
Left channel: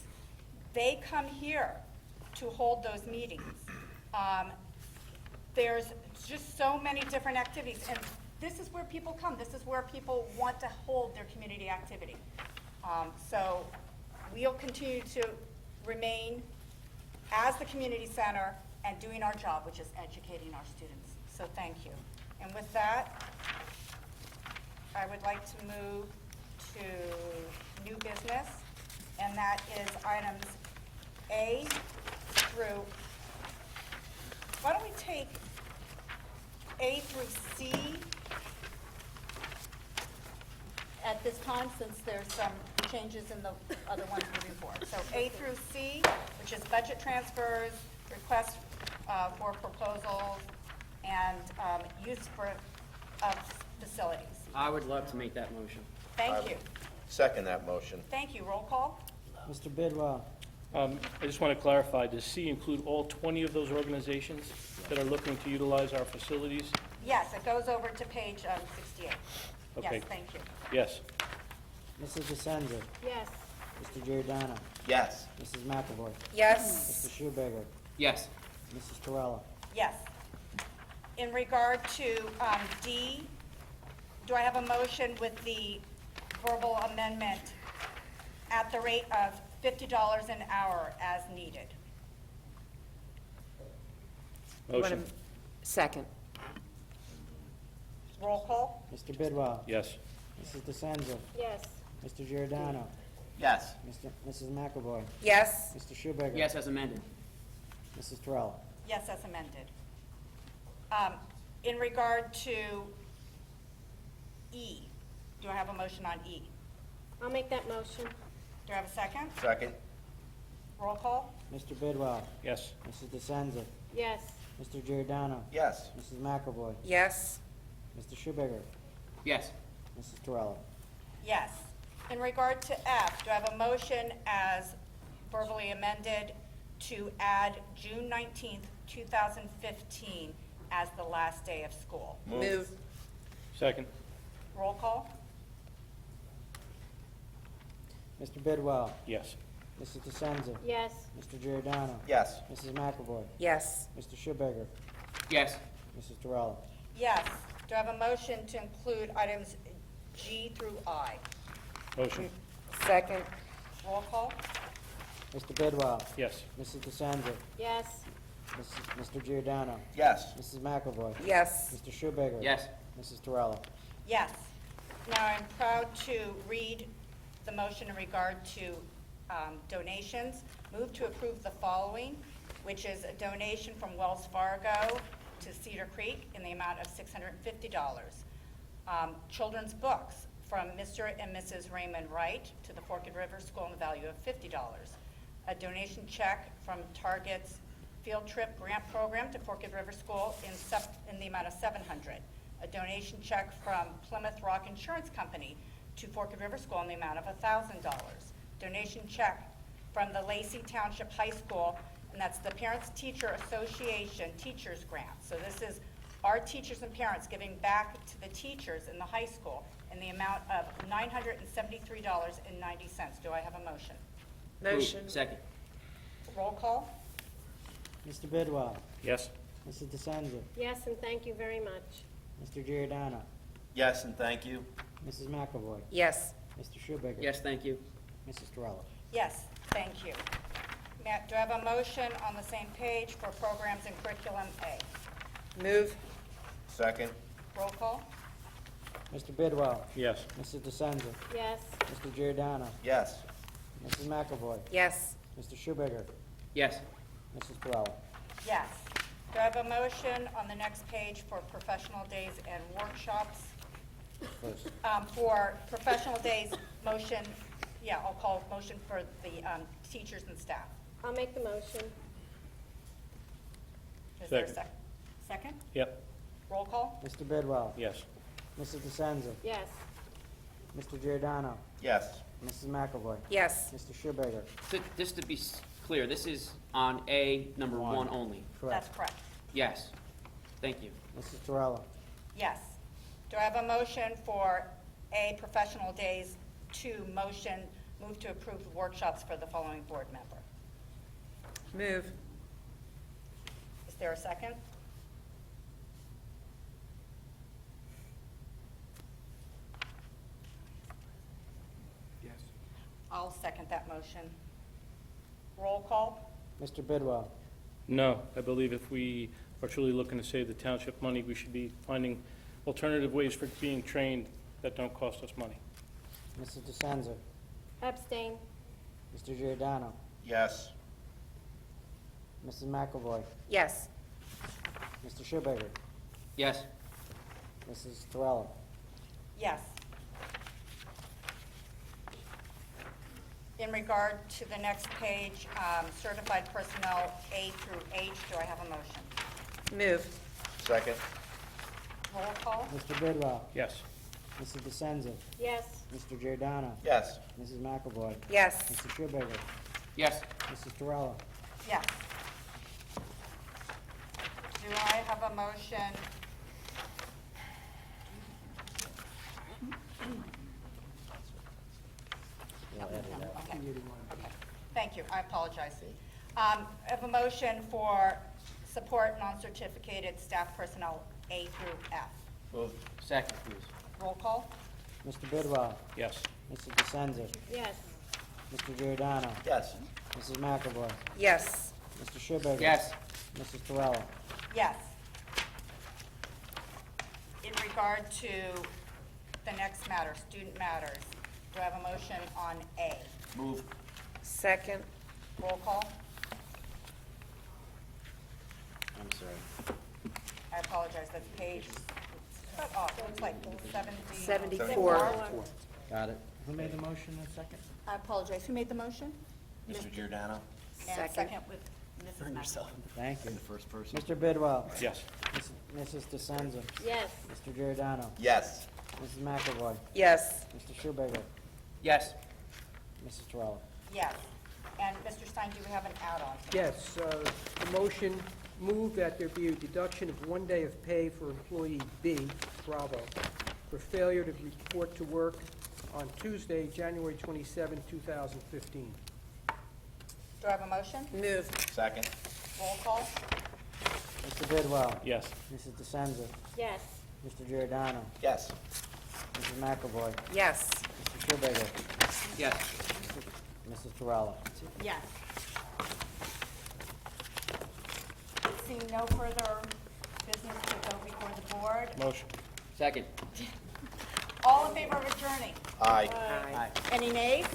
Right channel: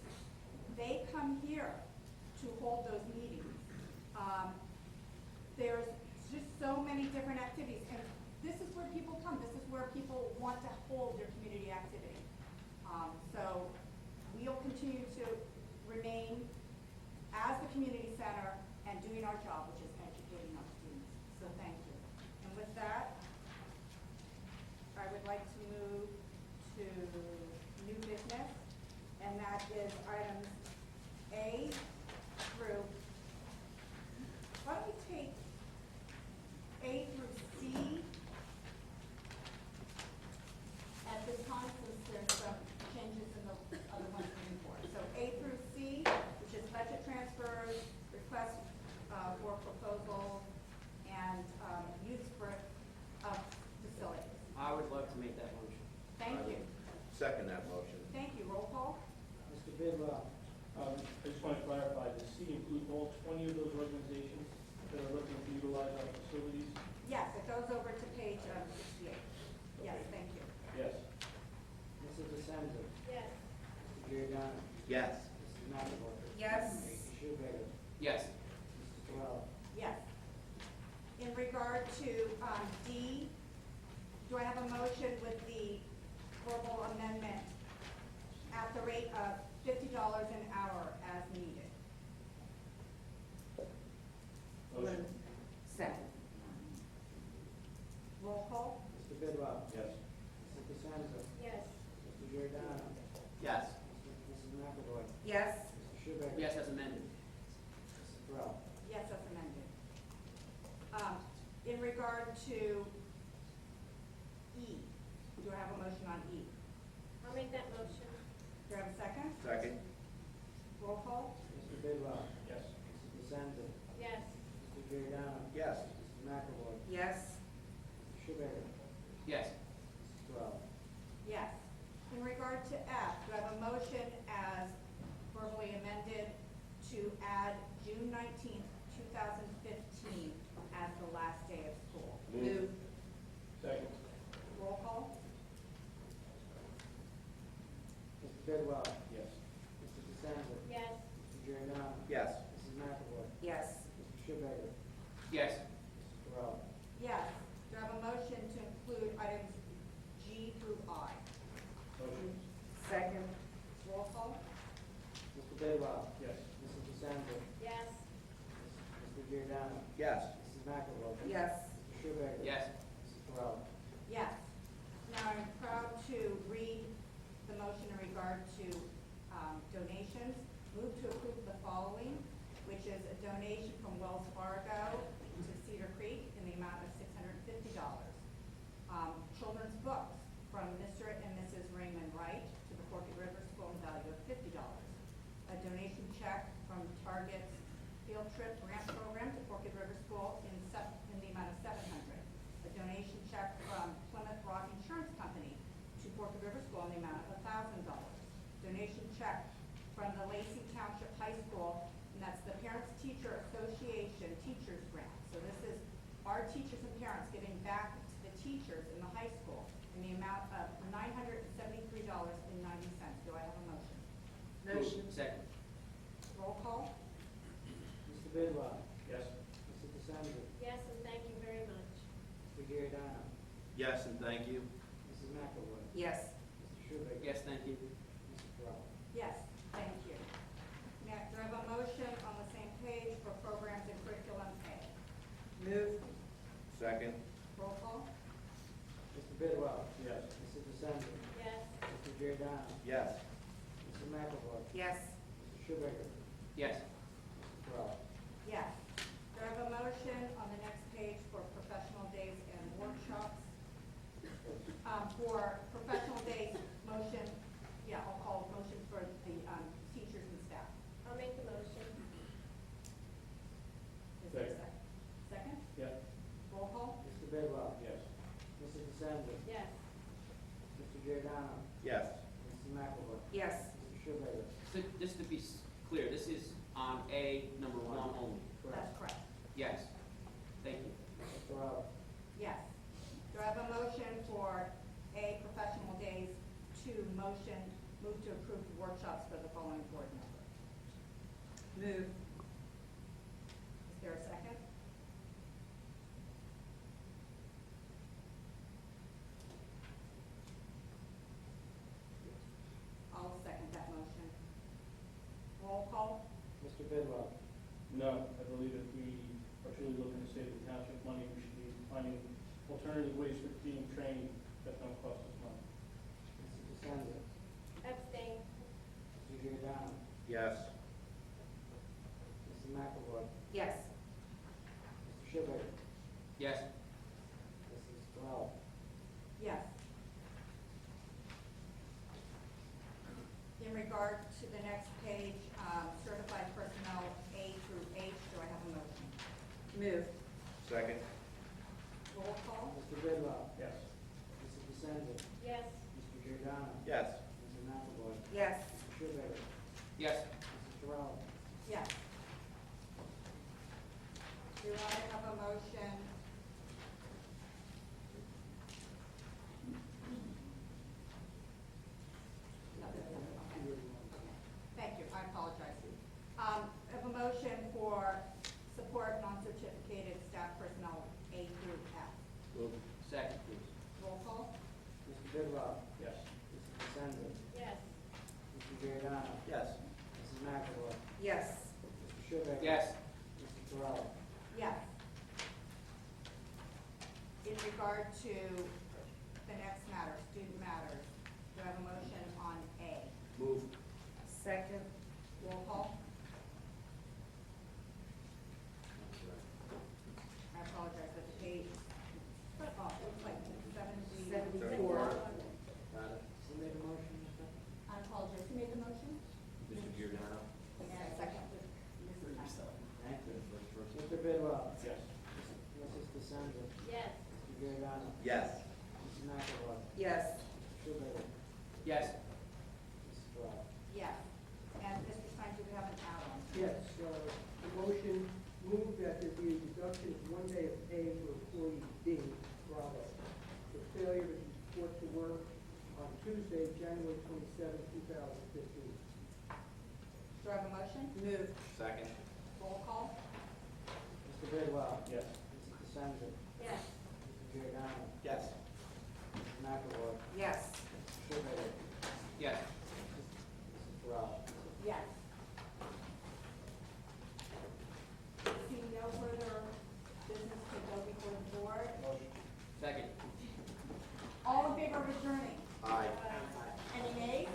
they come here to hold those meetings. There's just so many different activities, and this is where people come. This is where people want to hold their community activity. So we'll continue to remain as the community center and doing our job, which is educating our students. So thank you. And with that, I would like to move to new business, and that is items A through, why don't we take A through C at this time, since there's some changes in the other ones moving forward. So A through C, which is budget transfers, requests for proposals, and use of facilities. I would love to make that motion. Thank you. Second that motion. Thank you. Roll call? Mr. Bidwell. I just want to clarify, does C include all 20 of those organizations that are looking to utilize our facilities? Yes, it goes over to page 68. Okay. Yes, thank you. Yes. Mrs. DeSenza. Yes. Mr. Giordano. Yes. Mrs. McAvoy. Yes. Mr. Schubager. Yes. Mrs. Torella. Yes. In regard to D, do I have a motion with the verbal amendment at the rate of $50 an hour as needed? Motion. Second. Roll call? Mr. Bidwell. Yes. Mrs. DeSenza. Yes. Mr. Giordano. Yes. Mrs. McAvoy. Yes. Mr. Schubager. Yes, as amended. Mrs. Torella. Yes, as amended. In regard to E, do I have a motion on E? I'll make that motion. Do I have a second? Second. Roll call? Mr. Bidwell. Yes. Mrs. DeSenza. Yes. Mr. Giordano. Yes. Mrs. McAvoy. Yes. Mr. Schubager. Yes. Mrs. Torella. Yes. In regard to F, do I have a motion as verbally amended to add June 19th, 2015 as the last day of school? Move. Second. Roll call? Mr. Bidwell. Yes. Mrs. DeSenza. Yes. Mr. Giordano. Yes. Mrs. McAvoy. Yes. Mr. Schubager. Yes. Mrs. Torella. Yes. Do I have a motion to include items G through I? Motion. Second. Roll call? Mr. Bidwell. Yes. Mrs. DeSenza. Yes. Mr. Giordano. Yes. Mrs. McAvoy. Yes. Mr. Schubager. Yes. Mrs. Torella. Yes. Now, I'm proud to read the motion in regard to donations. Move to approve the following, which is a donation from Wells Fargo to Cedar Creek in the amount of $650. Children's books from Mr. and Mrs. Raymond Wright to the Forked River School in the value of $50. A donation check from Target's Field Trip Grant Program to Forked River School in the amount of $700. A donation check from Plymouth Rock Insurance Company to Forked River School in the amount of $1,000. Donation check from the Lacey Township High School, and that's the Parents Teacher Association Teachers Grant. So this is our teachers and parents giving back to the teachers in the high school in the amount of $973.90. Do I have a motion? Motion. Second. Roll call? Mr. Bidwell. Yes. Mrs. DeSenza. Yes, and thank you very much. Mr. Giordano. Yes, and thank you. Mrs. McAvoy. Yes. Mr. Schubager. Yes, thank you. Mrs. Torella. Yes, thank you. Matt, do I have a motion on the same page for programs and curriculum A? Move. Second. Roll call? Mr. Bidwell. Yes. Mrs. DeSenza. Yes. Mr. Giordano. Yes. Mrs. McAvoy. Yes. Mr. Schubager. Yes. Mrs. Torella. Yes. Do I have a motion on the next page for professional days and workshops? First. For professional days, motion, yeah, I'll call motion for the teachers and staff. I'll make the motion. Is there a Second. Second? Yep. Roll call? Mr. Bidwell. Yes. Mrs. DeSenza. Yes. Mr. Giordano. Yes. Mrs. McAvoy. Yes. Mr. Schubager. So just to be clear, this is on A number One. 1 only? Correct. That's correct. Yes. Thank you. Mrs. Torella. Yes. Do I have a motion for A, professional days, 2, motion, move to approve workshops for the following board member? Move. Is there a second? Yes. I'll second that motion. Roll call? Mr. Bidwell. No, I believe if we are truly looking to save the township money, we should be finding alternative ways for being trained that don't cost us money. Mrs. DeSenza. Abstain. Mr. Giordano. Yes. Mrs. McAvoy. Yes. Mr. Schubager. Yes. Mrs. Torella. Yes. In regard to the next page, certified personnel A through H, do I have a motion? Move. Second. Roll call? Mr. Bidwell. Yes. Mrs. DeSenza. Yes. Mr. Giordano. Yes. Mrs. McAvoy. Yes. Mr. Schubager. Yes. Mrs. Torella. Yes. Do I have a motion? Okay. Thank you, I apologize. I have a motion for support non-certificated staff personnel A through F. Move. Second, please. Roll call? Mr. Bidwell. Yes. Mrs. DeSenza. Yes. Mr. Giordano. Yes. Mrs. McAvoy. Yes. Mr. Schubager. Yes. Mrs. Torella. Yes. In regard to the next matter, student matters, do I have a motion on A? Move. Second. Roll call? I'm sorry. I apologize, that's page, oh, it looks like 74. Got it. Who made the motion in second? I apologize, who made the motion? Mr. Giordano. And Second. second with Mrs. Earn Massa. yourself. Thank you. You're the first person. Mr. Bidwell. Yes. Mrs. DeSenza. Yes. Mr. Giordano. Yes. Mrs. McAvoy. Yes. Mr. Schubager. Yes. Mrs. Torella. Yes. And Mr. Stein, do we have an add-on? Yes, the motion move that there be a deduction of 1 day of pay for employee B, Bravo, for failure to report to work on Tuesday, January 27, 2015. Do I have a motion? Move. Second. Roll call? Mr. Bidwell. Yes. Mrs. DeSenza. Yes. Mr. Giordano. Yes. Mrs. McAvoy. Yes. Mr. Schubager. Yes. Mrs. Torella. Yes. Seeing no further business to go before the board, Motion. Second. all in favor of adjourning? Aye. Aye. Any nays?